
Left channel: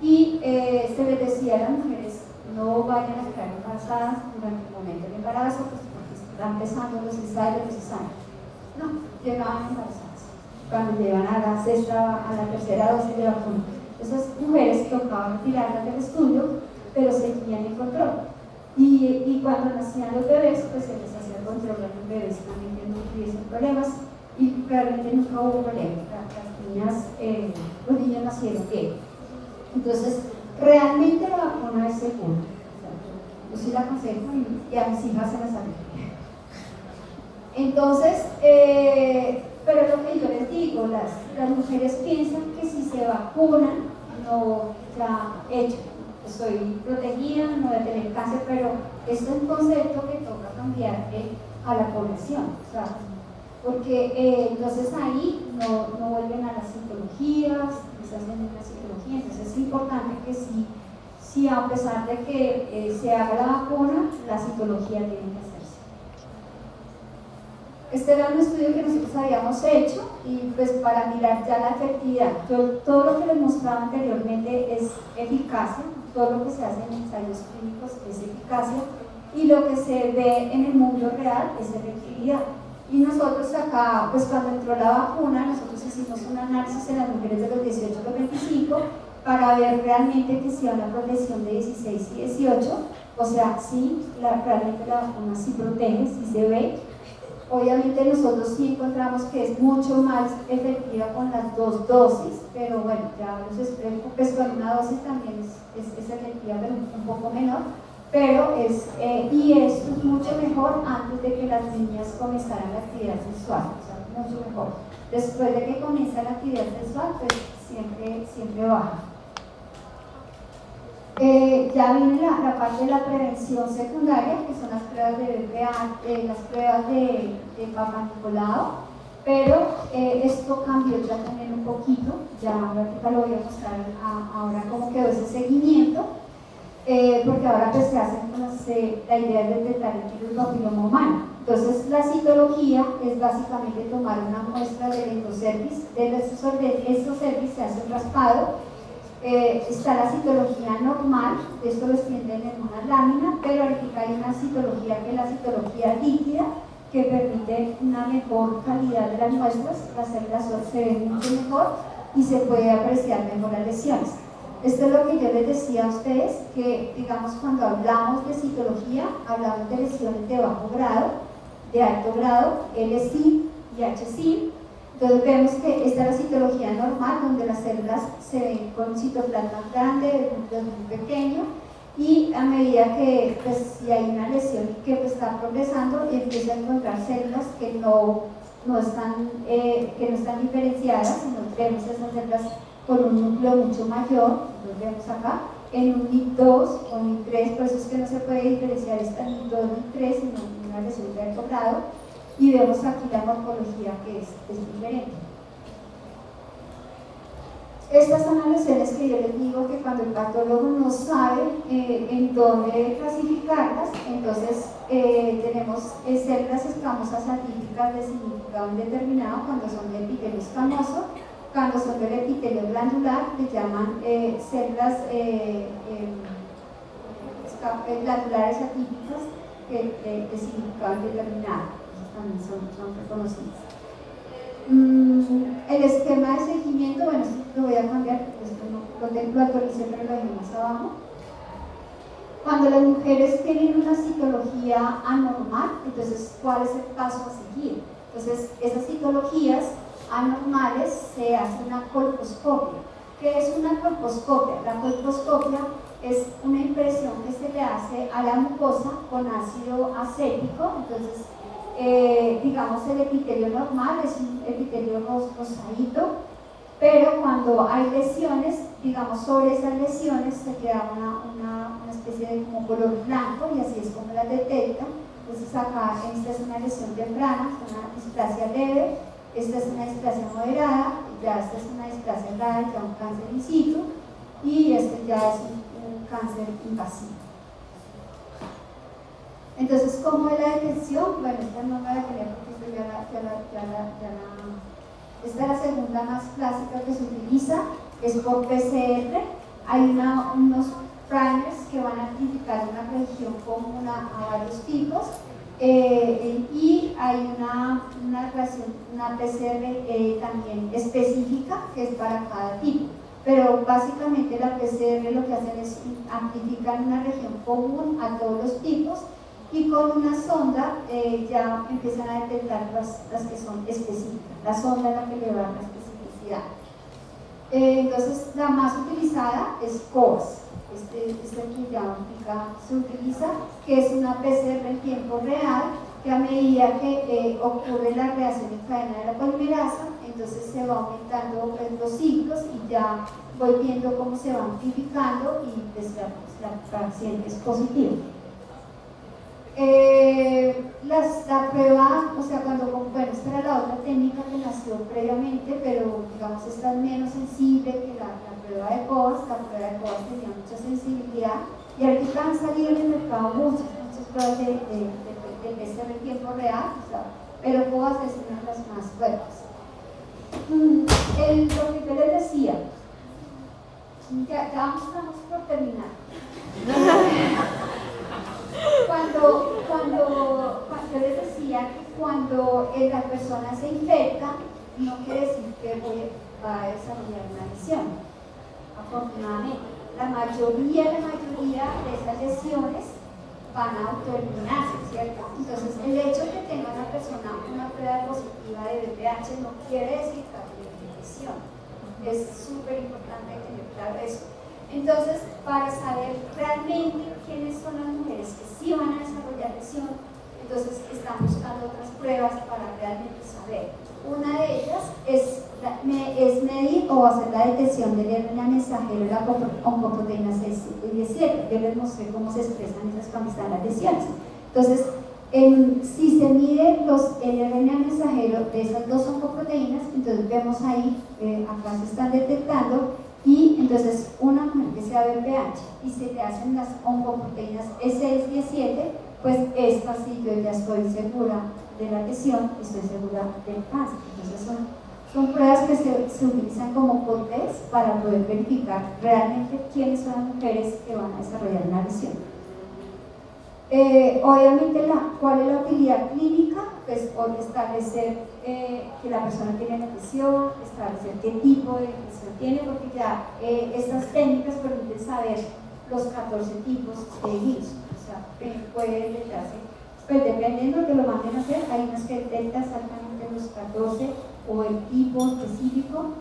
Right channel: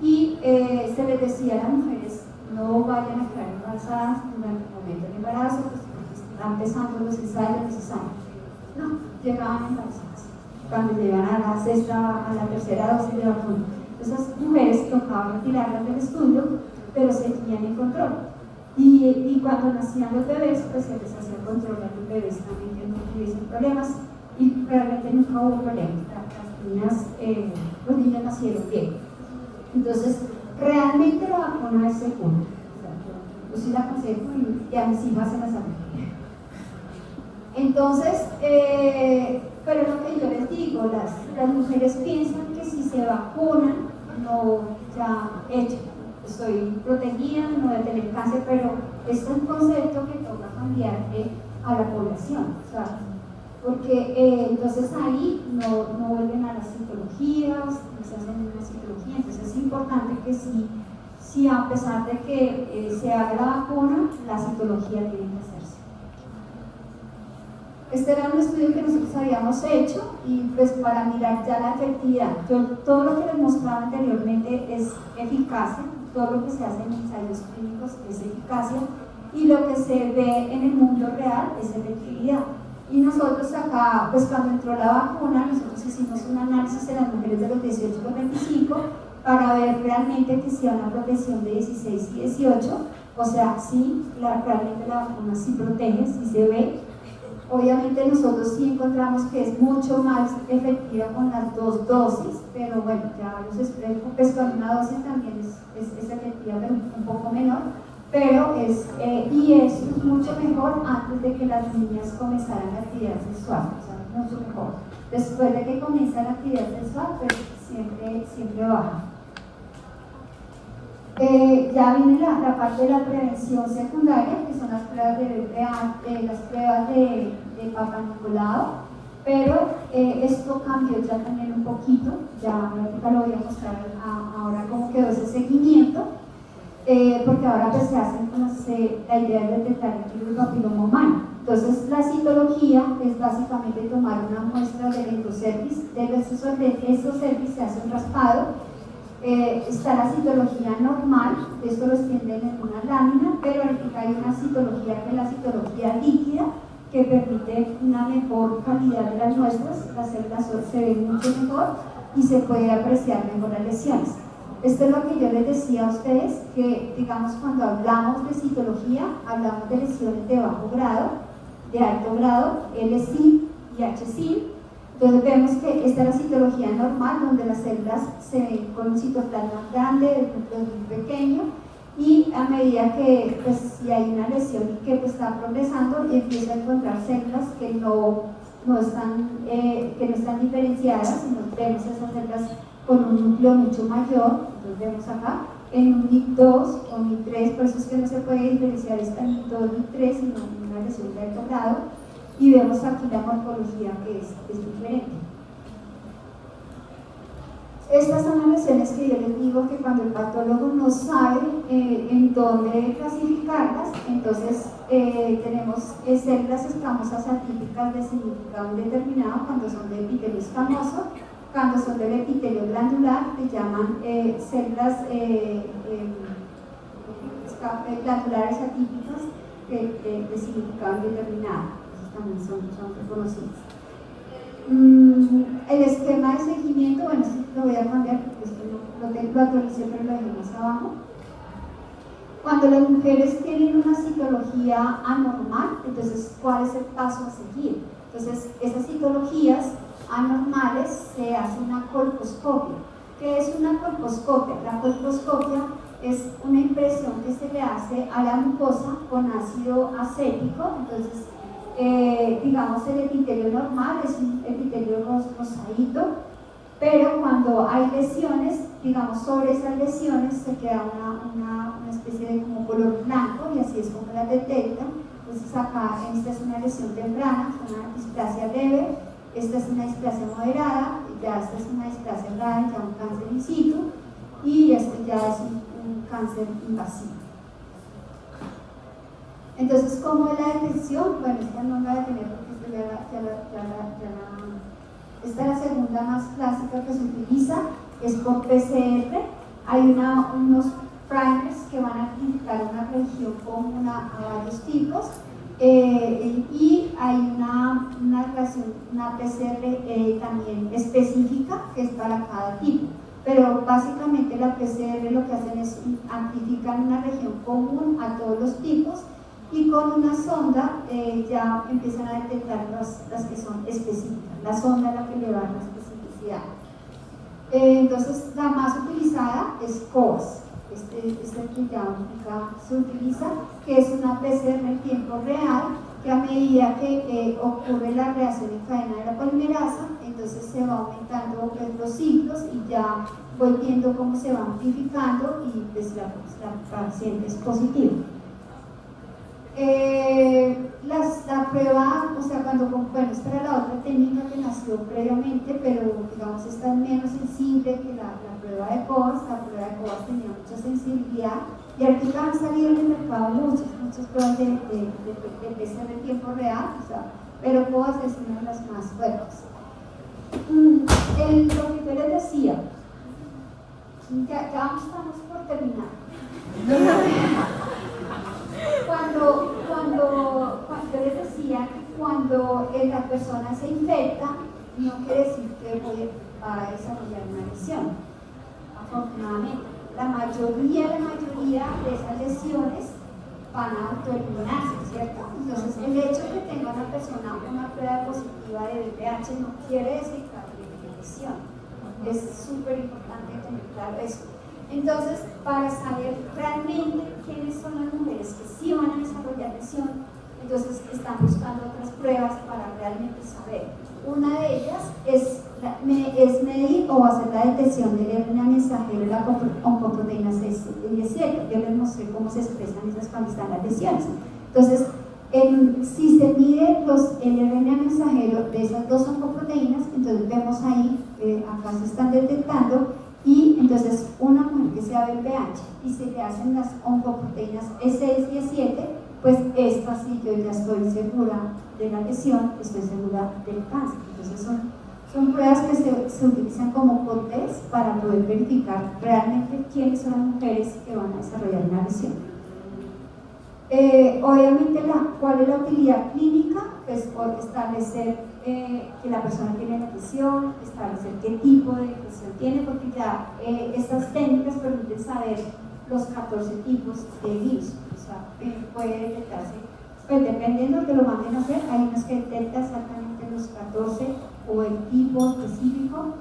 y se les decía a las mujeres, no vayan a quedar embarazadas durante el momento del embarazo, pues porque están empezando los ensayos necesarios. No, llegaban embarazadas. Cuando llegan a la sexta, a la tercera dosis de vacuna, esas mujeres tocaban retirarlas del estudio, pero seguían en control. Y cuando nacían los bebés, pues se les hacía control a los bebés también que no tuviesen problemas, y realmente nunca hubo problemas. Los niños nacieron bien. Entonces, realmente la vacuna es segura. Yo sí la aconsejo y a mis hijas se las aconsejo. Entonces, pero lo que yo les digo, las mujeres piensan que si se vacunan, no, ya hecho, estoy protegida, no voy a tener cáncer, pero este es un concepto que toca cambiar a la población, o sea, porque entonces ahí no vuelven a las citologías, no se hacen una citología, entonces es importante que sí a pesar de que se haga la vacuna, la citología tiene que hacerse. Este era un estudio que nosotros habíamos hecho y pues para mirar ya la efectividad. Todo lo que les mostraba anteriormente es eficacia, todo lo que se hace en ensayos clínicos es eficacia y lo que se ve en el mundo real es efectividad. Y nosotros acá, pues cuando entró la vacuna, nosotros hicimos un análisis de las mujeres de los 18 a los 25 para ver realmente que sea una protección de 16 y 18, o sea, sí, realmente la vacuna sí protege, sí se ve. Obviamente nosotros sí encontramos que es mucho más efectiva con las 2 dosis, pero bueno, ya los expertos, pues con una dosis también es efectiva, pero un poco menor, pero y esto es mucho mejor antes de que las niñas comenzaran la actividad sexual, o sea, mucho mejor. Después de que comienza la actividad sexual, pues siempre baja. Ya viene la parte de la prevención secundaria, que son las pruebas de BPA, las pruebas de Papa Nicolau, pero esto cambió ya también un poquito, ya ahorita lo voy a mostrar ahora cómo quedó ese seguimiento, porque ahora pues se hace la idea de detectar el virus papiloma humano. Entonces la citología es básicamente tomar una muestra del endocervix, de estos cervix se hace un raspado. Está la citología normal, esto lo extienden en una lámina, pero hay una citología que es la citología líquida, que permite una mejor calidad de las muestras, las células se ven mucho mejor y se puede apreciar mejor las lesiones. Esto es lo que yo les decía a ustedes, que digamos cuando hablamos de citología, hablamos de lesiones de bajo grado, de alto grado, L-CIN y H-CIN. Entonces vemos que esta es la citología normal, donde las células se ven con citoplasma grande, el núcleo muy pequeño, y a medida que pues, si hay una lesión que pues, está progresando, empieza a encontrar células que no están diferenciadas, sino vemos esas células con un núcleo mucho mayor, entonces vemos acá, en un NIC2 o NIC3, por eso es que no se puede diferenciar esta NIC2 o NIC3, sino una lesión de alto grado. Y vemos aquí la morfología que es diferente. Estas son las lesiones que yo les digo que cuando el patólogo no sabe en dónde clasificarlas, entonces tenemos células escamosas atípicas de significado indeterminado cuando son de epitelio escamoso, cuando son del epitelio glandular, que llaman células glandulares atípicas de significado indeterminado. También son reconocidos. El esquema de seguimiento, bueno, esto lo voy a cambiar porque esto lo actualicé, pero lo dejé más abajo. Cuando las mujeres tienen una citología anormal, entonces, ¿cuál es el paso a seguir? Entonces, esas citologías anormales se hace una colposcopia. ¿Qué es una colposcopia? La colposcopia es una impresión que se le hace a la mucosa con ácido acético. Entonces, digamos, el epitelio normal es un epitelio rosadito, pero cuando hay lesiones, digamos, sobre esas lesiones se queda una especie de como color blanco, y así es como la detectan. Entonces acá, esta es una lesión temprana, es una displasia leve, esta es una displasia moderada, ya esta es una displasia grave, ya un cáncer in situ, y este ya es un cáncer invasivo. Entonces, ¿cómo es la detección? Bueno, esta no la voy a tener porque esta es la segunda más clásica que se utiliza, es por PCR. Hay unos primers que van a identificar una región común a varios tipos, y hay una PCR también específica que es para cada tipo. Pero básicamente la PCR lo que hacen es amplificar una región común a todos los tipos, y con una sonda ya empiezan a detectar las que son específicas. La sonda es la que le da la especificidad. Entonces, la más utilizada es COAS. Este aquí ya se utiliza, que es una PCR en tiempo real, que a medida que ocurre la reacción en cadena de la polimerasa, entonces se va aumentando los ciclos y ya voy viendo cómo se va amplificando y pues la paciente es positiva. La prueba, o sea, bueno, esta era la otra técnica que nació previamente, pero digamos esta es menos sensible que la prueba de COAS. La prueba de COAS tenía mucha sensibilidad, y ahorita han salido en el mercado muchas pruebas de PCR en tiempo real, o sea, pero COAS es una de las más fuertes. Lo que yo les decía, ya estamos por terminar. Cuando yo les decía que cuando la persona se infecta, no quiere decir que va a desarrollar una lesión. Afortunadamente, la mayoría de esas lesiones van a autoeliminarse, ¿cierto? Entonces, el hecho de que tenga una persona una prueba positiva de VPH no quiere decir que haya lesión. Es súper importante tener claro eso. Entonces, para saber realmente quiénes son las mujeres que sí van a desarrollar lesión, entonces están buscando otras pruebas para realmente saber. Una de ellas es medir o hacer la detección del RNA mensajero de la oncoproteína C17. Yo les mostré cómo se expresan esas cuando están las lesiones. Entonces, si se mide el RNA mensajero de esas dos oncoproteínas, entonces vemos ahí, acá se están detectando. Y entonces una mujer que sea VPH y se le hacen las oncoproteínas E6-17, pues esta sí yo ya estoy segura de la lesión, estoy segura del cáncer. Entonces son pruebas que se utilizan como test para poder verificar realmente quiénes son las mujeres que van a desarrollar una lesión. Obviamente, ¿cuál es la utilidad clínica? Pues por establecer que la persona tiene la lesión, establecer qué tipo de lesión tiene, porque ya estas técnicas permiten saber los 14 tipos de virus. O sea, puede detectarse, pues dependiendo de lo que lo manden a hacer, hay unas que detectan exactamente los 14 o el tipo específico.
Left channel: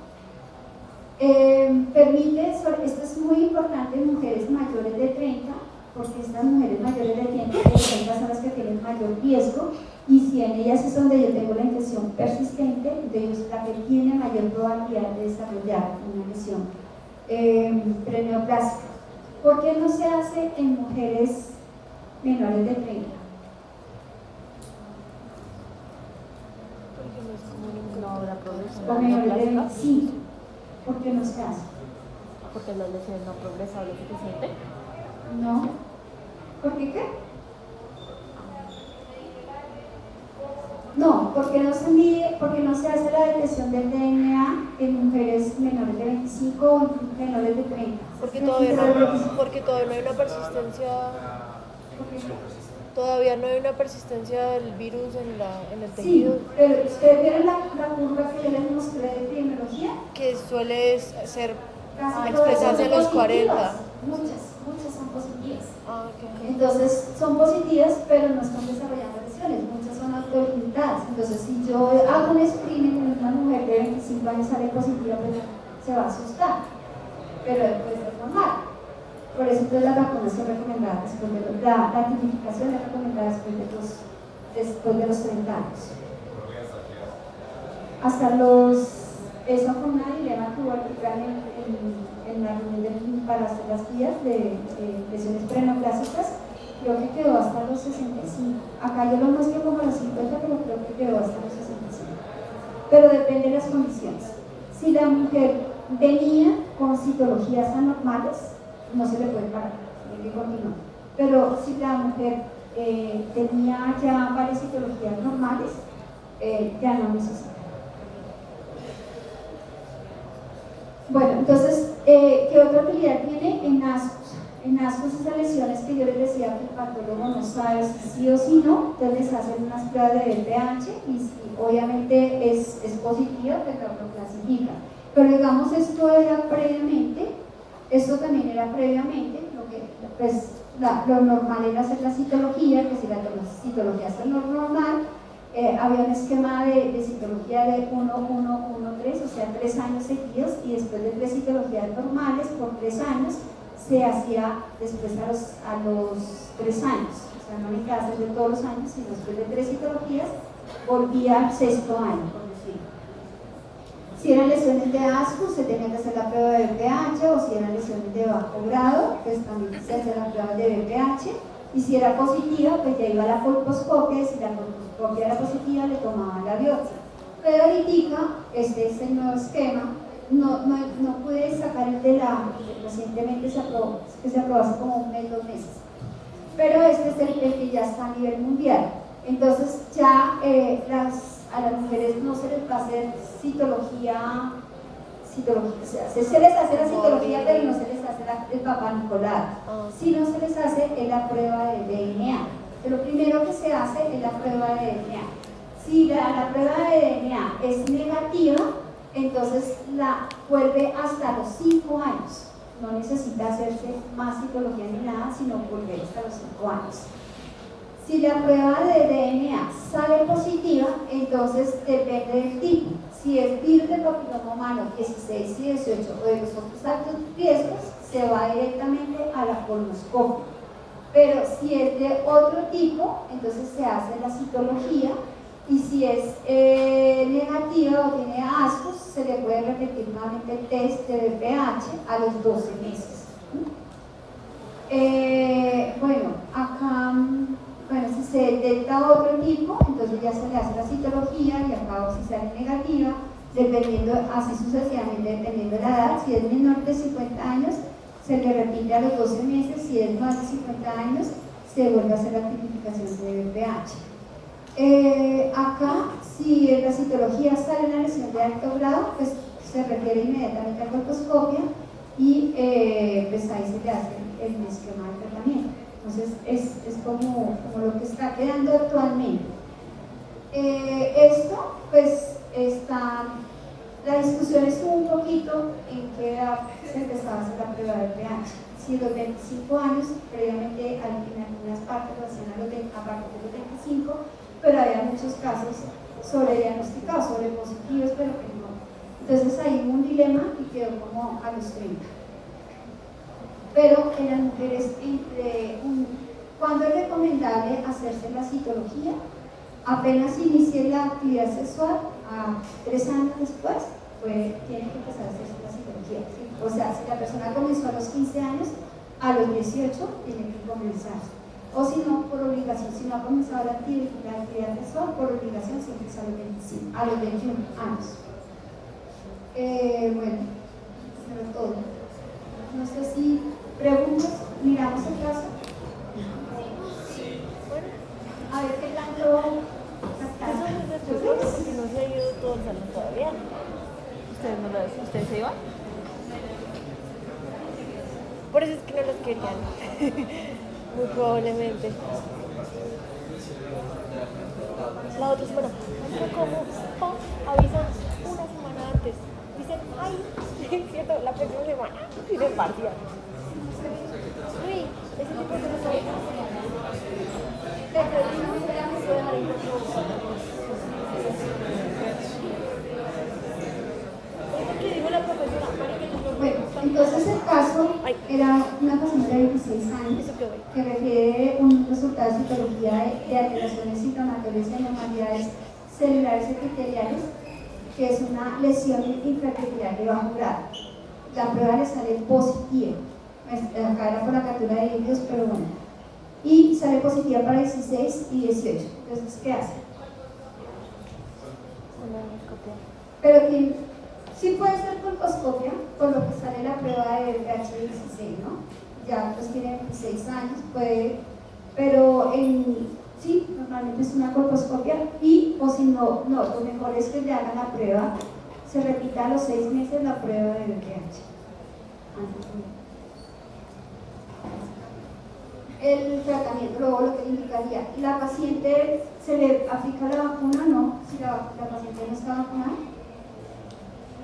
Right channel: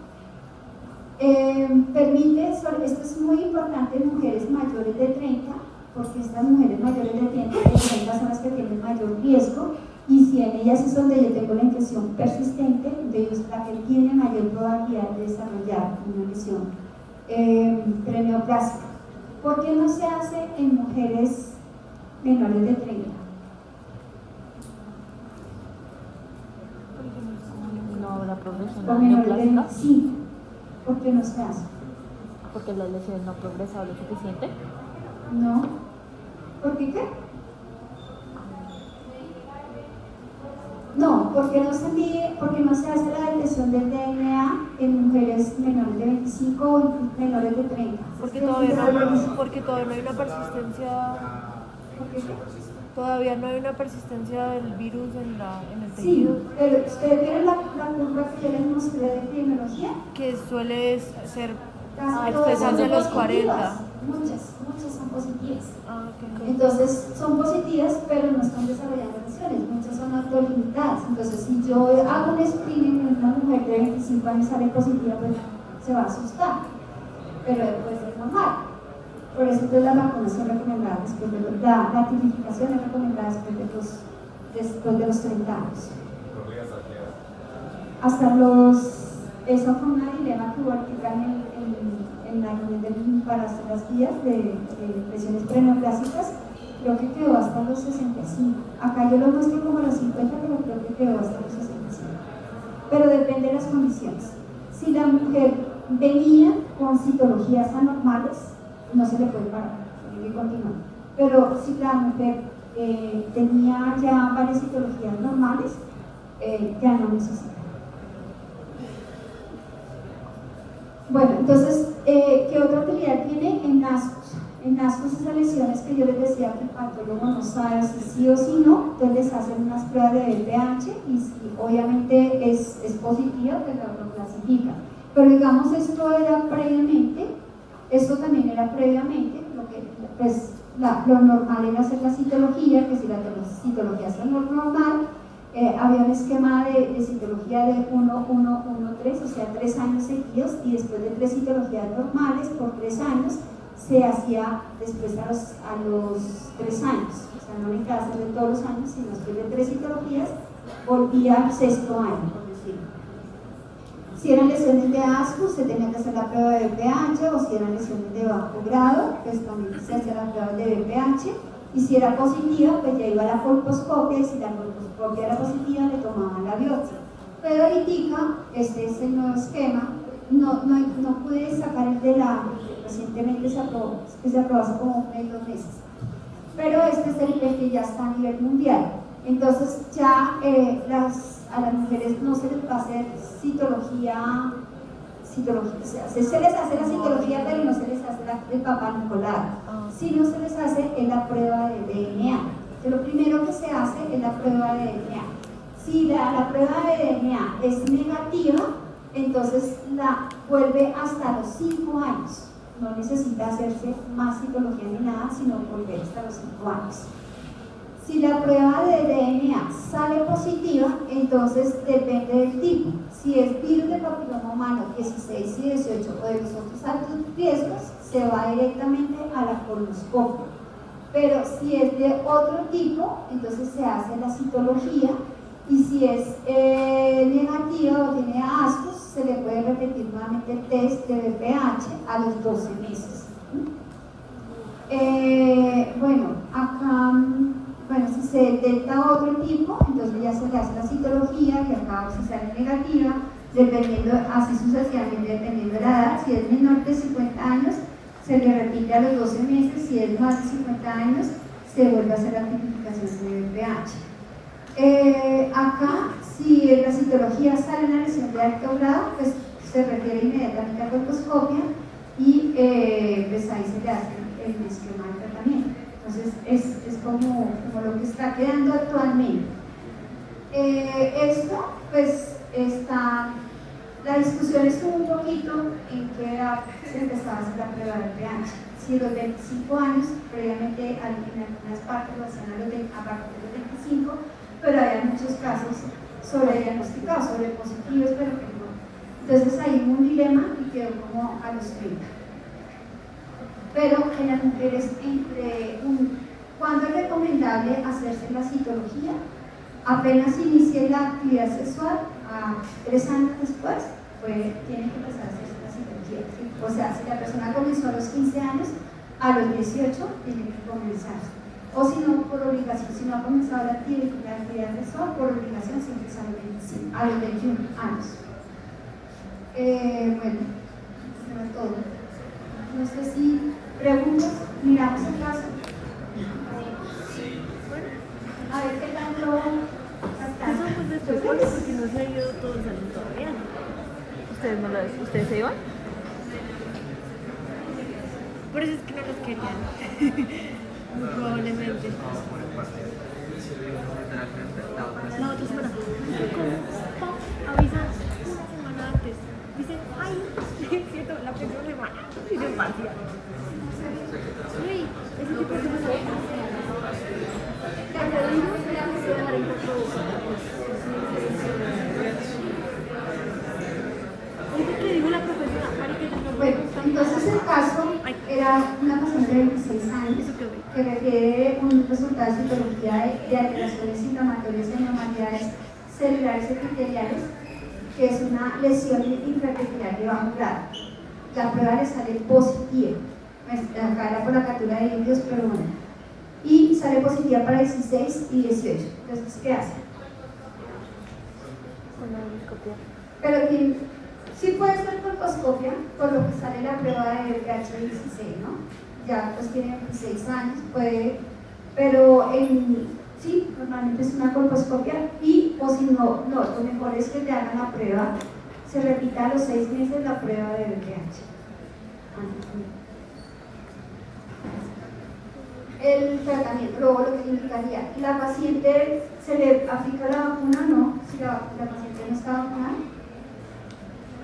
Esto es muy importante en mujeres mayores de 30, porque estas mujeres mayores de 30 son las que tienen mayor riesgo, y si en ellas es donde yo tengo la infección persistente, entonces la que tiene mayor probabilidad de desarrollar una lesión preneoplásica. ¿Por qué no se hace en mujeres menores de 30? Porque no es como O menores de 25. ¿Por qué no se hace? Porque la lesión no progresa lo suficiente. No. ¿Por qué qué? No, porque no se mide, porque no se hace la detección del DNA en mujeres menores de 25 o menores de 30. Porque todavía no hay una persistencia. Todavía no hay una persistencia del virus en el tejido. Sí, pero ustedes vieron la curva que yo les mostré de epidemiología. Que suele expresarse a los 40. Muchas son positivas. Ah, ok. Entonces son positivas, pero no están desarrollando lesiones, muchas son autolimitadas. Entonces, si yo hago un screening en una mujer de 25 años sale positiva, pues se va a asustar, pero después es normal. Por eso entonces la vacunación recomendada después de la tipificación es recomendada después de los 30 años. Hasta esa fue una dilema que hubo en la reunión para hacer las guías de lesiones preneoplásicas. Creo que quedó hasta los 65. Acá yo lo muestro como los 50, pero creo que quedó hasta los 65. Pero depende de las condiciones. Si la mujer venía con citologías anormales, no se le puede parar, tiene que continuar. Pero si la mujer tenía ya varias citologías normales, ya no necesita. Bueno, entonces, ¿qué otra utilidad tiene? En ascos. En ascos, esas lesiones que yo les decía que el patólogo no sabe si sí o si no, entonces les hacen unas pruebas de BPH y si obviamente es positiva, pues lo clasifican. Pero digamos, esto también era previamente, pues, lo normal era hacer la citología, que si la citología es lo normal, había un esquema de citología de 1, 1, 1, 3, o sea, 3 años seguidos, y después de 3 citologías normales por 3 años, se hacía después a los 3 años, o sea, no necesitaba hacerlo todos los años, sino después de 3 citologías, volvía al 6º año, por decirlo. Si eran lesiones de asco, se tenía que hacer la prueba de BPH, o si eran lesiones de bajo grado, pues también se hacía la prueba de BPH, y si era positiva, pues ya iba a la colposcopia, y si la colposcopia era positiva, le tomaban la biopsia. Pero ahorita, este es el nuevo esquema, no pude sacar el de recientemente se aprobó hace como un mes, 2 meses. Pero este es el que ya está a nivel mundial. Entonces ya a las mujeres no se les va a hacer citología, o sea, se les hace la citología, pero no se les hace el Papá Nicolau, sino se les hace la prueba de DNA. Lo primero que se hace es la prueba de DNA. Si la prueba de DNA es negativa, entonces la vuelve hasta los 5 años. No necesita hacerse más citología ni nada, sino volver hasta los 5 años. Si la prueba de DNA sale positiva, entonces depende del tipo. Si es virus de papiloma humano 16 y 18 o de los otros altos riesgos, se va directamente a la colonoscopia. Pero si es de otro tipo, entonces se hace la citología, y si es negativa o tiene ascos, se le puede repetir nuevamente el test de BPH a los 12 meses. Si se detecta otro tipo, entonces ya se le hace la citología, y acá si sale negativa, dependiendo, así sucesivamente, dependiendo de la edad. Si es menor de 50 años, se le repite a los 12 meses. Si es más de 50 años, se vuelve a hacer la tipificación de BPH. Acá, si la citología sale una lesión de alto grado, pues se refiere inmediatamente a colposcopia, y pues ahí se le hace el esquema de tratamiento. Entonces es como lo que está quedando actualmente. Esto pues la discusión estuvo un poquito en qué edad se empezaba a hacer la prueba de pH. Si los 25 años, previamente en algunas partes lo hacían a partir de los 25, pero había muchos casos sobrediagnosticados, sobrepositivos, pero que no. Entonces ahí hubo un dilema y quedó como a los 30. Pero en las mujeres, ¿cuándo es recomendable hacerse la citología? Apenas inicie la actividad sexual, a 3 años después, pues tiene que empezar a hacerse la citología. O sea, si la persona comenzó a los 15 años, a los 18 tiene que comenzar. O si no, por obligación, si no ha comenzado la actividad sexual, por obligación siempre es a los 21 años. Bueno, eso es todo. No sé si preguntas, miramos el caso. A ver qué tanto captaron. Yo creo que porque no se ha ido todo el salón todavía. ¿Ustedes me lo dicen? ¿Ustedes se iban? Por eso es que no los querían. Muy probablemente. La otra semana, ¿cómo? Avisan una semana antes. Dicen, ay, cierto, la próxima semana. Y de partida. Uy, ese tipo de cosas. caso era una persona de 26 años Eso quedó ahí. que requiere un resultado de citología de alteraciones inflamatorias en anormalidades celulares epiteliales, que es una lesión intraepitelial de bajo grado. La prueba le sale positiva. Acá era por la captura de líquidos, pero bueno. Y sale positiva para 16 y 18. Entonces, ¿qué hace? Pero sí puede ser colposcopia, por lo que sale la prueba de VH16, ¿no? Ya pues tiene 26 años, puede, pero sí, normalmente es una colposcopia o si no, lo mejor es que le hagan la prueba, se repita a los 6 meses la prueba de VH. El tratamiento, luego lo que indicaría, la paciente se le aplica la vacuna, no, si la paciente no está vacunada,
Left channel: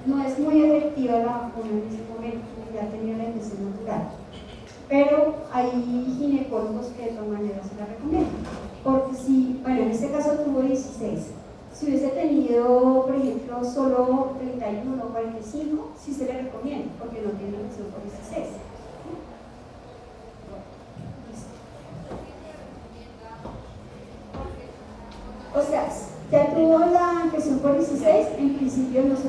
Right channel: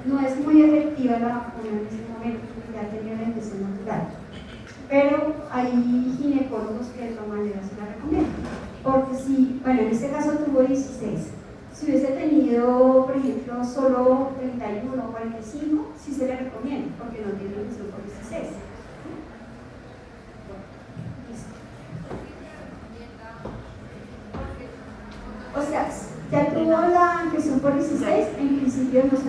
no es muy efectiva la vacuna en este momento, porque ya tenía la infección natural. Pero hay ginecólogos que de todas maneras se la recomiendan. Porque si, bueno, en este caso tuvo 16, si hubiese tenido, por ejemplo, solo 31 o 45, sí se le recomienda, porque no tiene infección por 16. O sea, ya tuvo la infección por 16, en principio no se